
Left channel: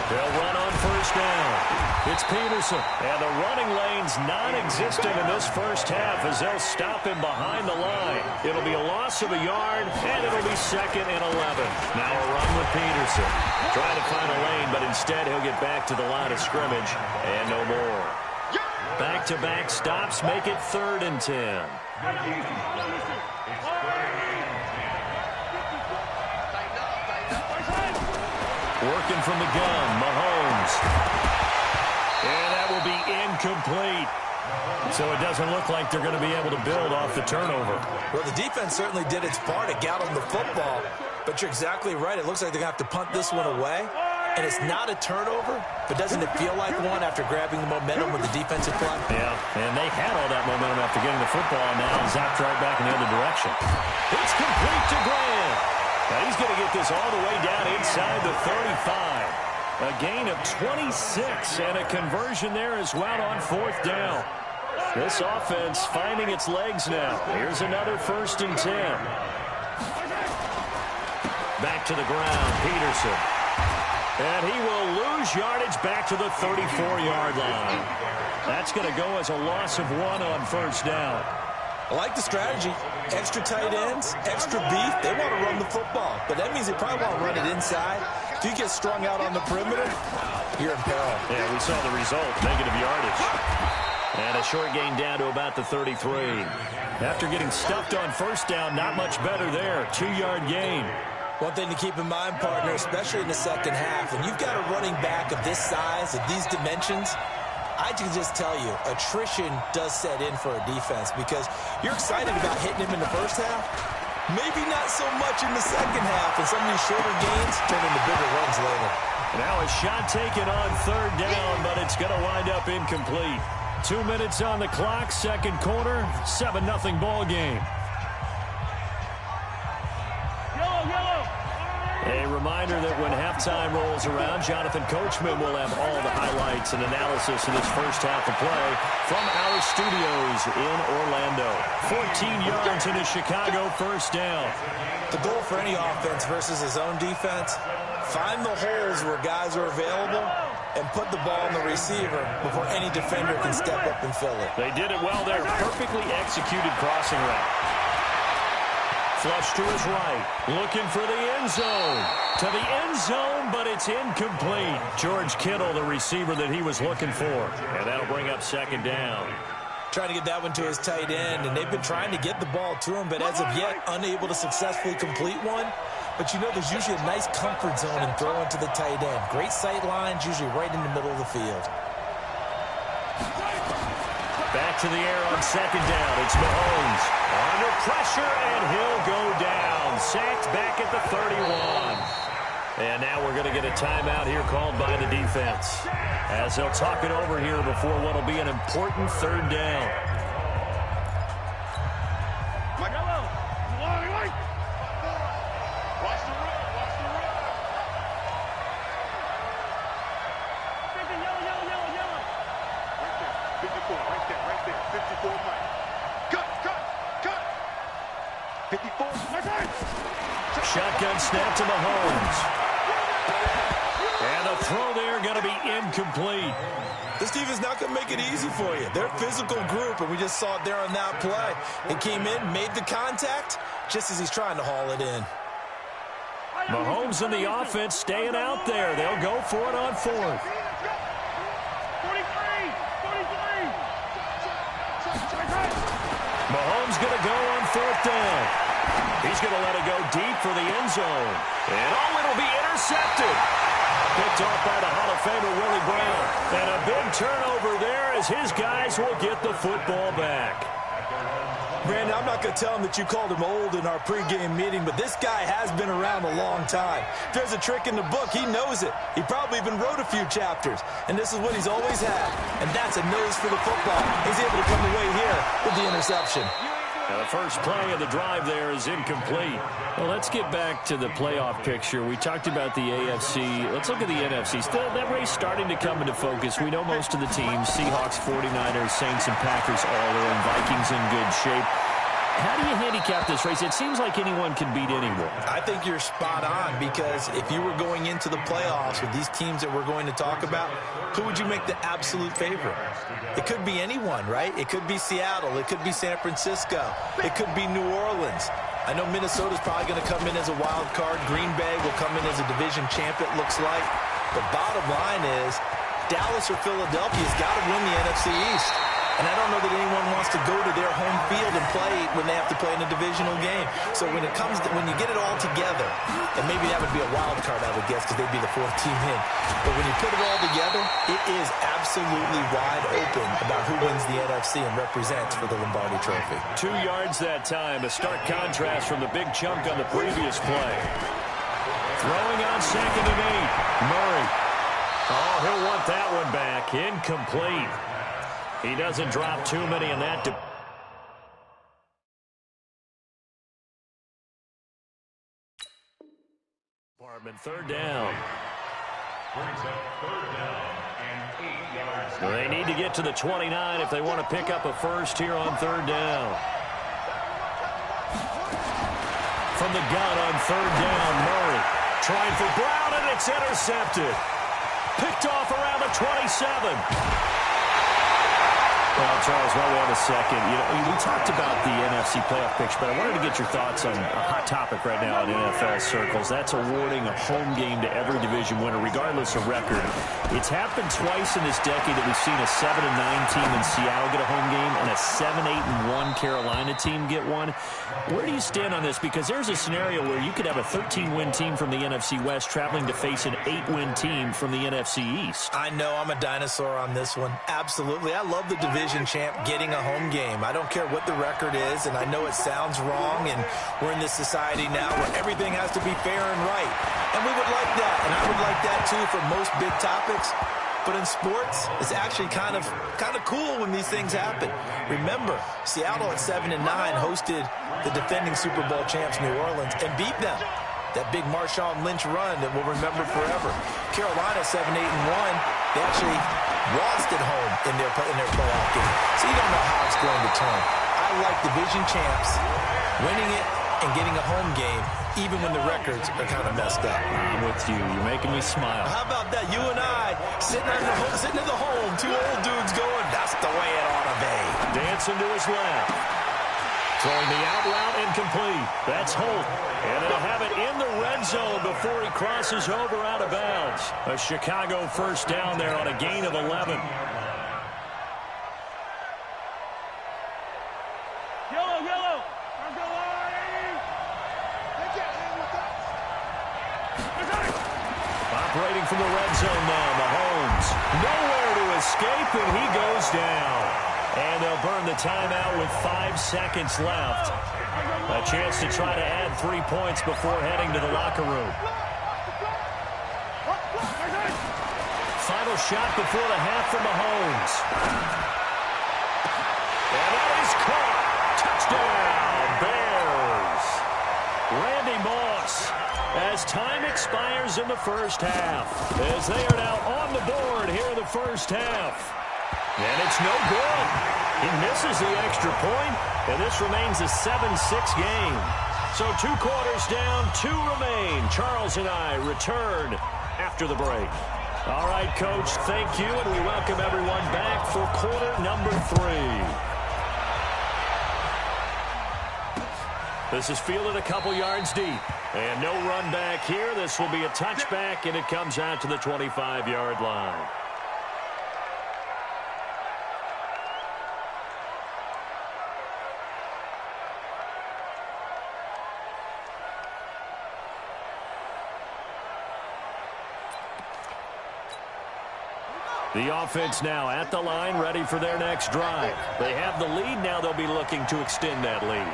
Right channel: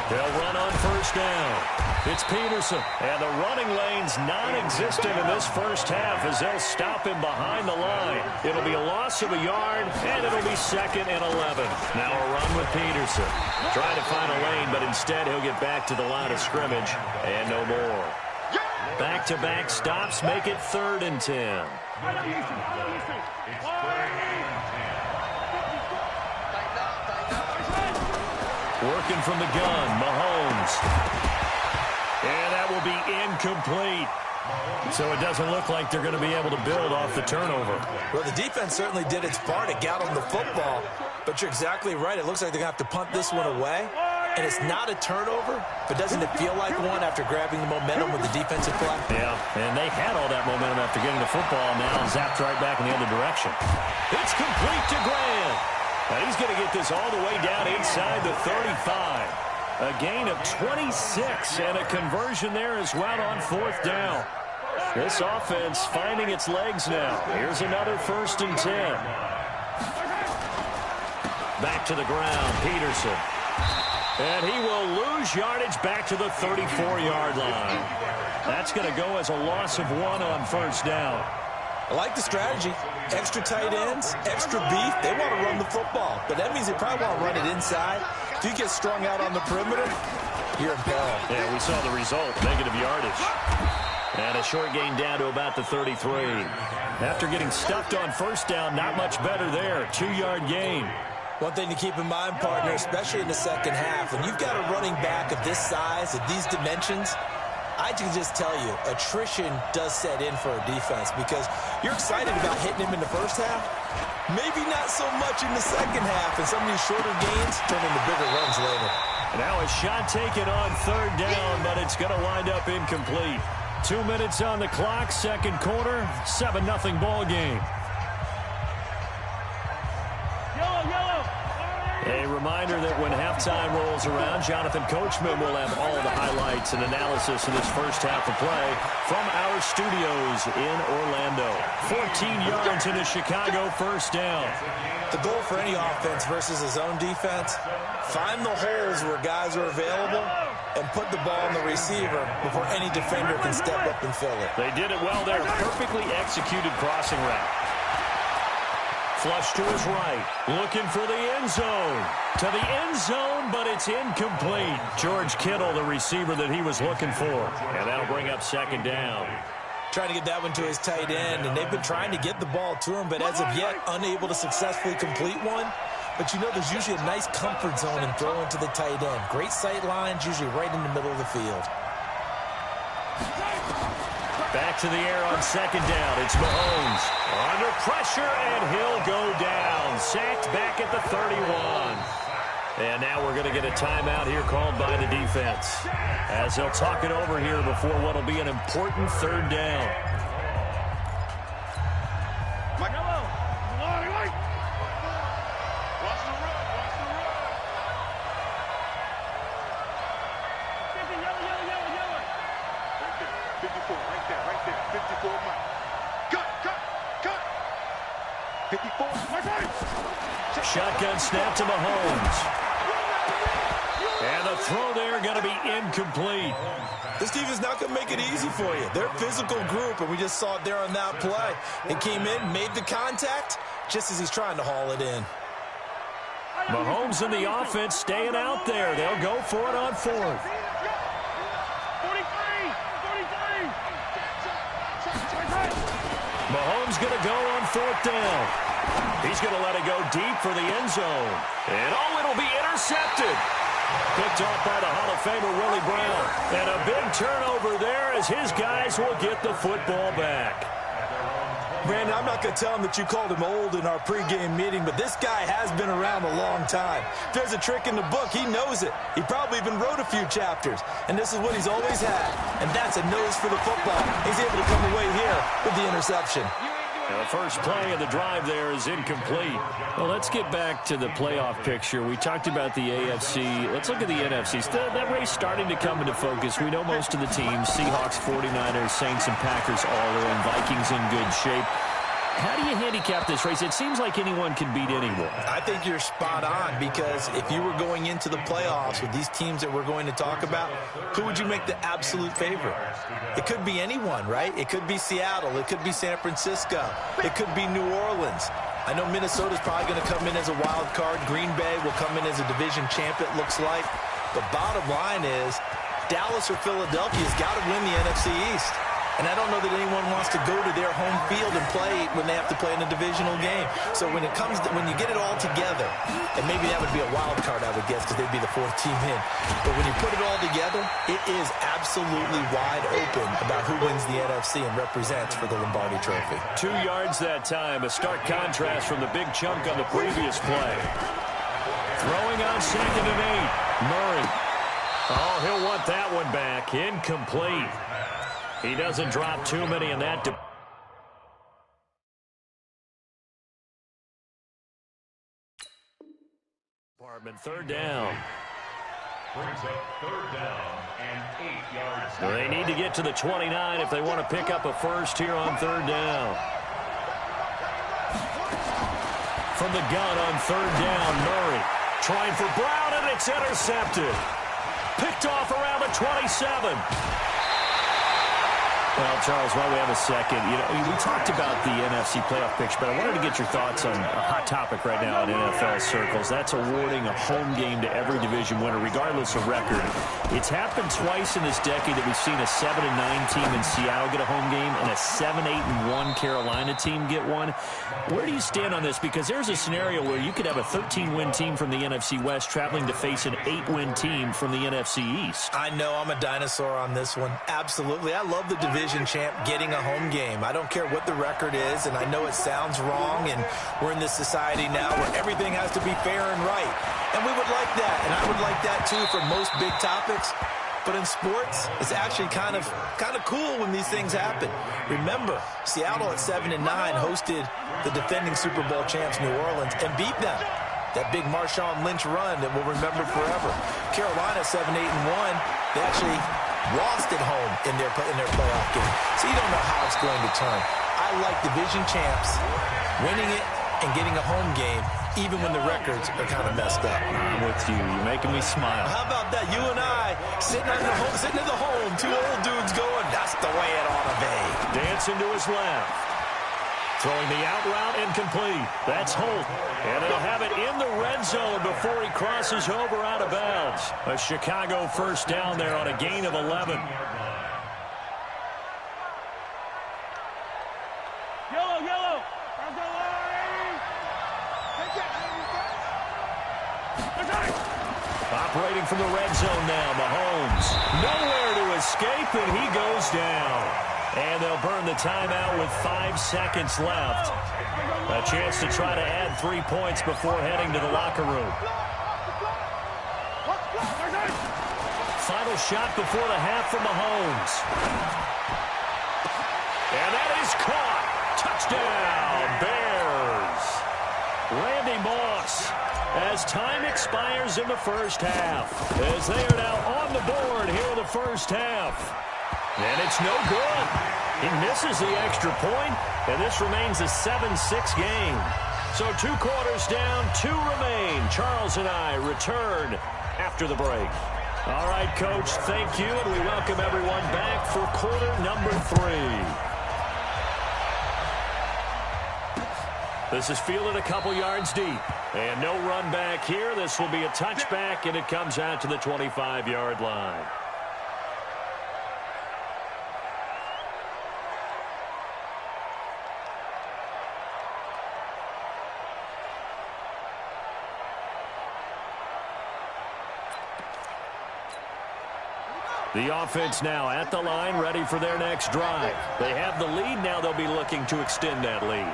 They'll run on 1st down. It's Peterson. And the running lane's non-existent in this first half as they'll stop him behind the line. It'll be a loss of a yard, and it'll be 2nd and 11. Now a run with Peterson. Trying to find a lane, but instead he'll get back to the line of scrimmage, and no more. Back-to-back stops make it 3rd and 10. Working from the gun, Mahomes. And that will be incomplete. So it doesn't look like they're going to be able to build off the turnover. Well, the defense certainly did its part to get on the football. But you're exactly right. It looks like they're going to have to punt this one away. And it's not a turnover, but doesn't it feel like one after grabbing the momentum with the defensive play? Yeah, and they had all that momentum after getting the football, and now zapped right back in the other direction. It's complete to Grant. Now he's going to get this all the way down inside the 35. A gain of 26 and a conversion there as well on 4th down. This offense finding its legs now. Here's another 1st and 10. back to the ground. Peterson. And he will lose yardage back to the 34-yard line. That's going to go as a loss of 1 on first down. I like the strategy. Extra tight ends, extra beef. They want to run the football, but that means they probably want to run it inside. If you get strung out on the perimeter, you're in peril. Yeah, we saw the result, negative yardage. And a short gain down to about the 33. After getting stuffed on first down, not much better there. 2-yard gain. One thing to keep in mind, partner, especially in the second half, when you've got a running back of this size, of these dimensions, I can just tell you, attrition does set in for a defense because you're excited about hitting him in the first half. Maybe not so much in the second half, and some of these shorter gains turn into bigger runs later. Now a shot taken on third down, but it's going to wind up incomplete. 2 minutes on the clock, second quarter, 7-0 ball game. A reminder that when halftime rolls around, Jonathan Coachman will have all the highlights and analysis in this first half of play from our studios in Orlando. 14 yards in a Chicago first down. The goal for any offense versus his own defense, find the holes where guys are available and put the ball on the receiver before any defender can step up and fill it. They did it well there. Perfectly executed crossing route. Flush to his right, looking for the end zone. To the end zone, but it's incomplete. George Kittle, the receiver that he was looking for. And that'll bring up second down. Trying to get that one to his tight end, and they've been trying to get the ball to him, but as of yet, unable to successfully complete one. But you know there's usually a nice comfort zone in throwing to the tight end. Great sight lines, usually right in the middle of the field. Back to the air on second down. It's Mahomes. Under pressure, and he'll go down. Sacked back at the 31. And now we're going to get a timeout here called by the defense, as they'll talk it over here before what will be an important third down. Watch the run, watch the run. Yellow. Right there, 54, right there, 54, Mike. Cut. 54, Mike. Shotgun snap to Mahomes. And the throw there going to be incomplete. This defense is not going to make it easy for you. They're a physical group, and we just saw it there on that play. It came in, made the contact, just as he's trying to haul it in. Mahomes and the offense staying out there. They'll go for it on fourth. 43. Mahomes going to go on fourth down. He's going to let it go deep for the end zone. And it'll be intercepted. Picked off by the Hall of Famer Willie Brown. And a big turnover there as his guys will get the football back. Brandon, I'm not going to tell him that you called him old in our pregame meeting, but this guy has been around a long time. If there's a trick in the book, he knows it. He probably even wrote a few chapters, and this is what he's always had, and that's a nose for the football. He's able to come away here with the interception. Now the first play of the drive there is incomplete. Well, let's get back to the playoff picture. We talked about the AFC. Let's look at the NFC. Still, that race starting to come into focus. We know most of the teams, Seahawks, 49ers, Saints, and Packers all are in. Vikings in good shape. How do you handicap this race? It seems like anyone can beat anyone. I think you're spot on, because if you were going into the playoffs with these teams that we're going to talk about, who would you make the absolute favorite? It could be anyone, right? It could be Seattle. It could be San Francisco. It could be New Orleans. I know Minnesota's probably going to come in as a wild card. Green Bay will come in as a division champ, it looks like. The bottom line is Dallas or Philadelphia's got to win the NFC East. And I don't know that anyone wants to go to their home field and play when they have to play in a divisional game. So when you get it all together, and maybe that would be a wild card, I would guess, because they'd be the fourth team in. But when you put it all together, it is absolutely wide open about who wins the NFC and represents for the Lombardi Trophy. 2 yards that time, a stark contrast from the big chunk on the previous play. Throwing on second and 8, Murray. Oh, he'll want that one back. Incomplete. He doesn't drop too many in that. Department, third down. Brings up third down and 8 yards. So they need to get to the 29 if they want to pick up a first here on third down. from the gun on third down. Murray trying for Brown, and it's intercepted. Picked off around the 27. Well, Charles, while we have a second, we talked about the NFC playoff picture, but I wanted to get your thoughts on a hot topic right now in NFL circles. That's awarding a home game to every division winner, regardless of record. It's happened twice in this decade that we've seen a 7-9 team in Seattle get a home game and a 7-8-1 Carolina team get one. Where do you stand on this? Because there's a scenario where you could have a 13-win team from the NFC West traveling to face an 8-win team from the NFC East. I know I'm a dinosaur on this one. Absolutely. I love the division champ getting a home game. I don't care what the record is, and I know it sounds wrong, and we're in this society now where everything has to be fair and right. And we would like that, and I would like that too for most big topics. But in sports, it's actually kind of cool when these things happen. Remember, Seattle at 7-9 hosted the defending Super Bowl champs New Orleans and beat them. That big Marshawn Lynch run that we'll remember forever. Carolina 7-8-1, they actually lost at home in their playoff game. So you don't know how it's going to turn. I like division champs winning it and getting a home game, even when the records are kind of messed up. I'm with you. You're making me smile. How about that? You and I sitting at the home, two old dudes going, that's the way it ought to be. Dancing to his left. Throwing the out route incomplete. That's Holt. And he'll have it in the red zone before he crosses over out of bounds. A Chicago first down there on a gain of 11. Yellow. Let's go, Arnie. They can't hang with us. Operating from the red zone now, Mahomes. Nowhere to escape, and he goes down. And they'll burn the timeout with 5 seconds left. A chance to try to add 3 points before heading to the locker room. Final shot before the half for Mahomes. And that is caught. Touchdown, Bears. Randy Moss, as time expires in the first half, as they are now on the board here in the first half. And it's no good. He misses the extra point, and this remains a 7-6 game. So 2 quarters down, 2 remain. Charles and I return after the break. All right, Coach, thank you, and we welcome everyone back for quarter number 3. This is fielded a couple yards deep. And no run back here. This will be a touchback, and it comes out to the 25-yard line. The offense now at the line, ready for their next drive. They have the lead. Now they'll be looking to extend that lead.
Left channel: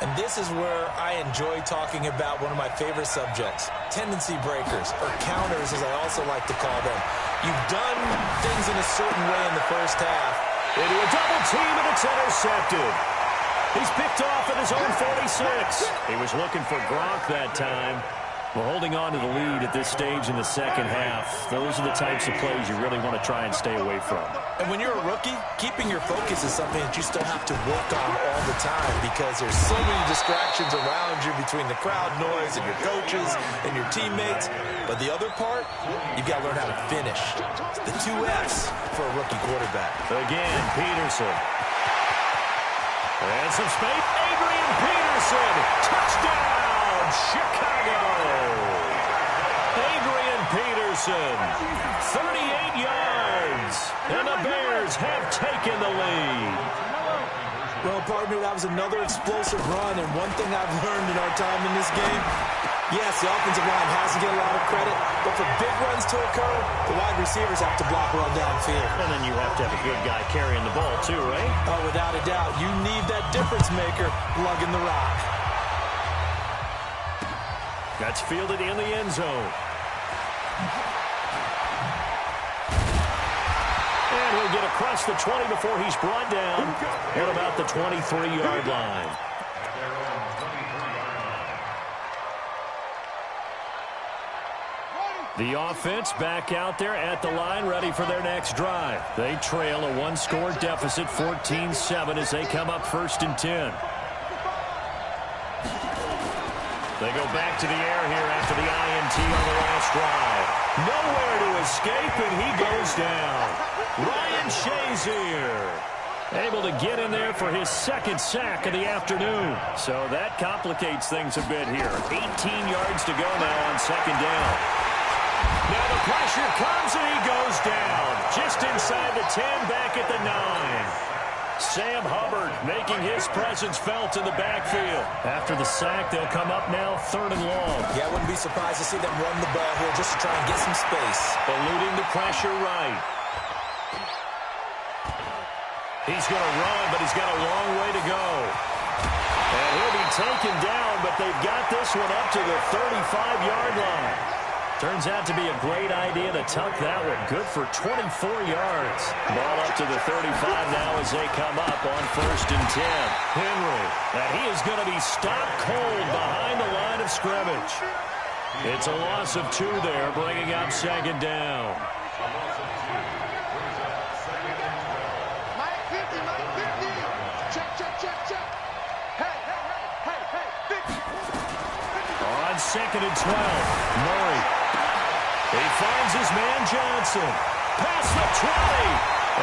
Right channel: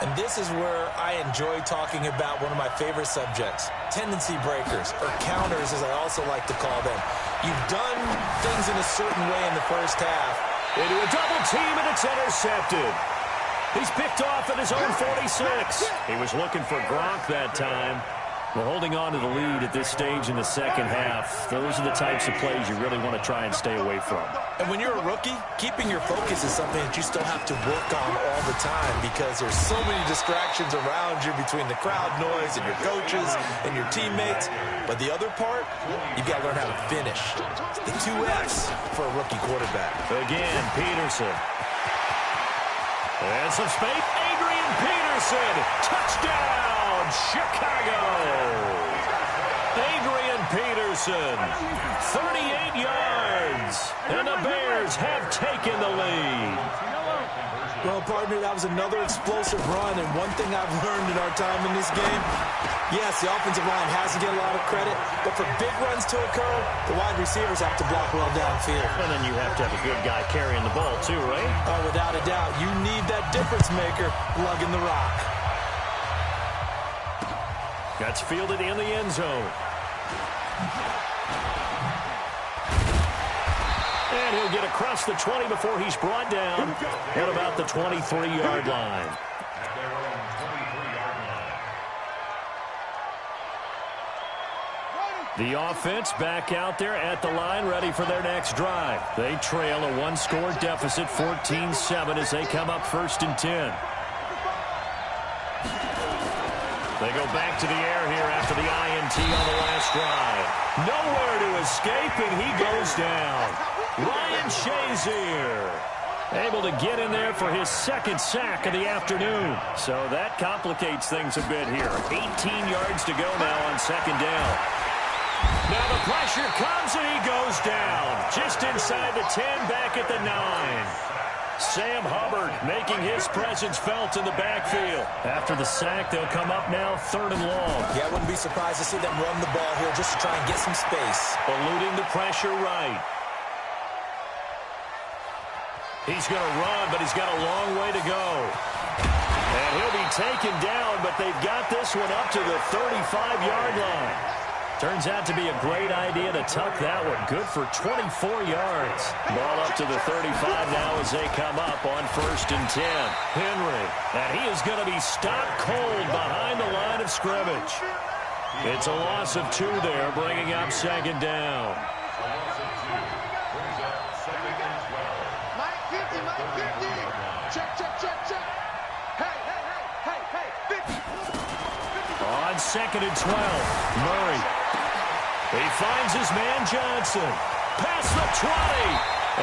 And this is where I enjoy talking about one of my favorite subjects, tendency breakers, or counters as I also like to call them. You've done things in a certain way in the first half. Into a double team, and it's intercepted. He's picked off at his own 46. He was looking for Gronk that time. Well, holding on to the lead at this stage in the second half, those are the types of plays you really want to try and stay away from. And when you're a rookie, keeping your focus is something that you still have to work on all the time because there's so many distractions around you between the crowd noise and your coaches and your teammates. But the other part, you've got to learn how to finish. It's the 2 F's for a rookie quarterback. Again, Peterson. And some space. Adrian Peterson. Touchdown, Chicago. Adrian Peterson, 38 yards. And the Bears have taken the lead. Well, partner, that was another explosive run. And one thing I've learned in our time in this game, yes, the offensive line has to get a lot of credit, but for big runs to occur, the wide receivers have to block well downfield. And then you have to have a good guy carrying the ball too, right? Oh, without a doubt. You need that difference maker lugging the rock. That's fielded in the end zone. And he'll get across the 20 before he's brought down at about the 23-yard line. The offense back out there at the line, ready for their next drive. They trail a 1-score deficit, 14-7, as they come up 1st and 10. They go back to the air here after the INT on the last drive. Nowhere to escape, and he goes down. Ryan Shazier able to get in there for his second sack of the afternoon. So that complicates things a bit here. 18 yards to go now on second down. Now the pressure comes, and he goes down. Just inside the 10, back at the 9. Sam Hubbard making his presence felt in the backfield. After the sack, they'll come up now 3rd and long. Yeah, I wouldn't be surprised to see them run the ball here just to try and get some space. Eluding the pressure right. He's going to run, but he's got a long way to go. And he'll be taken down, but they've got this one up to the 35-yard line. Turns out to be a great idea to tuck that one. Good for 24 yards. Ball up to the 35 now as they come up on 1st and 10. Henry, and he is going to be stopped cold behind the line of scrimmage. It's a loss of 2 there, bringing up 2nd down. A loss of 2 brings up 2nd and 12. Mike 50, Mike 50. Check, check, check, check. Hey, 50. On 2nd and 12, Murray. He finds his man Johnson. Past the 20.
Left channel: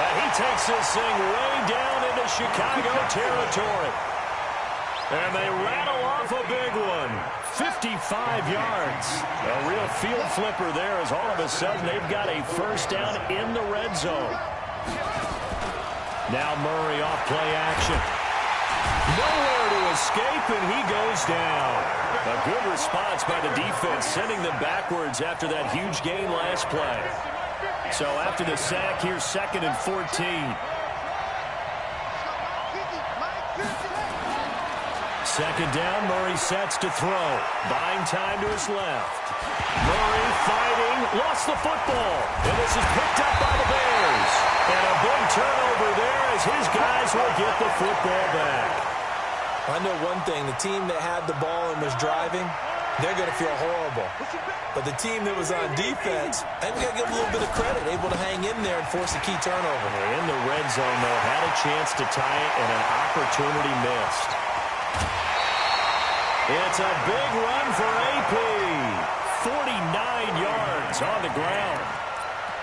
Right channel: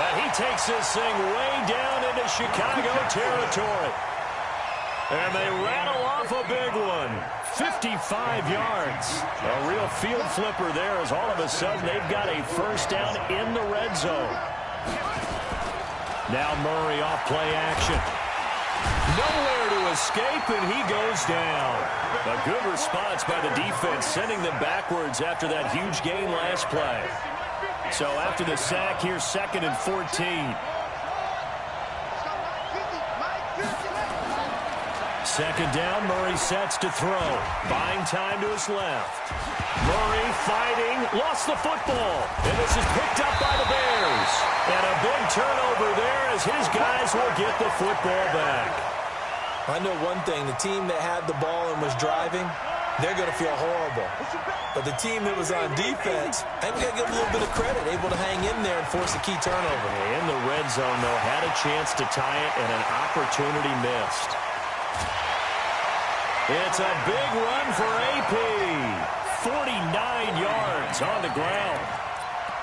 And he takes this thing way down into Chicago territory. And they rattle off a big one. 55 yards. A real field flipper there as all of a sudden they've got a first down in the red zone. Now Murray off play action. Nowhere to escape, and he goes down. A good response by the defense, sending them backwards after that huge gain last play. So after the sack, here's 2nd and 14. 2nd down, Murray sets to throw. Buying time to his left. Murray fighting, lost the football. And this is picked up by the Bears. And a big turnover there as his guys will get the football back. I know one thing. The team that had the ball and was driving, they're going to feel horrible. But the team that was on defense, I think we got to give them a little bit of credit, able to hang in there and force a key turnover. In the red zone, though, had a chance to tie it and an opportunity missed. It's a big run for AP. 49 yards on the ground.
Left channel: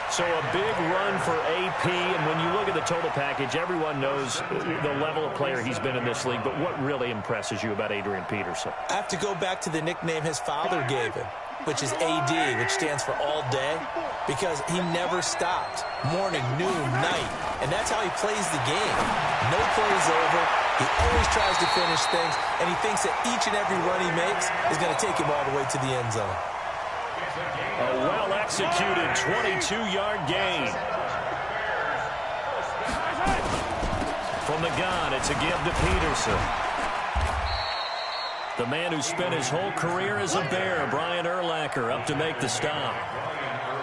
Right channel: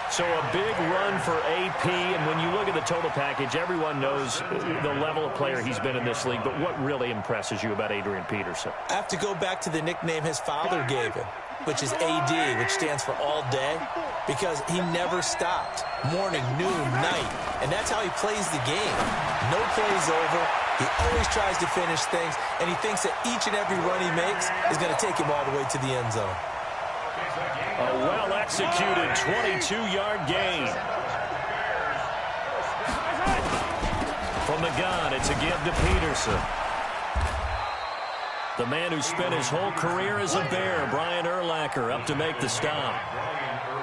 So a big run for AP, and when you look at the total package, everyone knows the level of player he's been in this league, but what really impresses you about Adrian Peterson? I have to go back to the nickname his father gave him, which is AD, which stands for all day, because he never stopped. Morning, noon, night, and that's how he plays the game. No plays over. He always tries to finish things, and he thinks that each and every run he makes is going to take him all the way to the end zone. A well-executed 22-yard gain. From the gun, it's a give to Peterson. The man who spent his whole career as a Bear, Brian Urlacher, up to make the stop.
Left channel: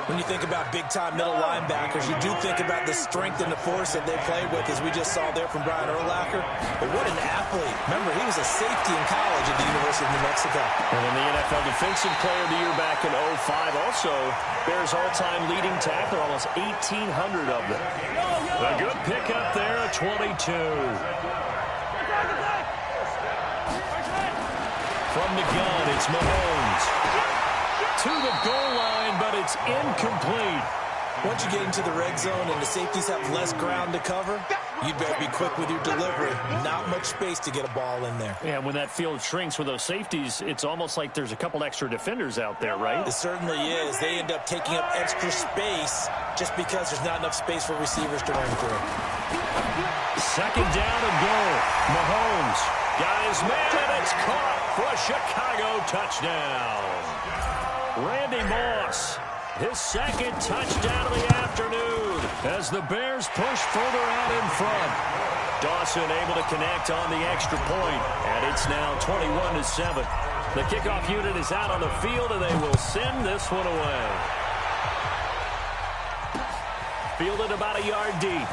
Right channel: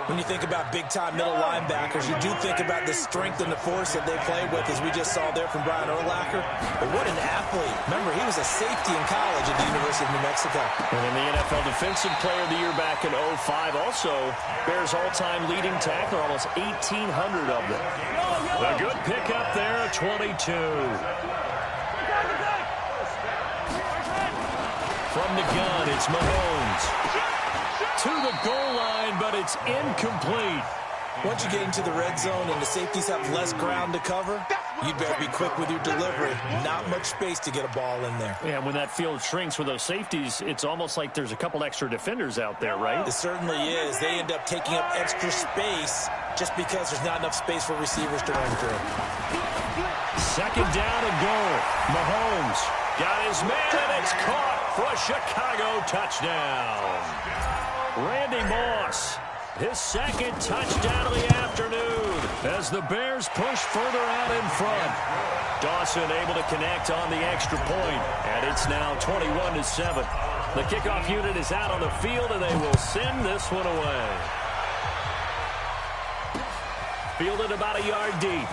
When you think about big-time middle linebackers, you do think about the strength and the force that they play with, as we just saw there from Brian Urlacher. But what an athlete. Remember, he was a safety in college at the University of New Mexico. And in the NFL Defensive Player of the Year back in 2005, also Bears all-time leading tackler, almost 1,800 of them. A good pickup there at 22. From the gun, it's Mahomes. To the goal line, but it's incomplete. Once you get into the red zone and the safeties have less ground to cover, you better be quick with your delivery. Not much space to get a ball in there. Yeah, when that field shrinks with those safeties, it's almost like there's a couple extra defenders out there, right? It certainly is. They end up taking up extra space just because there's not enough space for receivers to run through. 2nd down and goal. Mahomes got his man, and it's caught for a Chicago touchdown. Randy Moss, his 2nd touchdown of the afternoon as the Bears push further out in front. Dawson able to connect on the extra point, and it's now 21-7. The kickoff unit is out on the field, and they will send this one away. Fielded about a yard deep.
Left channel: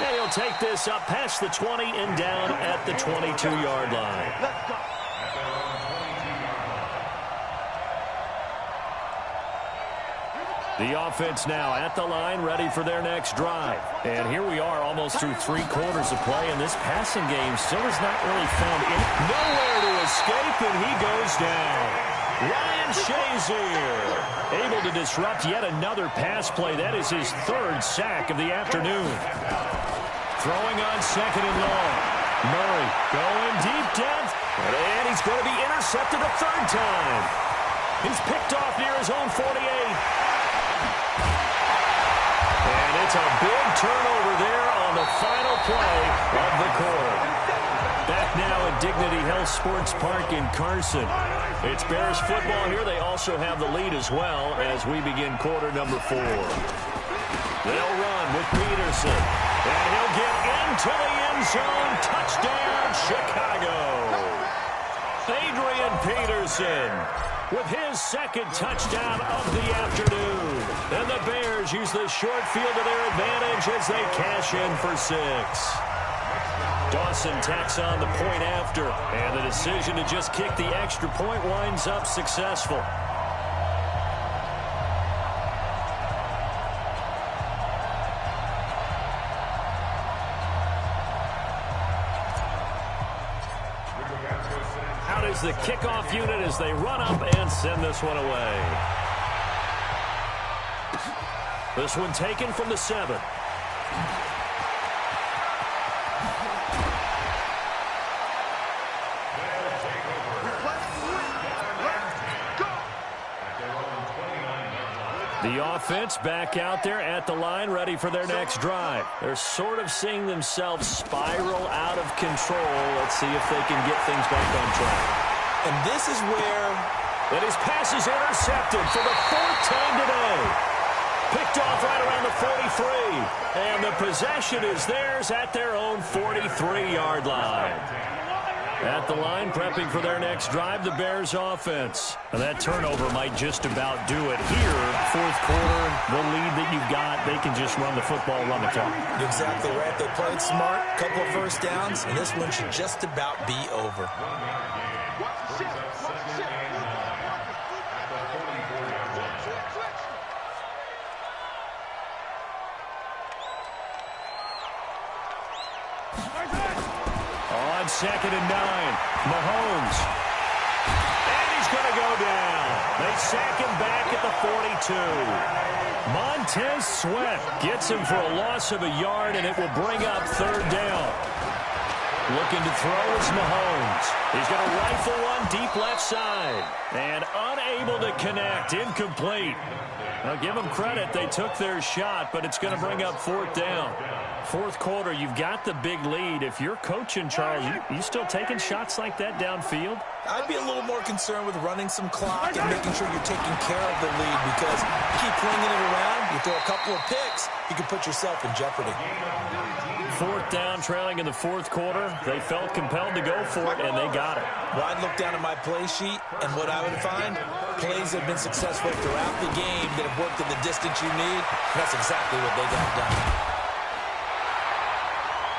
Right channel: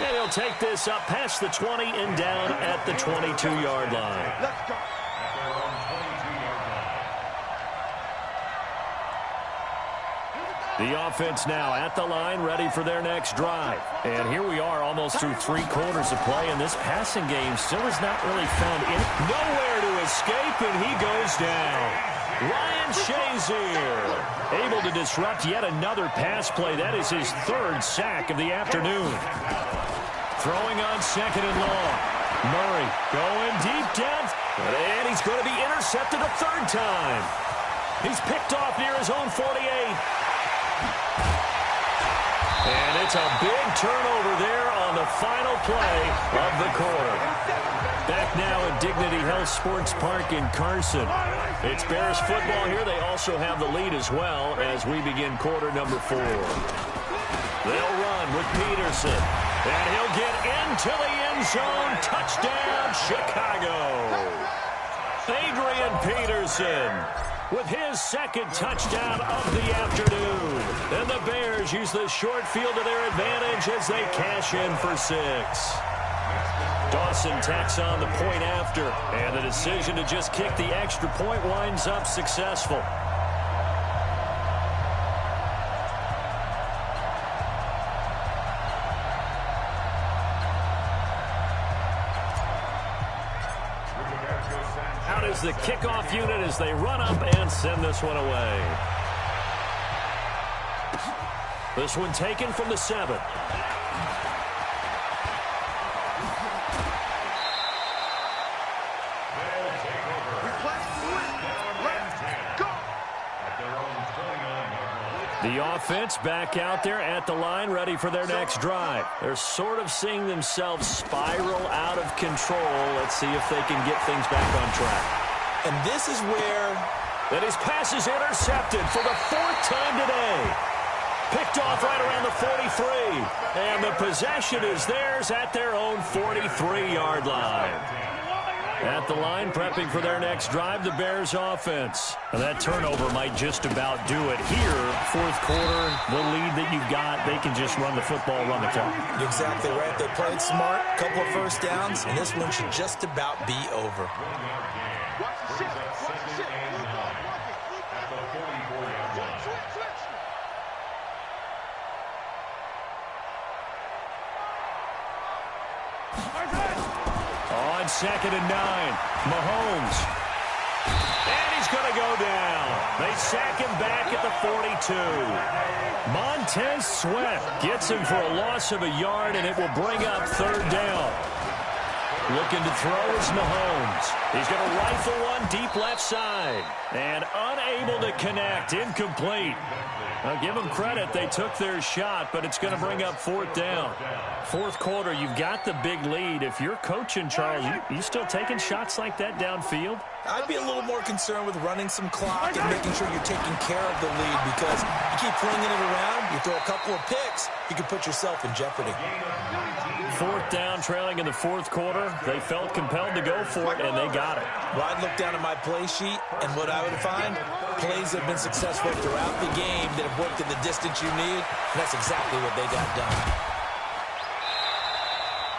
And he'll take this up past the 20 and down at the 22-yard line. Let's go. At their own 22-yard line. The offense now at the line, ready for their next drive. And here we are almost through 3 quarters of play, and this passing game still has not really found nowhere to escape, and he goes down. Ryan Shazier able to disrupt yet another pass play. That is his 3rd sack of the afternoon. Throwing on 2nd and long. Murray going deep down, and he's going to be intercepted a 3rd time. He's picked off near his own 48. And it's a big turnover there on the final play of the quarter. Back now at Dignity Health Sports Park in Carson. It's Bears football here. They also have the lead as well as we begin quarter number 4. They'll run with Peterson. And he'll get into the end zone. Touchdown, Chicago. Adrian Peterson with his 2nd touchdown of the afternoon. And the Bears use the short field to their advantage as they cash in for 6. Dawson tacks on the point after, and the decision to just kick the extra point winds up successful. Out is the kickoff unit as they run up and send this one away. This one taken from the 7. The offense back out there at the line, ready for their next drive. They're sort of seeing themselves spiral out of control. Let's see if they can get things back on track. And this is where... And his pass is intercepted for the 4th time today. Picked off right around the 43. And the possession is theirs at their own 43-yard line. At the line, prepping for their next drive, the Bears offense. And that turnover might just about do it here. 4th quarter, the lead that you've got, they can just run the football, run the clock. Exactly right. They played smart, couple of first downs, and this one should just about be over. Watch the shift. Watch the shift. At the 44-yard line. Switch. On 2nd and 9, Mahomes. And he's going to go down. They sack him back at the 42. Montez Sweat gets him for a loss of a yard, and it will bring up 3rd down. Looking to throw is Mahomes. He's going to rifle one deep left side. And unable to connect. Incomplete. Now, give them credit. They took their shot, but it's going to bring up 4th down. 4th quarter, you've got the big lead. If you're coaching, Charles, you still taking shots like that downfield? I'd be a little more concerned with running some clock and making sure you're taking care of the lead, because you keep flinging it around, you throw a couple of picks, you can put yourself in jeopardy. 4th down, trailing in the 4th quarter. They felt compelled to go for it, and they got it. Well, I'd look down at my play sheet, and what I would find, plays that have been successful throughout the game that have worked in the distance you need, and that's exactly what they got done.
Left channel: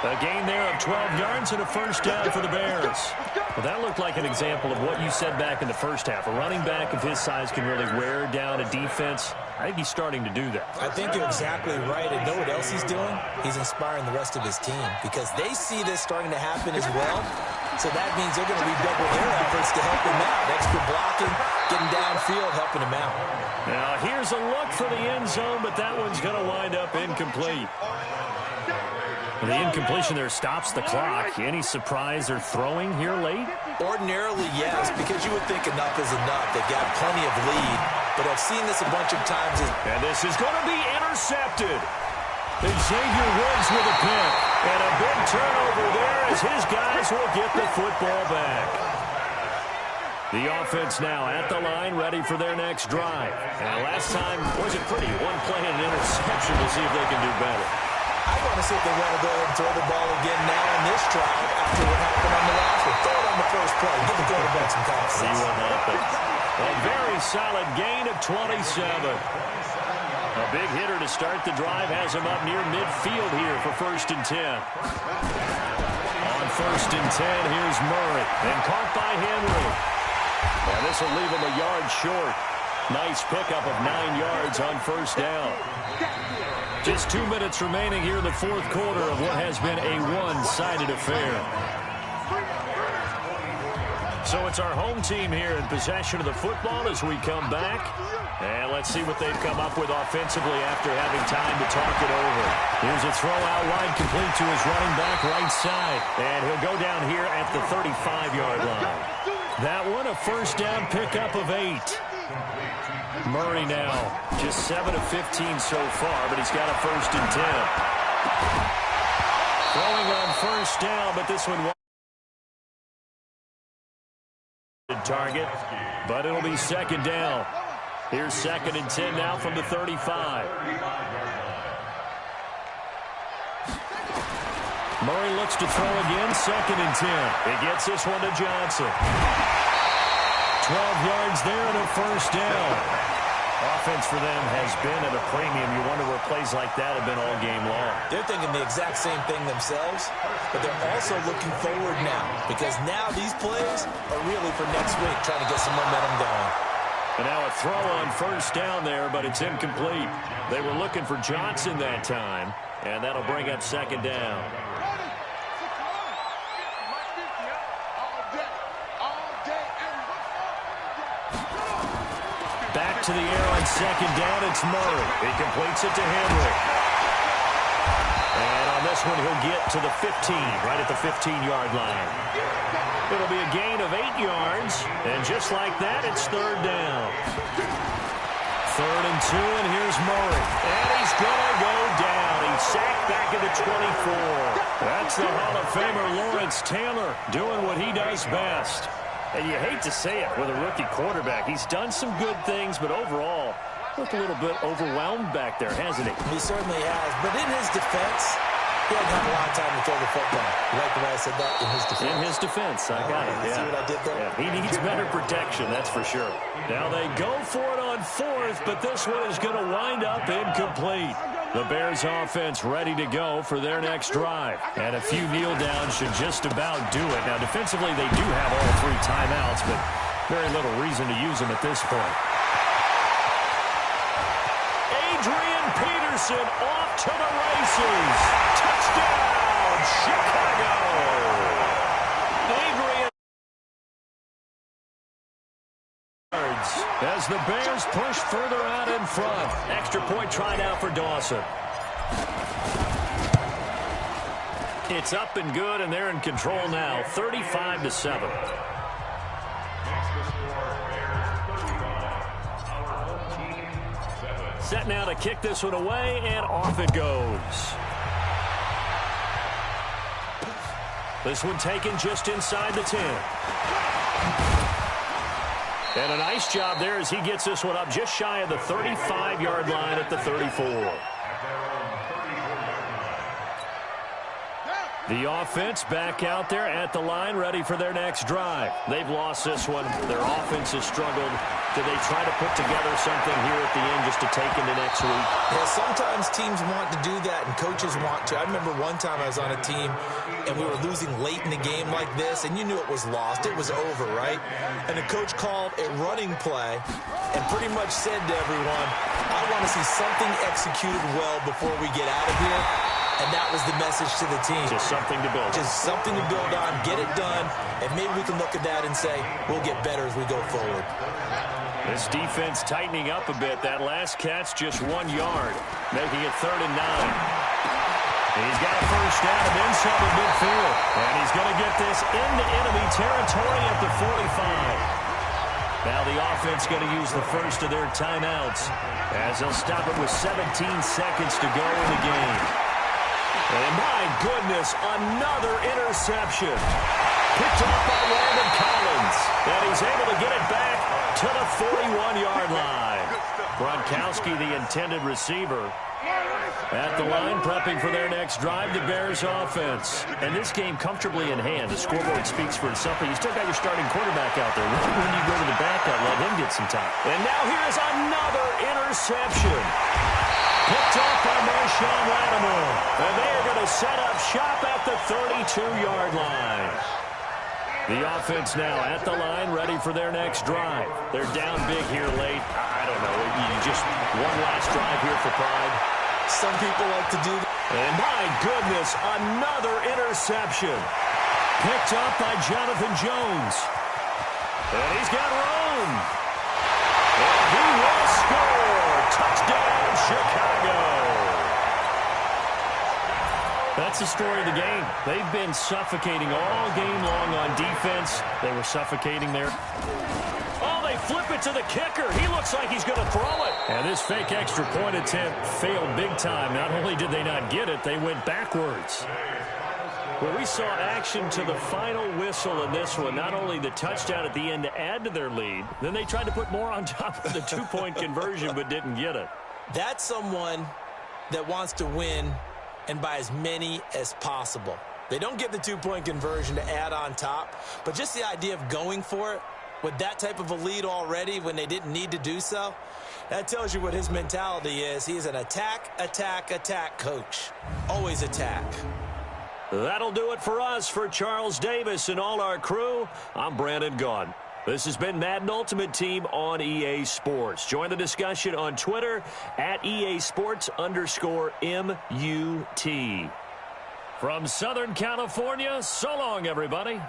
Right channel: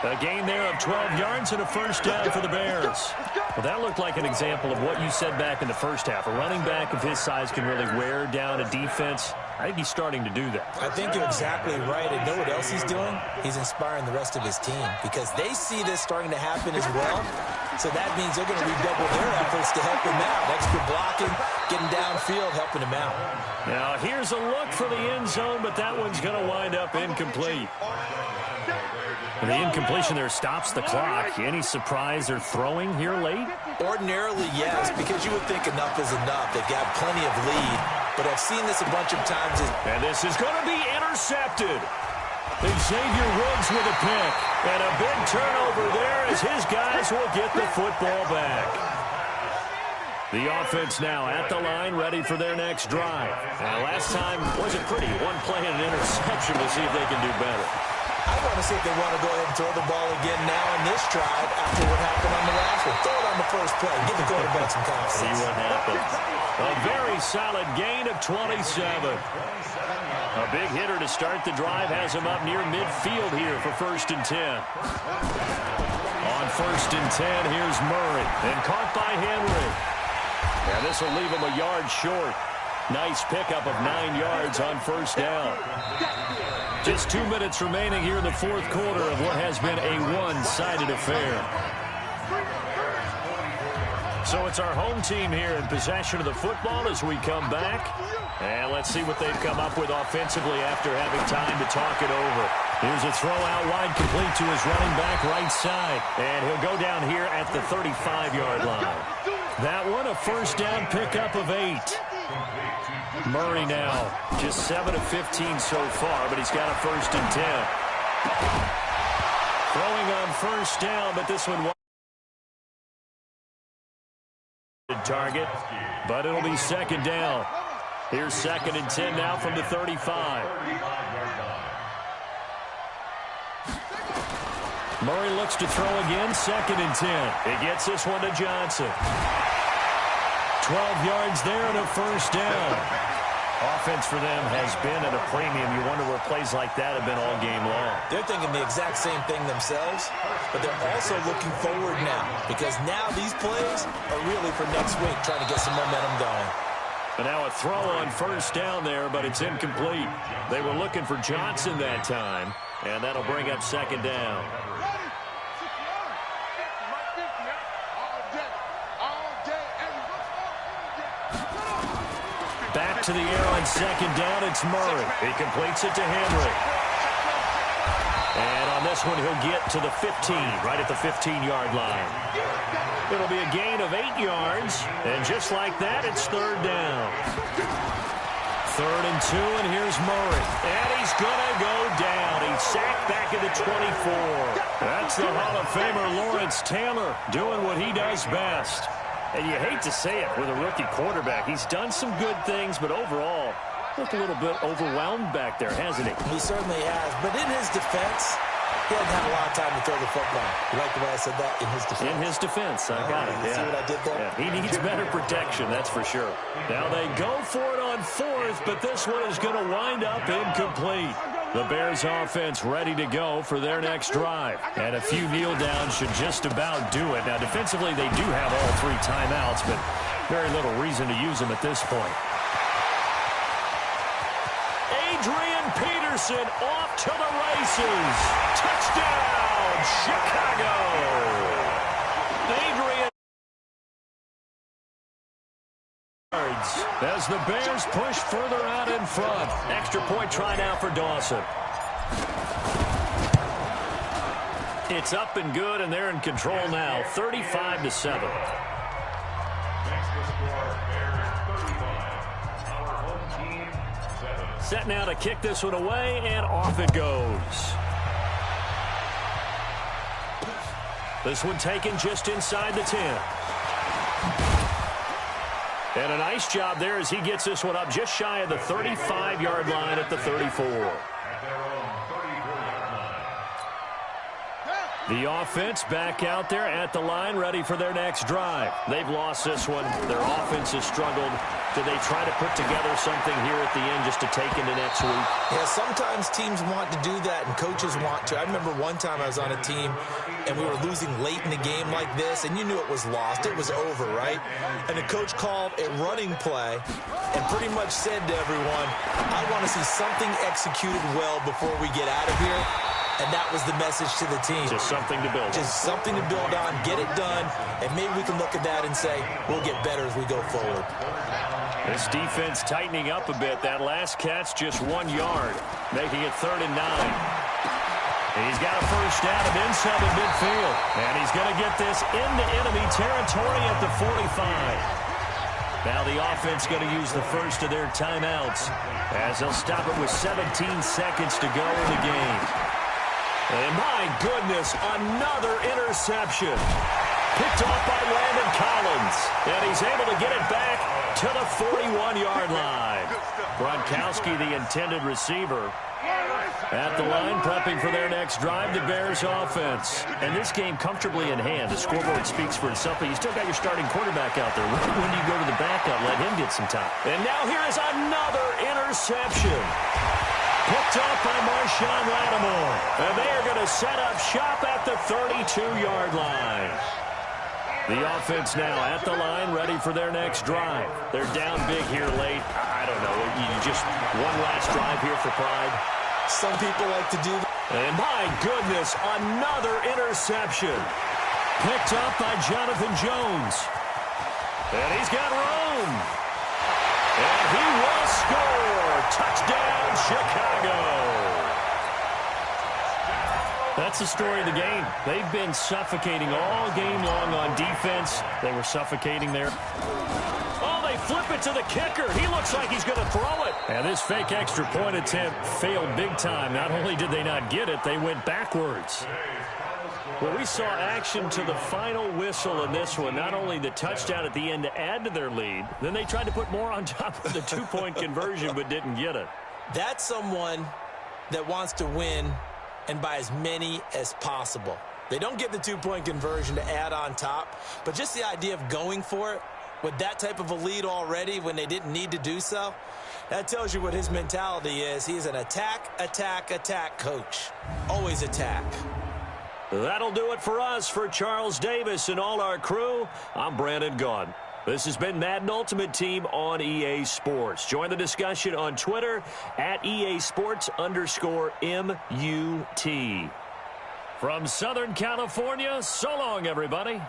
A gain there of 12 yards and a 1st down for the Bears. Well, that looked like an example of what you said back in the 1st half. A running back of his size can really wear down a defense. I think he's starting to do that. I think you're exactly right. And know what else he's doing? He's inspiring the rest of his team, because they see this starting to happen as well. So that means they're going to redouble their efforts to help him out. Extra blocking, getting downfield, helping him out. Now, here's a look for the end zone, but that one's going to wind up incomplete. The incompletion there stops the clock. Any surprise they're throwing here late? Ordinarily, yes, because you would think enough is enough. They've got plenty of lead, but I've seen this a bunch of times. And this is going to be intercepted. Xavier Woods with a pick. And a big turnover there as his guys will get the football back. The offense now at the line, ready for their next drive. And last time wasn't pretty. One play and an interception. We'll see if they can do better. I want to see if they want to go ahead and throw the ball again now in this drive after what happened on the last one. Throw it on the first play. Give the quarterback some confidence. See what happens. A very solid gain of 27. A big hitter to start the drive has him up near midfield here for 1st and 10. On 1st and 10, here's Murray. And caught by Henry. And this will leave him a yard short. Nice pickup of 9 yards on first down. Just 2 minutes remaining here in the fourth quarter of what has been a one-sided affair. So it's our home team here in possession of the football as we come back. And let's see what they've come up with offensively after having time to talk it over. Here's a throw out wide, complete to his running back right side. And he'll go down here at the 35-yard line. That one, a first down pickup of 8. Murray now, just 7 of 15 so far, but he's got a 1st and 10. Throwing on first down, but this one target, but it'll be 2nd down. Here's 2nd and 10 now from the 35. Murray looks to throw again, 2nd and 10. He gets this one to Johnson. 12 yards there and a first down. Offense for them has been at a premium. You wonder where plays like that have been all game long. They're thinking the exact same thing themselves, but they're also looking forward now because now these plays are really for next week, trying to get some momentum going. And now a throw on first down there, but it's incomplete. They were looking for Johnson that time, and that'll bring up 2nd down. Back to the air on 2nd down, it's Murray. He completes it to Henry. And on this one, he'll get to the 15, right at the 15-yard line. It'll be a gain of 8 yards, and just like that, it's 3rd down. 3rd and 2, and here's Murray. And he's going to go down. He's sacked back at the 24. That's the Hall of Famer Lawrence Taylor doing what he does best. And you hate to say it with a rookie quarterback. He's done some good things, but overall, looked a little bit overwhelmed back there, hasn't he? He certainly has. But in his defense, he hadn't had a lot of time to throw the football. You like the way I said that? In his defense. In his defense. I got it. You see what I did there? Yeah, he needs better protection, that's for sure. Now they go for it on 4th, but this one is going to wind up incomplete. The Bears offense ready to go for their next drive. And a few kneel downs should just about do it. Now defensively they do have all 3 timeouts, but very little reason to use them at this point. Adrian Peterson off to the races. Touchdown, Chicago. Adrian as the Bears push further out in front. Extra point try now for Dawson. It's up and good, and they're in control now, 35-7. Set now to kick this one away, and off it goes. This one taken just inside the 10. And a nice job there as he gets this one up just shy of the 35-yard line at the 34. The offense back out there at the line, ready for their next drive. They've lost this one. Their offense has struggled. Do they try to put together something here at the end just to take into next week? Yeah, sometimes teams want to do that and coaches want to. I remember one time I was on a team and we were losing late in the game like this, and you knew it was lost. It was over, right? And the coach called a running play and pretty much said to everyone, I want to see something executed well before we get out of here. And that was the message to the team. Just something to build on. Just something to build on, get it done, and maybe we can look at that and say, we'll get better as we go forward. This defense tightening up a bit. That last catch just 1 yard, making it 3rd and 9. He's got a first down and then some at midfield. And he's going to get this into enemy territory at the 45. Now the offense going to use the first of their timeouts as they'll stop it with 17 seconds to go in the game. And my goodness, another interception. Picked off by Landon Collins. And he's able to get it back to the 41-yard line. Gronkowski, the intended receiver, at the line, prepping for their next drive, the Bears offense. And this game comfortably in hand. The scoreboard speaks for itself, but you still got your starting quarterback out there. When do you go to the backup, let him get some time? And now here is another interception. Picked off by Marshawn Lattimore. And they are going to set up shop at the 32-yard line. The offense now at the line, ready for their next drive. They're down big here late. I I don't know. You just one last drive here for pride. Some people like to do that. And my goodness, another interception. Picked up by Jonathan Jones. And he's got room. And he will score. Touchdown, Chicago. That's the story of the game. They've been suffocating all game long on defense. They were suffocating there. Oh, they flip it to the kicker. He looks like he's going to throw it. And this fake extra point attempt failed big time. Not only did they not get it, they went backwards. Well, we saw action to the final whistle in this one. Not only the touchdown at the end to add to their lead, then they tried to put more on top of the two-point conversion but didn't get it. That's someone that wants to win and by as many as possible. They don't get the two-point conversion to add on top, but just the idea of going for it with that type of a lead already when they didn't need to do so, that tells you what his mentality is. He is an attack, attack, attack coach. Always attack. That'll do it for us. For Charles Davis and all our crew, I'm Brandon Gaudin. This has been Madden Ultimate Team on EA Sports. Join the discussion on Twitter at EA Sports_MUT. From Southern California, so long, everybody.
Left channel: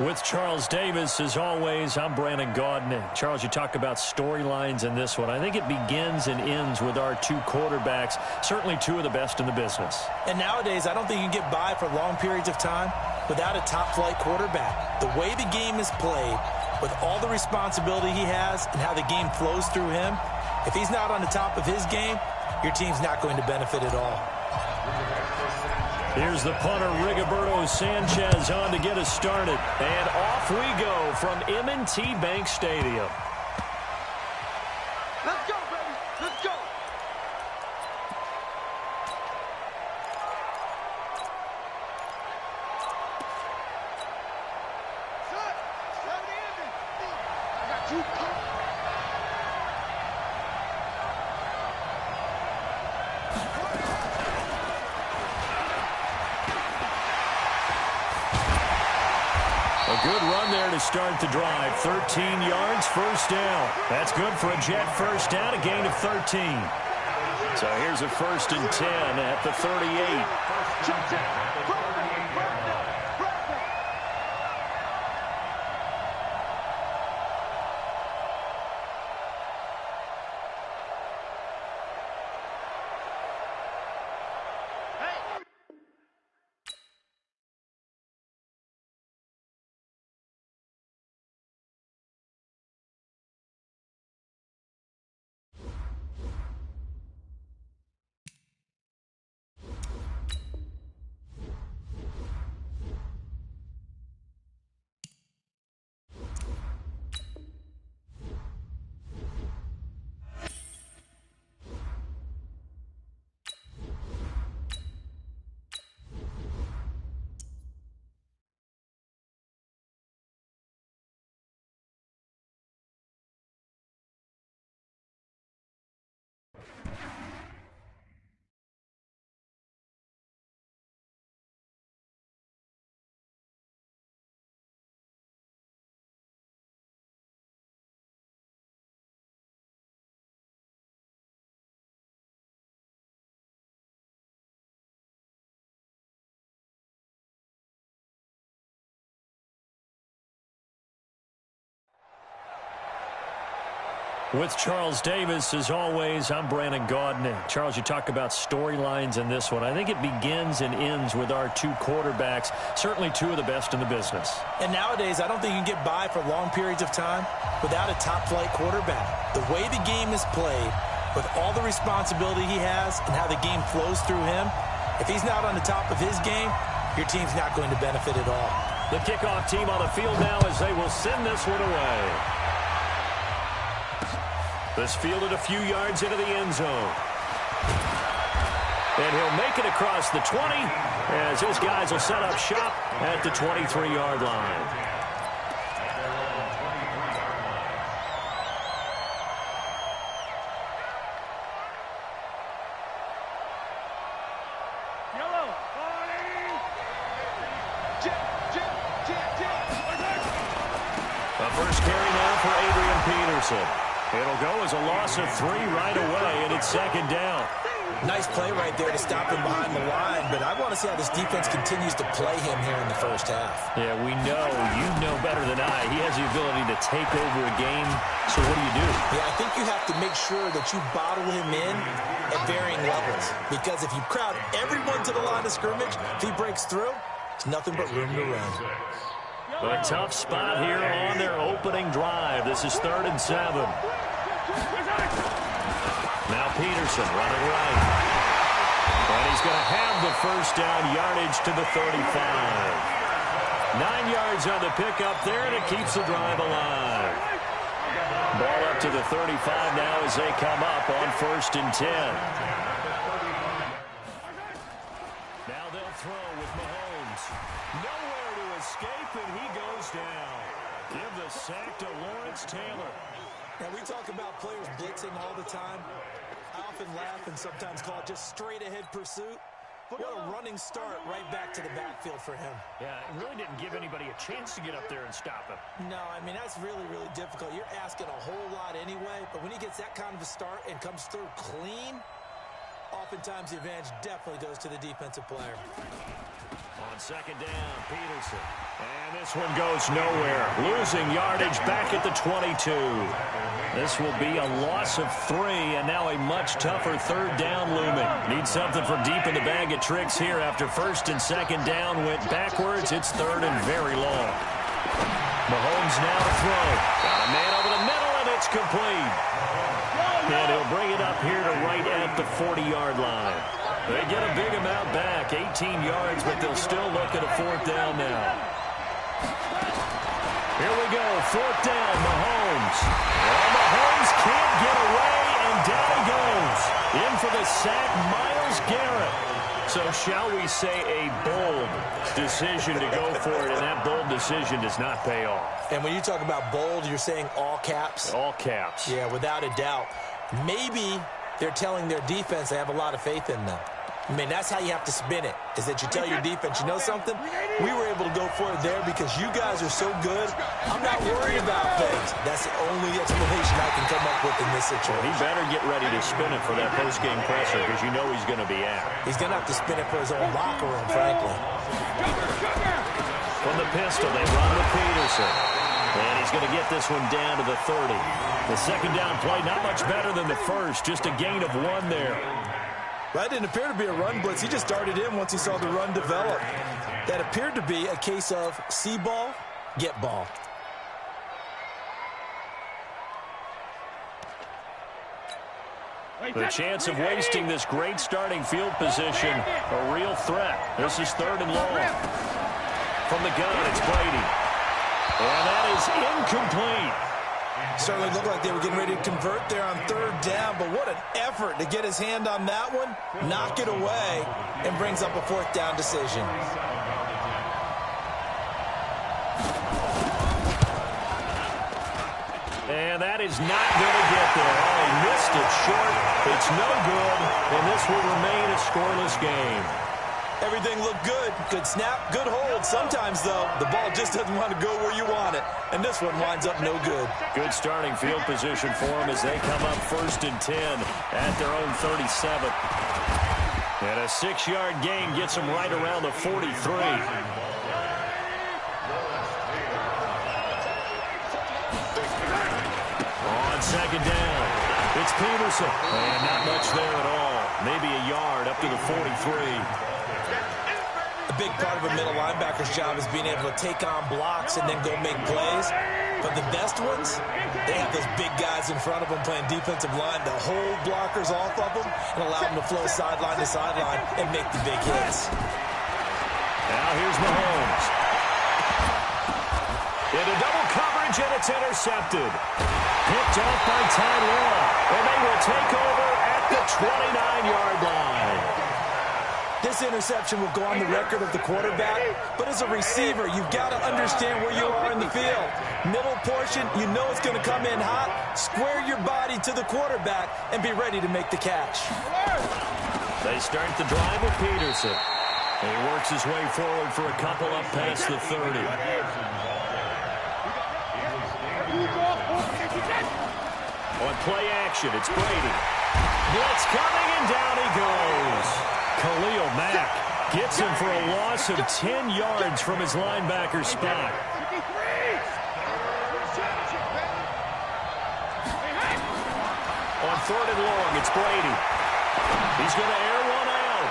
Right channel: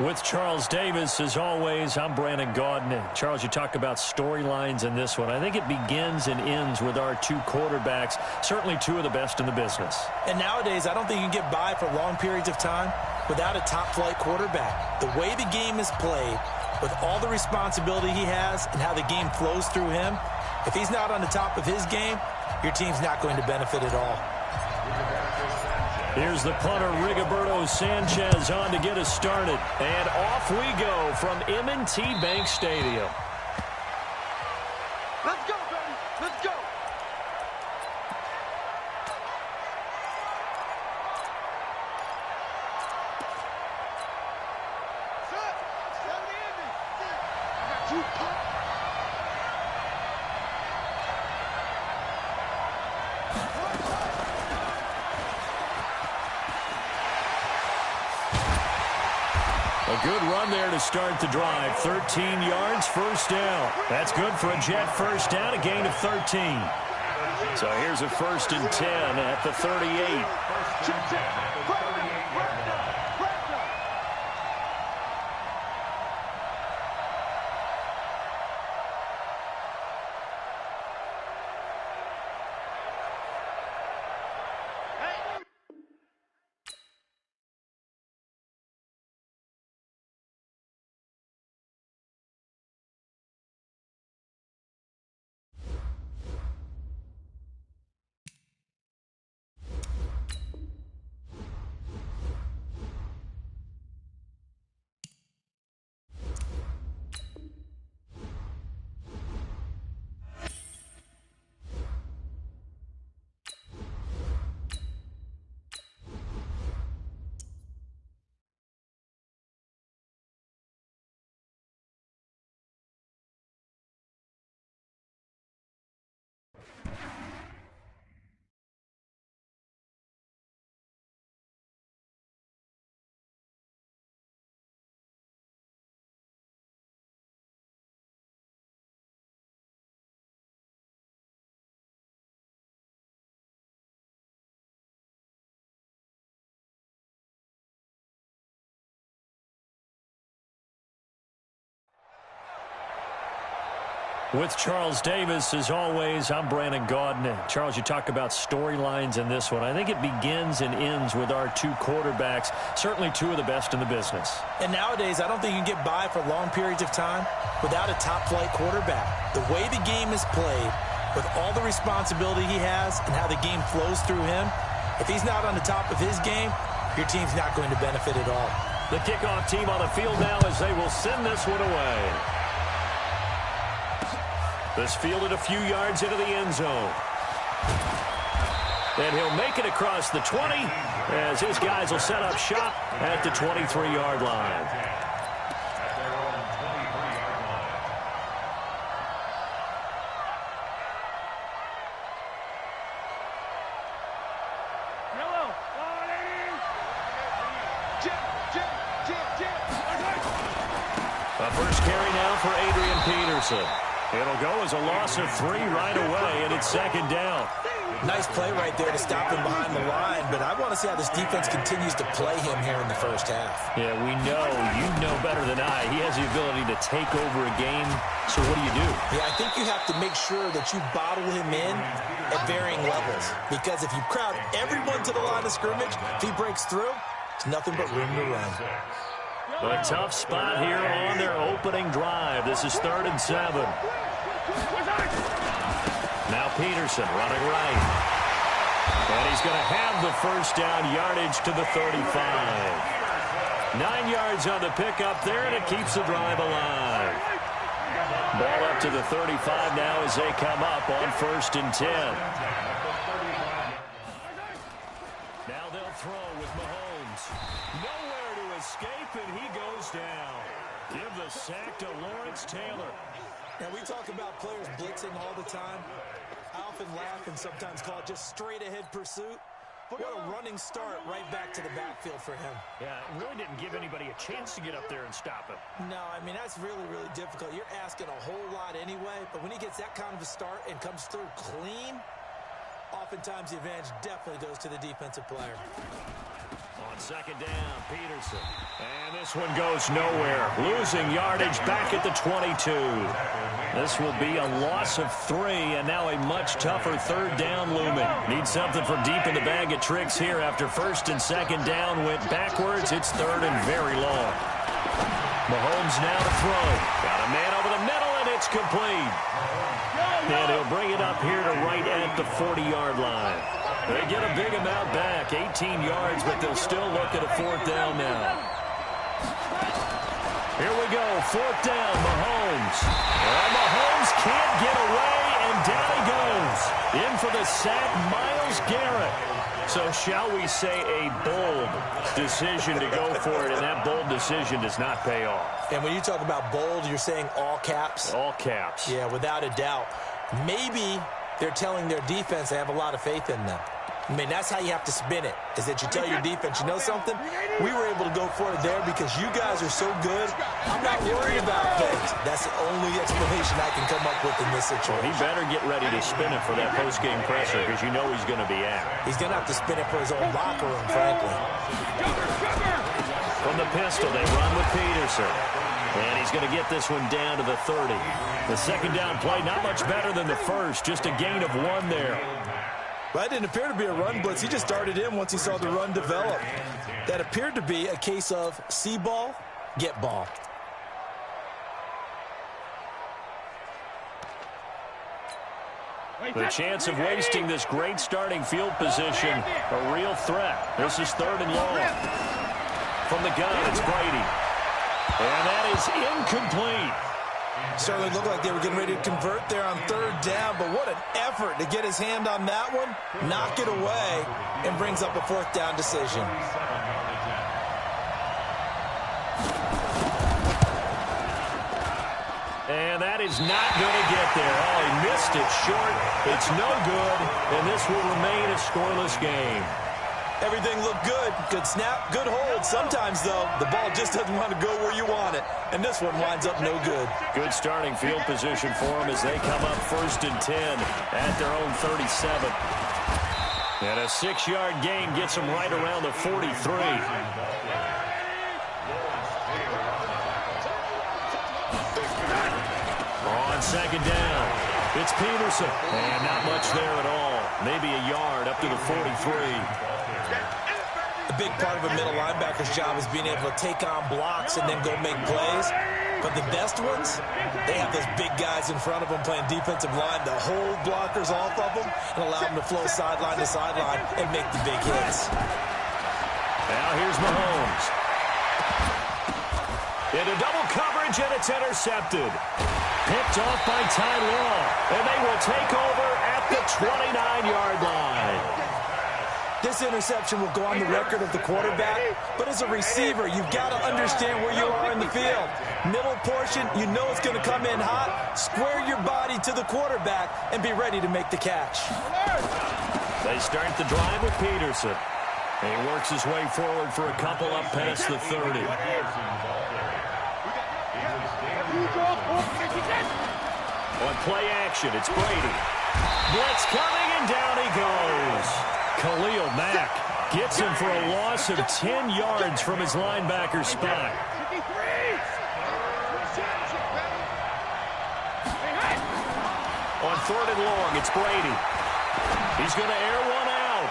With Charles Davis, as always, I'm Brandon Gaudin. Charles, you talk about storylines in this one. I think it begins and ends with our two quarterbacks, certainly two of the best in the business. And nowadays, I don't think you can get by for long periods of time without a top-flight quarterback. The way the game is played, with all the responsibility he has and how the game flows through him, if he's not on the top of his game, your team's not going to benefit at all. Here's the punter, Rigoberto Sanchez, on to get us started. And off we go from M&T Bank Stadium. Let's go, baby. Let's go. Set. 70 ending. I got you, pop. A good run there to start the drive. 13 yards, first down. That's good for a Jet first down, a gain of 13. So here's a 1st and 10 at the 38. With Charles Davis, as always, I'm Brandon Gaudin. Charles, you talk about storylines in this one. I think it begins and ends with our two quarterbacks, certainly two of the best in the business. And nowadays, I don't think you can get by for long periods of time without a top-flight quarterback. The way the game is played, with all the responsibility he has and how the game flows through him, if he's not on the top of his game, your team's not going to benefit at all. The kickoff team on the field now as they will send this one away. This fielded a few yards into the end zone. And he'll make it across the 20 as his guys will set up shop at the 23-yard line. At their own 23-yard line. Yellow. A first carry now for Adrian Peterson. It'll go as a loss of 3 right away, and it's 2nd down. Nice play right there to stop him behind the line, but I want to see how this defense continues to play him here in the first half. Yeah, we know. You know better than I. He has the ability to take over a game, so what do you do? Yeah, I think you have to make sure that you bottle him in at varying levels, because if you crowd everyone to the line of scrimmage, if he breaks through, it's nothing but room to run. A tough spot here on their opening drive. This is 3rd and 7. Now Peterson running right. And he's going to have the first down, yardage to the 35. 9 yards on the pickup there, and it keeps the drive alive. Ball up to the 35 now as they come up on 1st and 10. Now they'll throw with Mahomes. Nowhere to escape, and he goes down. Give the sack to Lawrence Taylor. Now, we talk about players blitzing all the time. I often laugh and sometimes call it just straight-ahead pursuit. What a running start right back to the backfield for him. Yeah, it really didn't give anybody a chance to get up there and stop him. No, I mean, that's really, really difficult. You're asking a whole lot anyway, but when he gets that kind of a start and comes through clean, oftentimes the advantage definitely goes to the defensive player. On second down, Peterson. And this one goes nowhere. Losing yardage back at the 22. This will be a loss of 3, and now a much tougher third down looming. Need something from deep in the bag of tricks here after first and second down went backwards. It's third and very long. Mahomes now to throw. Got a man over the middle, and it's complete. And he'll bring it up here to right at the 40-yard line. They get a big amount back, 18 yards, but they'll still look at a fourth down now. Here we go, fourth down, Mahomes. Well, Mahomes can't get away, and down he goes. In for the sack, Myles Garrett. So shall we say a bold decision to go for it, and that bold decision does not pay off. And when you talk about bold, you're saying all caps? All caps. Yeah, without a doubt. Maybe they're telling their defense they have a lot of faith in them. I mean, that's how you have to spin it, is that you tell your defense, you know something? We were able to go for it there because you guys are so good. I'm not worried about things. That's the only explanation I can come up with in this situation. Well, he better get ready to spin it for that post-game presser because you know he's going to be out. He's going to have to spin it for his own locker room, frankly. From the pistol, they run with Peterson. And he's going to get this one down to the 30. The second down play, not much better than the first, just a gain of 1 there. Well, that didn't appear to be a run blitz. He just darted in once he saw the run develop. That appeared to be a case of see ball, get ball. The chance of wasting this great starting field position, a real threat. This is third and long. From the gun, it's Brady. And that is incomplete. Certainly looked like they were getting ready to convert there on third down, but what an effort to get his hand on that one, knock it away, and brings up a fourth down decision. And that is not going to get there. Oh, he missed it short. It's no good, and this will remain a scoreless game. Everything looked good. Good snap, good hold. Sometimes, though, the ball just doesn't want to go where you want it. And this one winds up no good. Good starting field position for them as they come up first and 10 at their own 37. And a 6-yard gain gets them right around the 43. On second down, it's Peterson. And not much there at all. Maybe a yard up to the 43. A big part of a middle linebacker's job is being able to take on blocks and then go make plays. But the best ones, they have those big guys in front of them playing defensive line to hold blockers off of them and allow them to flow sideline to sideline and make the big hits. Now here's Mahomes. Into double coverage, and it's intercepted. Picked off by Ty Law, and they will take over at the 29-yard line. This interception will go on the record of the quarterback, but as a receiver, you've got to understand where you are in the field. Middle portion, you know it's going to come in hot. Square your body to the quarterback and be ready to make the catch. They start the drive with Peterson. He works his way forward for a couple up past the 30. On play action, it's Brady. Blitz coming, and down he goes. Khalil Mack gets him for a loss of 10 yards from his linebacker spot. On third and long, it's Brady. He's going to air one out.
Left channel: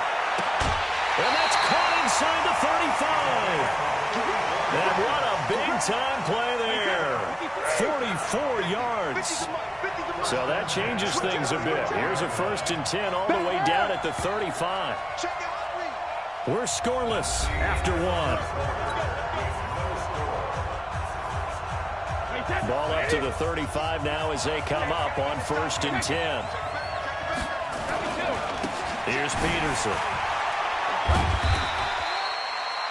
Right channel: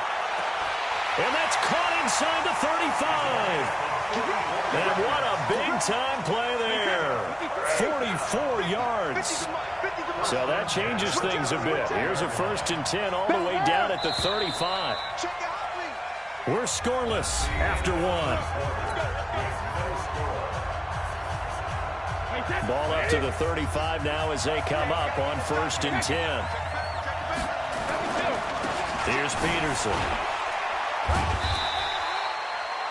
And that's caught inside the 35. And what a big-time play there. 44 yards. So that changes things a bit. Here's a first and 10 all the way down at the 35. We're scoreless after 1. Ball up to the 35 now as they come up on first and 10. Here's Peterson.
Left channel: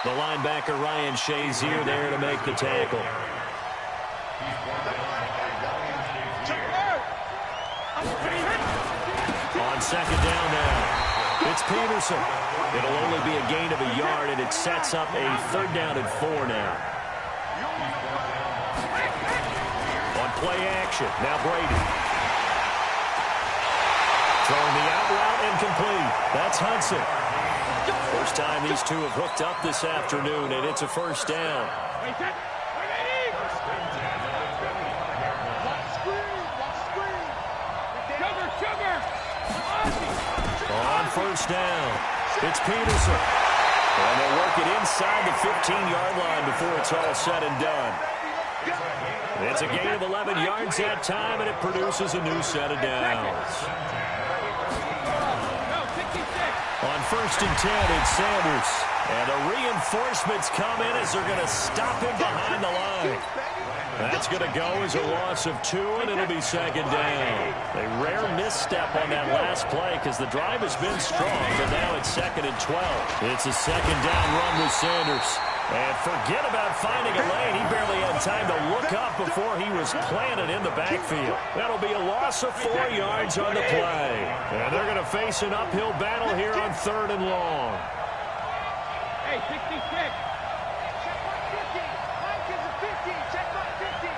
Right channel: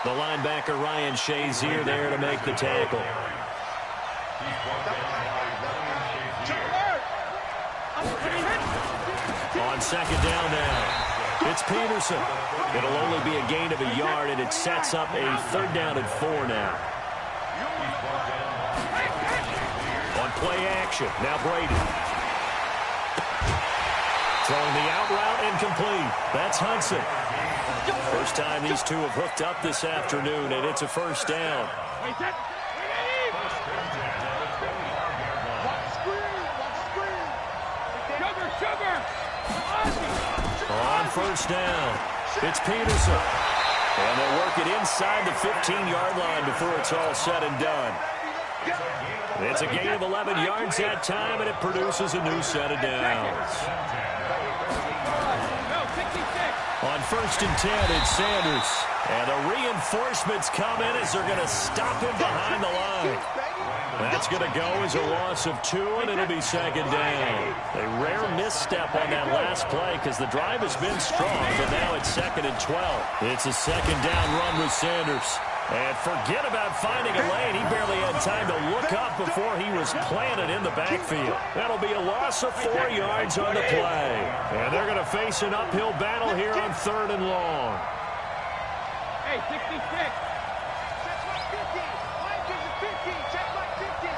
The linebacker Ryan Shazier there to make the tackle. On second down now, it's Peterson. It'll only be a gain of a yard, and it sets up a third down and 4 now. On play action, now Brady. Throwing the out route incomplete. That's Hudson. First time these two have hooked up this afternoon, and it's a first down. Watch the screen. Watch the screen. Sugar. On first down, it's Peterson. And they'll work it inside the 15-yard line before it's all said and done. It's a gain of 11 yards that time, and it produces a new set of downs. On first and 10, it's Sanders. And the reinforcements come in as they're going to stop him behind the line. That's going to go as a loss of 2, and it'll be second down. A rare misstep on that last play because the drive has been strong, but now it's second and 12. It's a second down run with Sanders. And forget about finding a lane. He barely had time to look up before he was planted in the backfield. That'll be a loss of 4 yards on the play. And they're going to face an uphill battle here on third and long. Hey, 66. Check my 50. Mike gives it 50. Check my 50.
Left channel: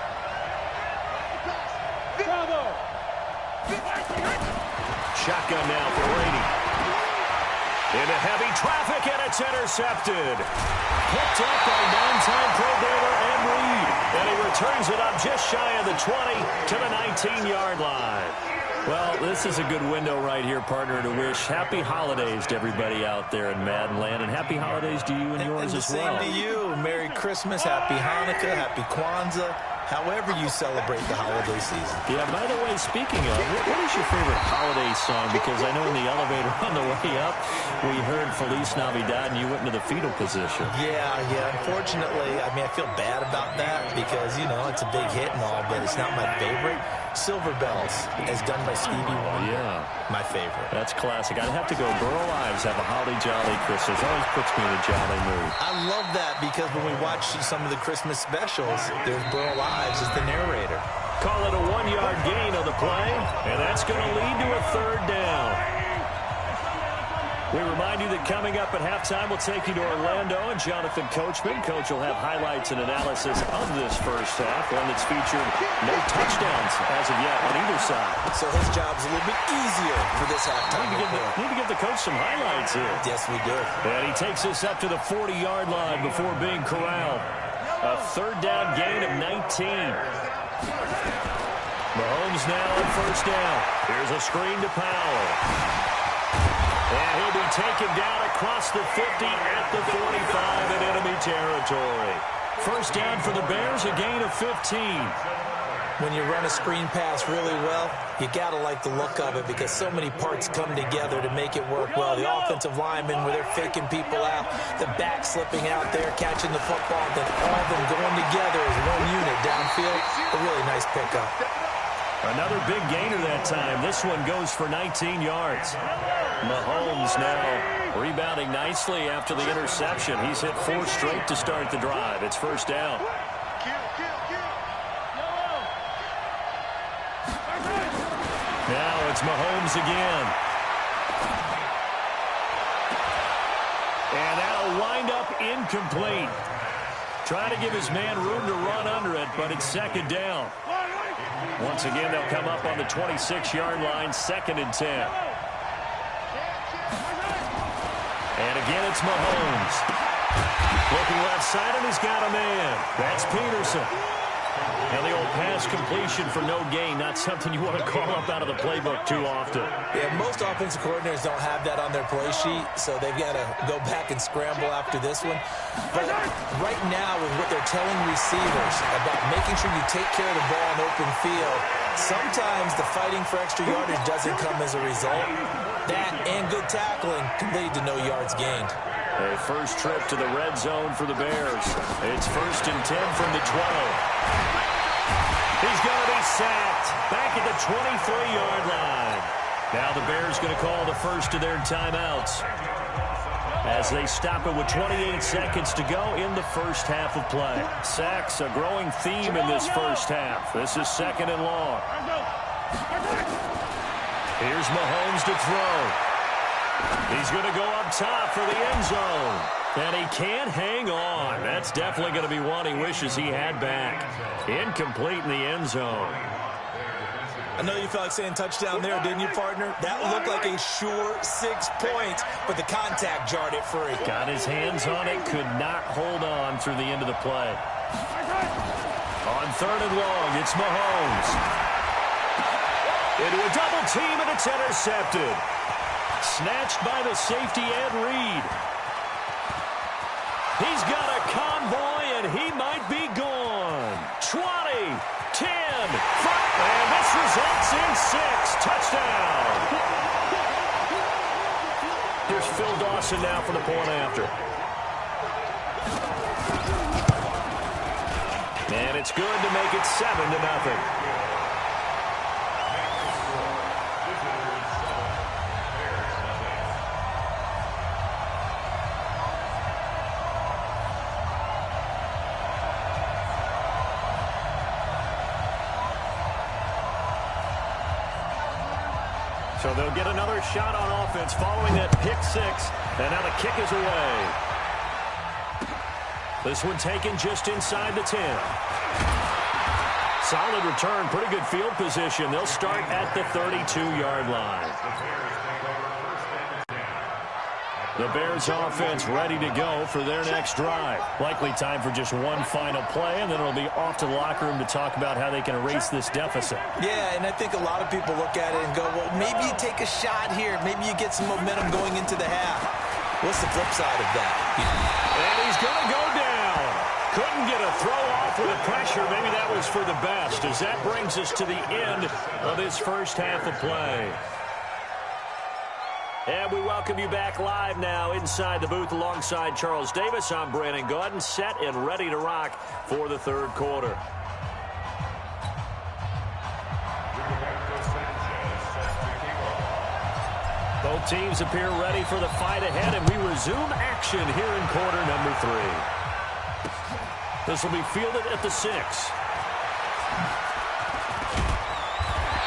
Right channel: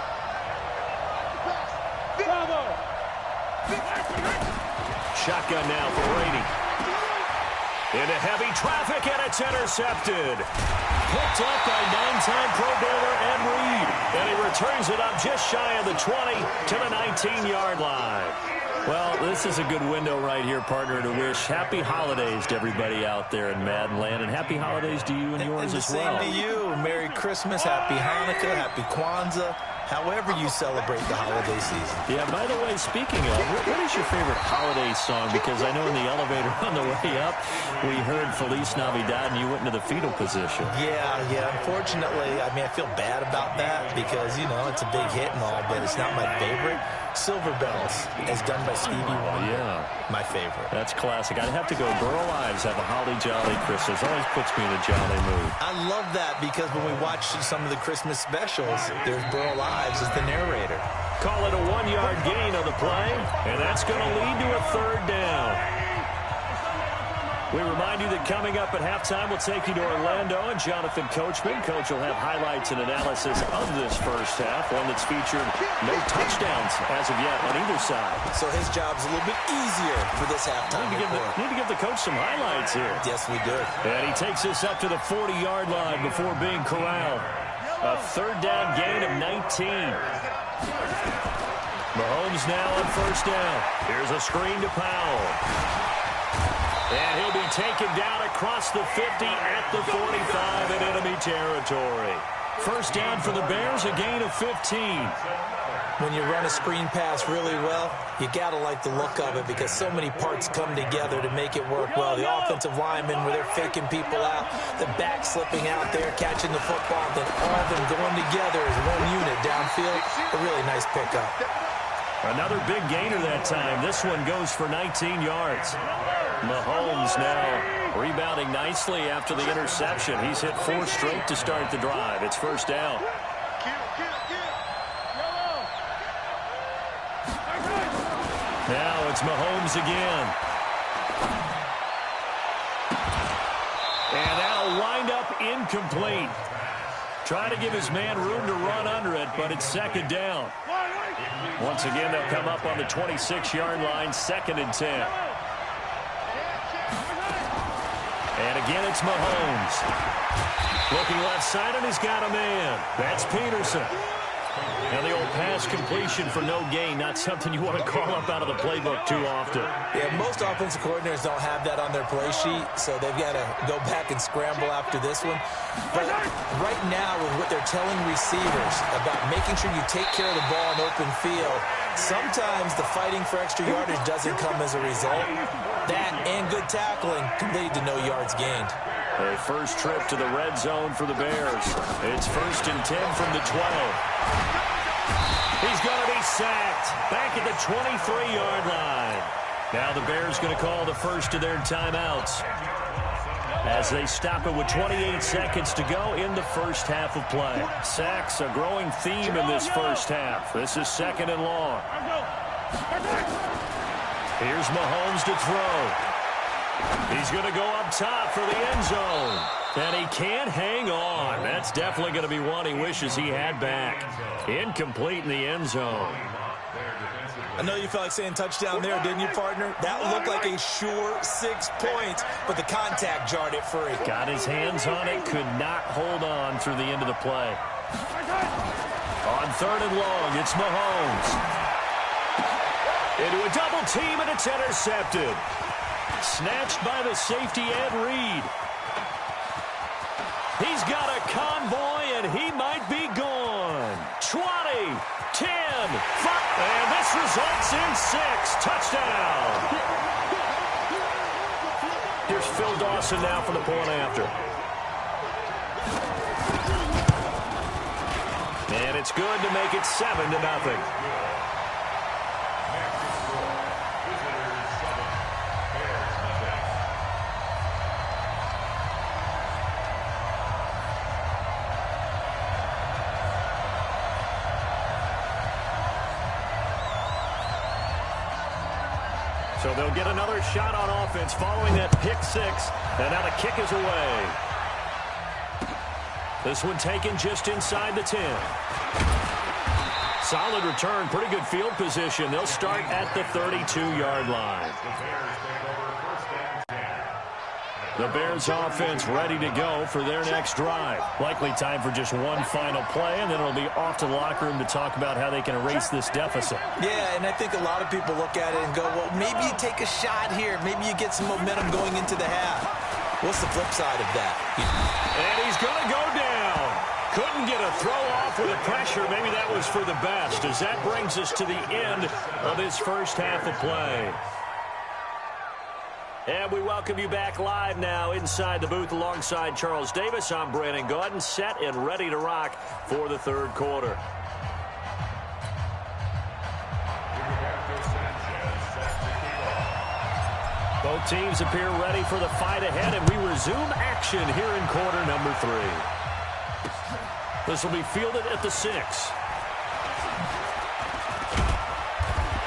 Bravo. Shotgun now for Brady. Into heavy traffic, and it's intercepted. Picked up by 9-time Pro Bowler Ed Reed. And he returns it up just shy of the 20 to the 19-yard line. Well, this is a good window right here, partner, to wish happy holidays to everybody out there in Madden Land. And happy holidays to you and yours as well. Same to you. Merry Christmas, Happy Hanukkah, Happy Kwanzaa. However you celebrate the holiday season. Yeah, by the way, speaking of, what is your favorite holiday song? Because I know in the elevator on the way up, we heard Feliz Navidad, and you went into the fetal position. Yeah. Unfortunately, I mean, I feel bad about that because, you know, it's a big hit and all, but it's not my favorite. Silver Bells, as done by Stevie Wonder. Yeah. My favorite. That's classic. I'd have to go Burl Ives, have a holly jolly Christmas. Always puts me in a jolly mood. I love that because when we watch some of the Christmas specials, there's Burl Ives as the narrator. Call it a 1-yard gain on the play, and that's going to lead to a third down. We remind you that coming up at halftime, we'll take you to Orlando and Jonathan Coachman. Coach will have highlights and analysis of this first half, one that's featured no touchdowns as of yet on either side. So his job's a little bit easier for this halftime. Need to give the coach some highlights here. Yes, we do. And he takes us up to the 40-yard line before being corralled. A third down gain of 19. Mahomes now on first down. Here's a screen to Powell. And he'll be taken down across the 50 at the 45 in enemy territory. First down for the Bears, a gain of 15. When you run a screen pass really well, you got to like the look of it because so many parts come together to make it work well. The offensive linemen, where they're faking people out, the back slipping out there, catching the football, then all of them going together as one unit downfield. A really nice pickup. Another big gainer that time. This one goes for 19 yards. Mahomes now rebounding nicely after the interception. He's hit 4 straight to start the drive. It's first down. Now it's Mahomes again. And that'll wind up incomplete. Trying to give his man room to run under it, but it's second down. Once again, they'll come up on the 26-yard line, second and 10. And again, it's Mahomes. Looking left side, and he's got a man. That's Peterson. Now the old pass completion for no gain, not something you want to call up out of the playbook too often. Yeah, most offensive coordinators don't have that on their play sheet, so they've got to go back and scramble after this one. But right now, with what they're telling receivers about making sure you take care of the ball in open field, sometimes the fighting for extra yardage doesn't come as a result. That and good tackling can lead to no yards gained. A first trip to the red zone for the Bears. It's first and 10 from the 12. He's going to be sacked back at the 23-yard line. Now the Bears going to call the first of their timeouts as they stop it with 28 seconds to go in the first half of play. Sacks, a growing theme in this first half. This is second and long. Here's Mahomes to throw. He's going to go up top for the end zone. And he can't hang on. That's definitely going to be one he wishes he had back. Incomplete in the end zone. I know you felt like saying touchdown there, didn't you, partner? That looked like a sure 6 points, but the contact jarred it free. Got his hands on it, could not hold on through the end of the play. On 3rd and long, it's Mahomes. Into a double team, and it's intercepted. Snatched by the safety, Ed Reed. He's got a convoy, and he might be gone. 20, 10, 5, and this results in 6. Touchdown. Here's Phil Dawson now for the point after. And it's good to make it 7-0. So they'll get another shot on offense following that pick 6. And now the kick is away. This one taken just inside the 10. Solid return, pretty good field position. They'll start at the 32-yard line. The Bears offense ready to go for their next drive. Likely time for just one final play, and then it'll be off to the locker room to talk about how they can erase this deficit. Yeah, and I think a lot of people look at it and go, well, maybe you take a shot here. Maybe you get some momentum going into the half. What's the flip side of that? And he's going to go down. Couldn't get a throw off with the pressure. Maybe that was for the best, as that brings us to the end of his first half of play. And we welcome you back live now inside the booth alongside Charles Davis. I'm Brandon Gaudin, set and ready to rock for the third quarter. Both teams appear ready for the fight ahead, and we resume action here in quarter number 3. This will be fielded at the 6.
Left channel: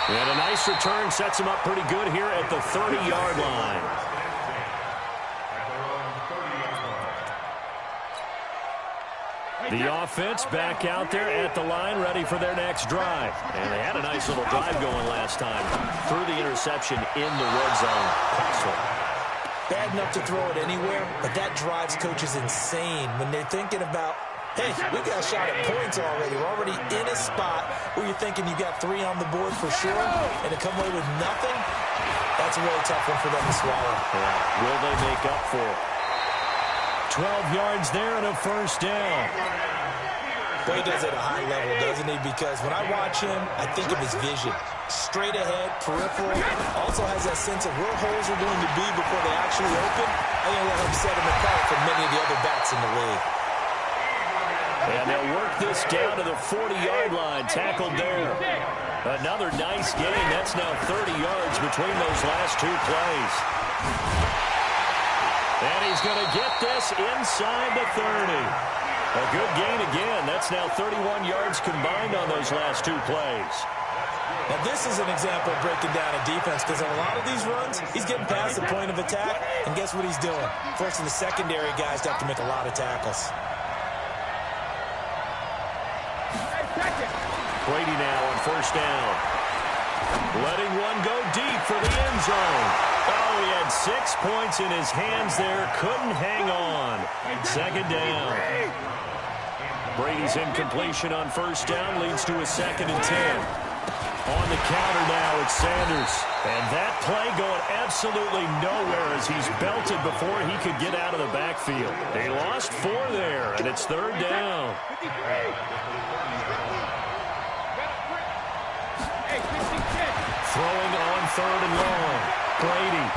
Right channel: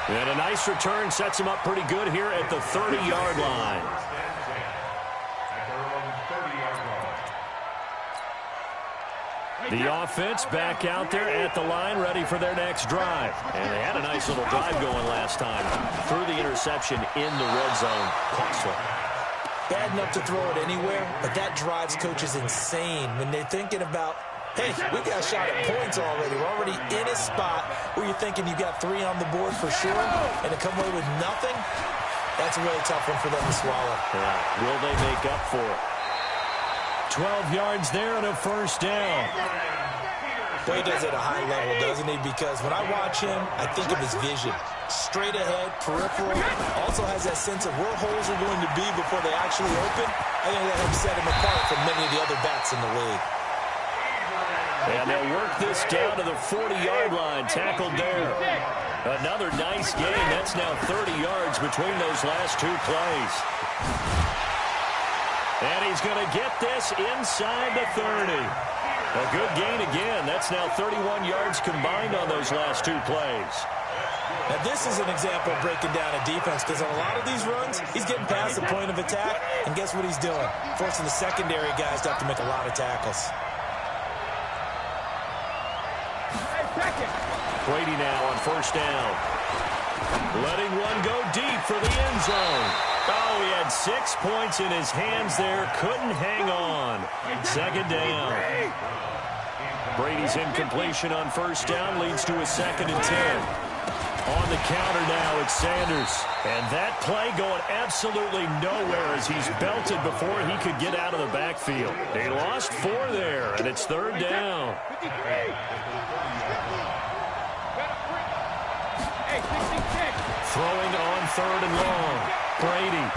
And a nice return sets him up pretty good here at the 30-yard line. The offense back out there at the line, ready for their next drive. And they had a nice little drive going last time. Threw the interception in the red zone. Costly. Bad enough to throw it anywhere, but that drives coaches insane when they're thinking about, hey, we got a shot at points already. We're already in a spot where you're thinking you got 3 on the board for sure, and to come away with nothing, that's a really tough one for them to swallow. Yeah. Will they make up for it? 12 yards there and a first down. Boy, he does it at a high level, doesn't he? Because when I watch him, I think of his vision. Straight ahead, peripheral. Also has that sense of where holes are going to be before they actually open. I think that helps set him apart from many of the other bats in the league. And they'll work this down to the 40-yard line. Tackled there. Another nice game. That's now 30 yards between those last 2 plays. And he's going to get this inside the 30. A good gain again. That's now 31 yards combined on those last 2 plays. Now, this is an example of breaking down a defense, because on a lot of these runs, he's getting past the point of attack, and guess what he's doing? Forcing the secondary guys to have to make a lot of tackles. Brady now on first down. Letting one go deep for the end zone. Oh, he had 6 points in his hands there. Couldn't hang on. Second down. Brady's incompletion on first down leads to a 2nd and 10. On the counter now, it's Sanders. And that play going absolutely nowhere as he's belted before he could get out of the backfield. They lost 4 there, and it's 3rd down. Throwing on 3rd and long. Brady.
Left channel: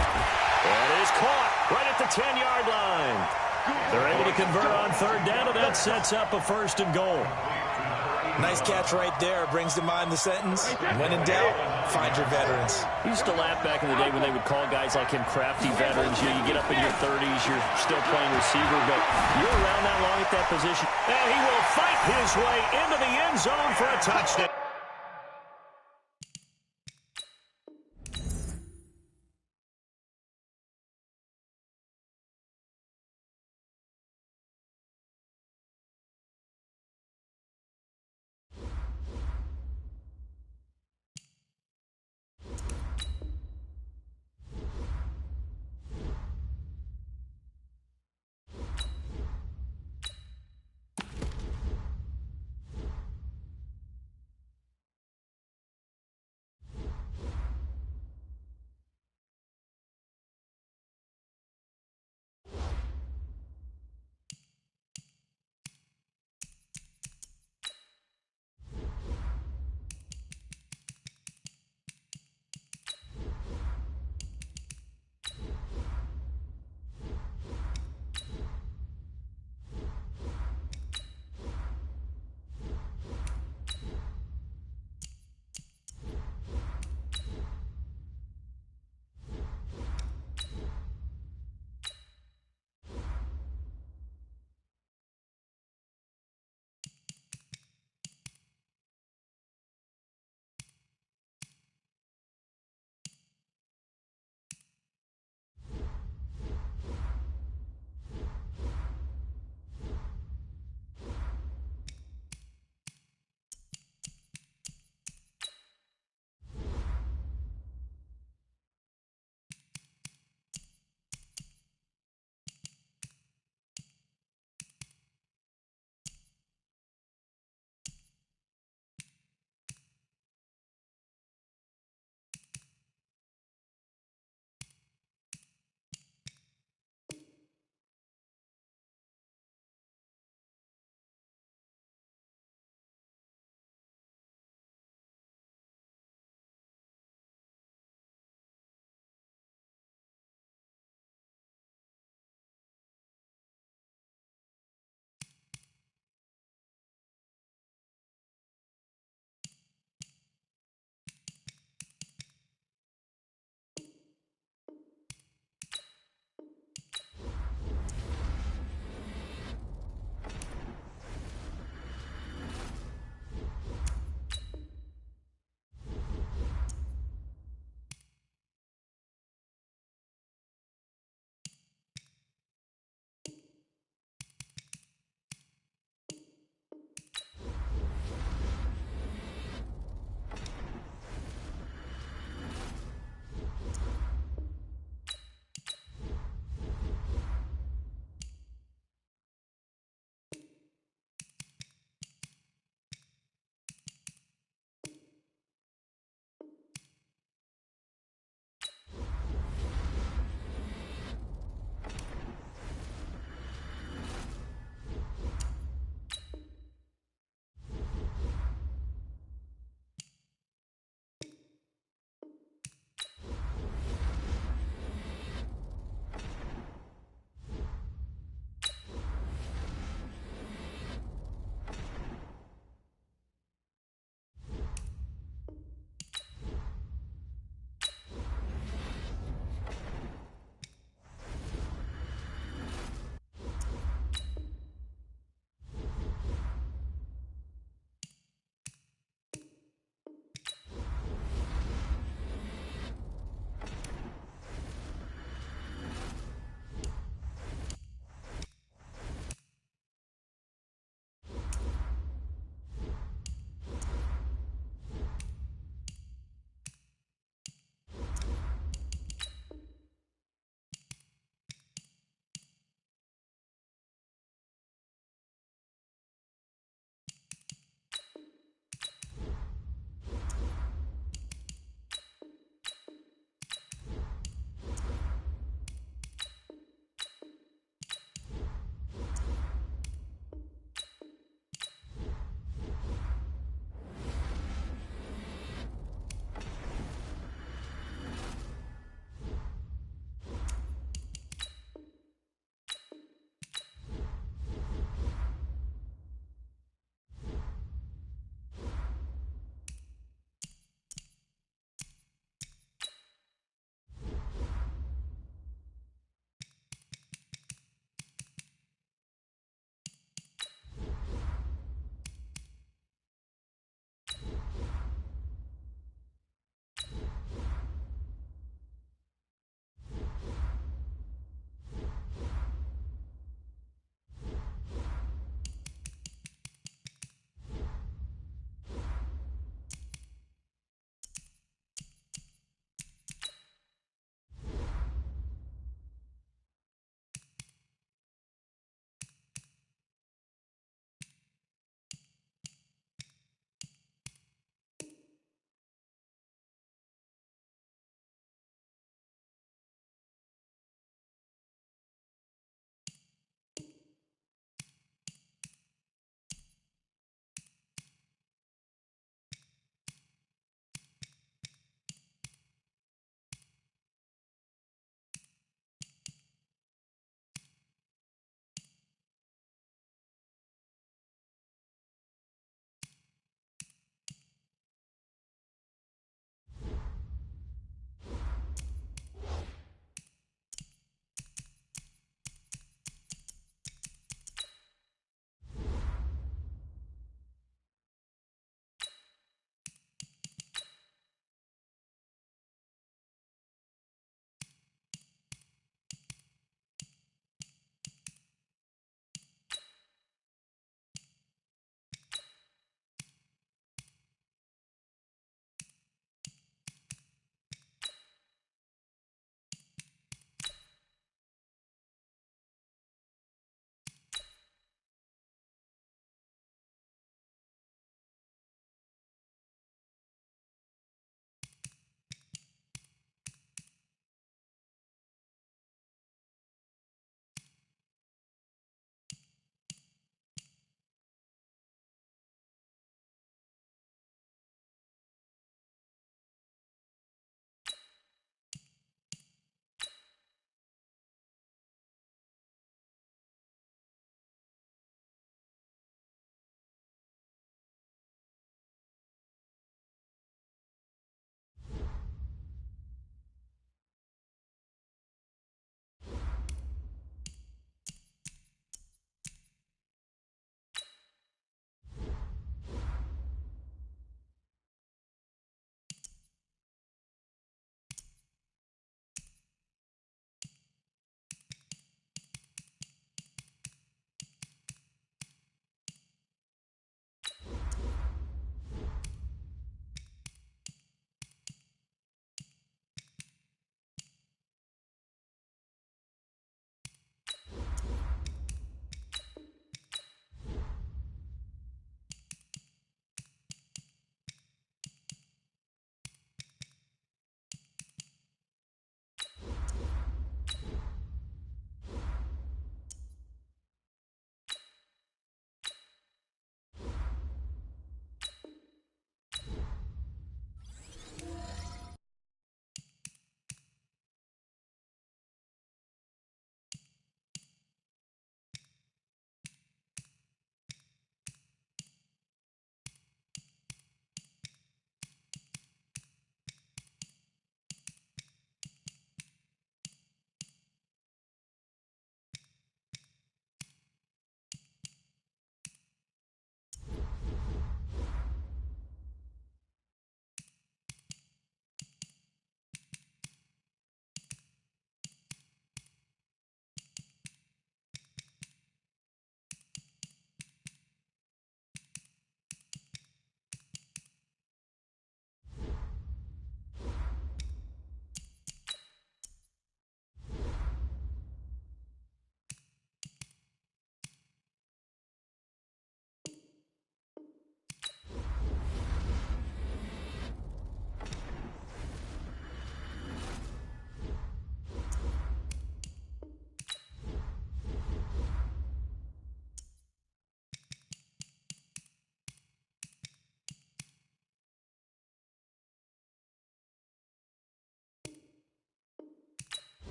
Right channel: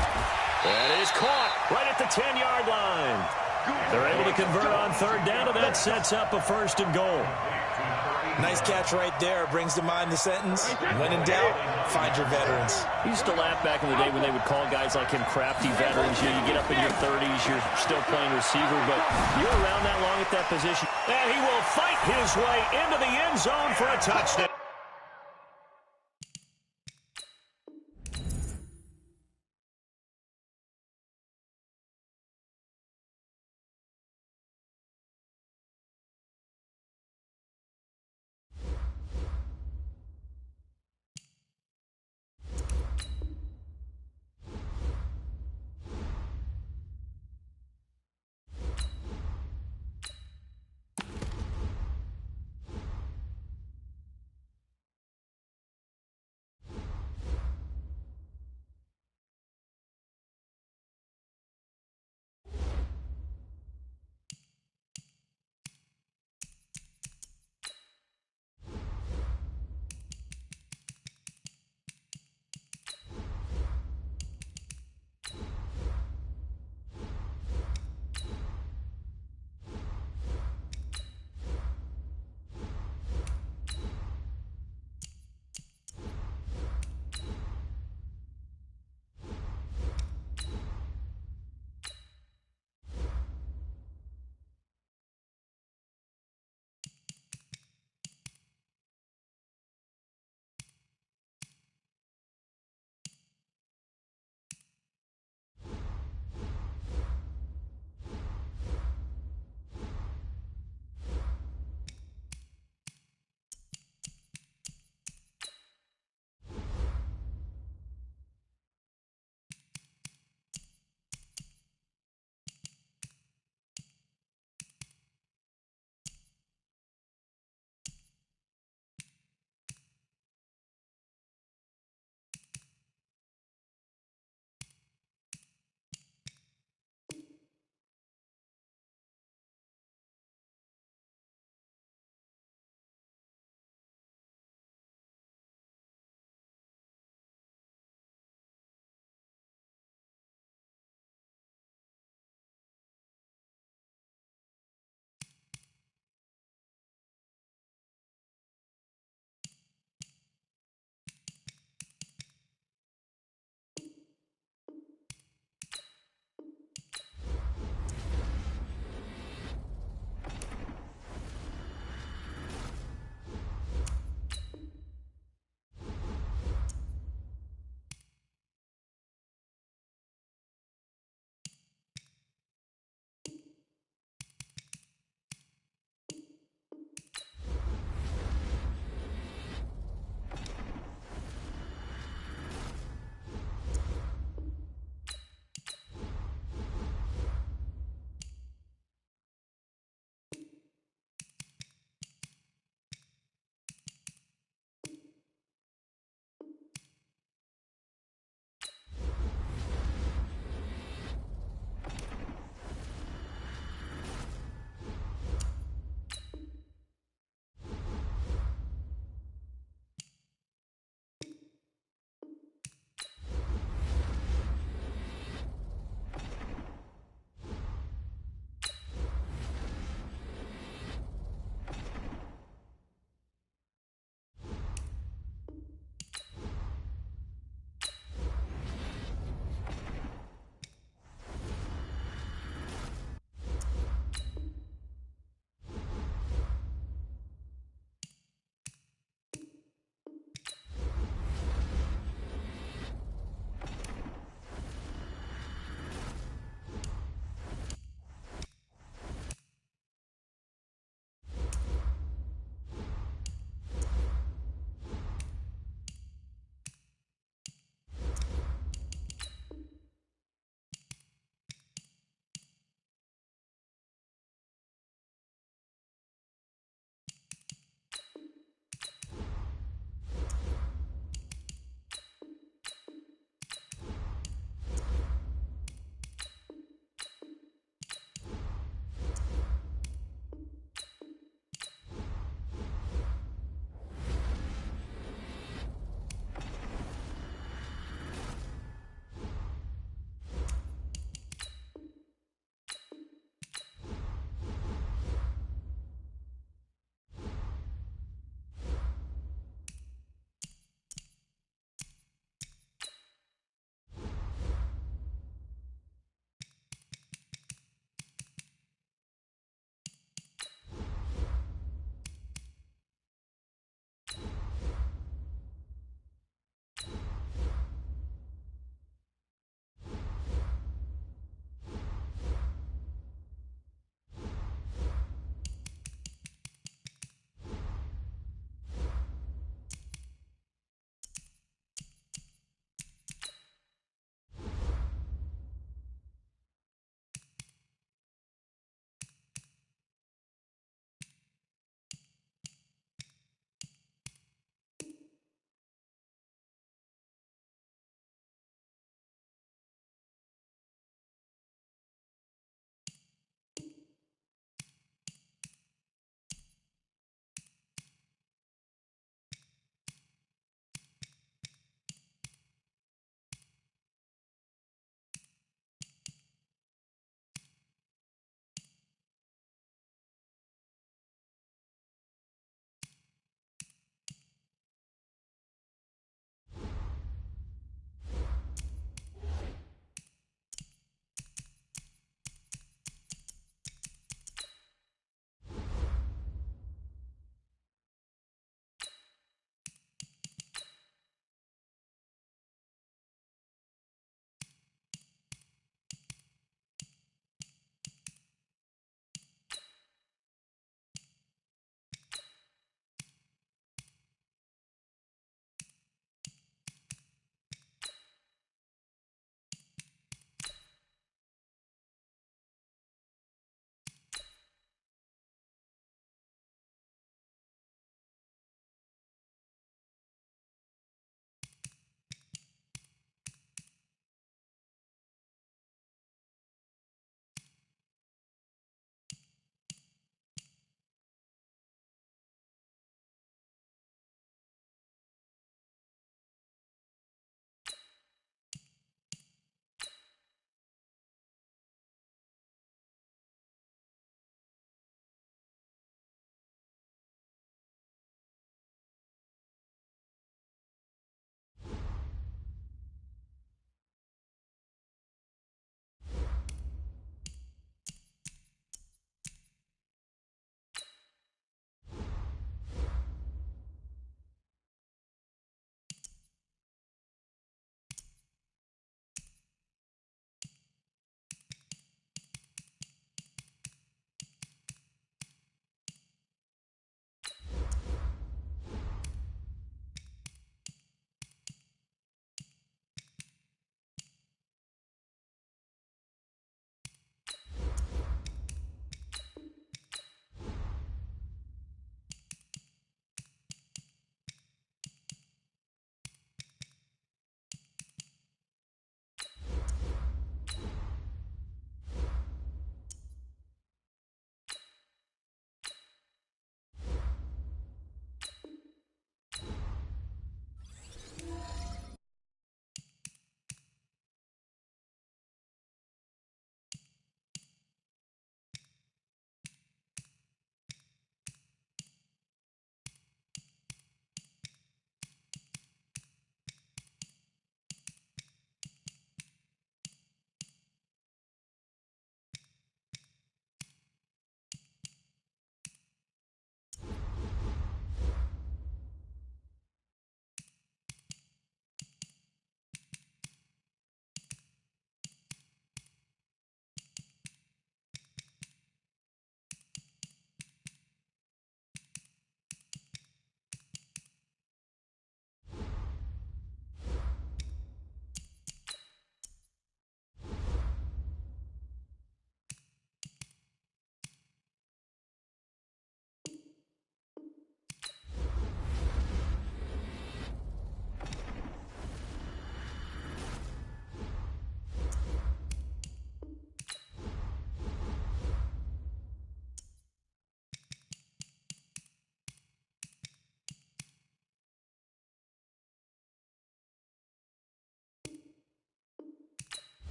That is caught right at the 10-yard line. They're able to convert on 3rd down, and that sets up a 1st and goal. Nice catch right there. Brings to mind the sentence, when in doubt, find your veterans. He used to laugh back in the day when they would call guys like him crafty veterans. You get up in your 30s, you're still playing receiver, but you're around that long at that position. And he will fight his way into the end zone for a touchdown.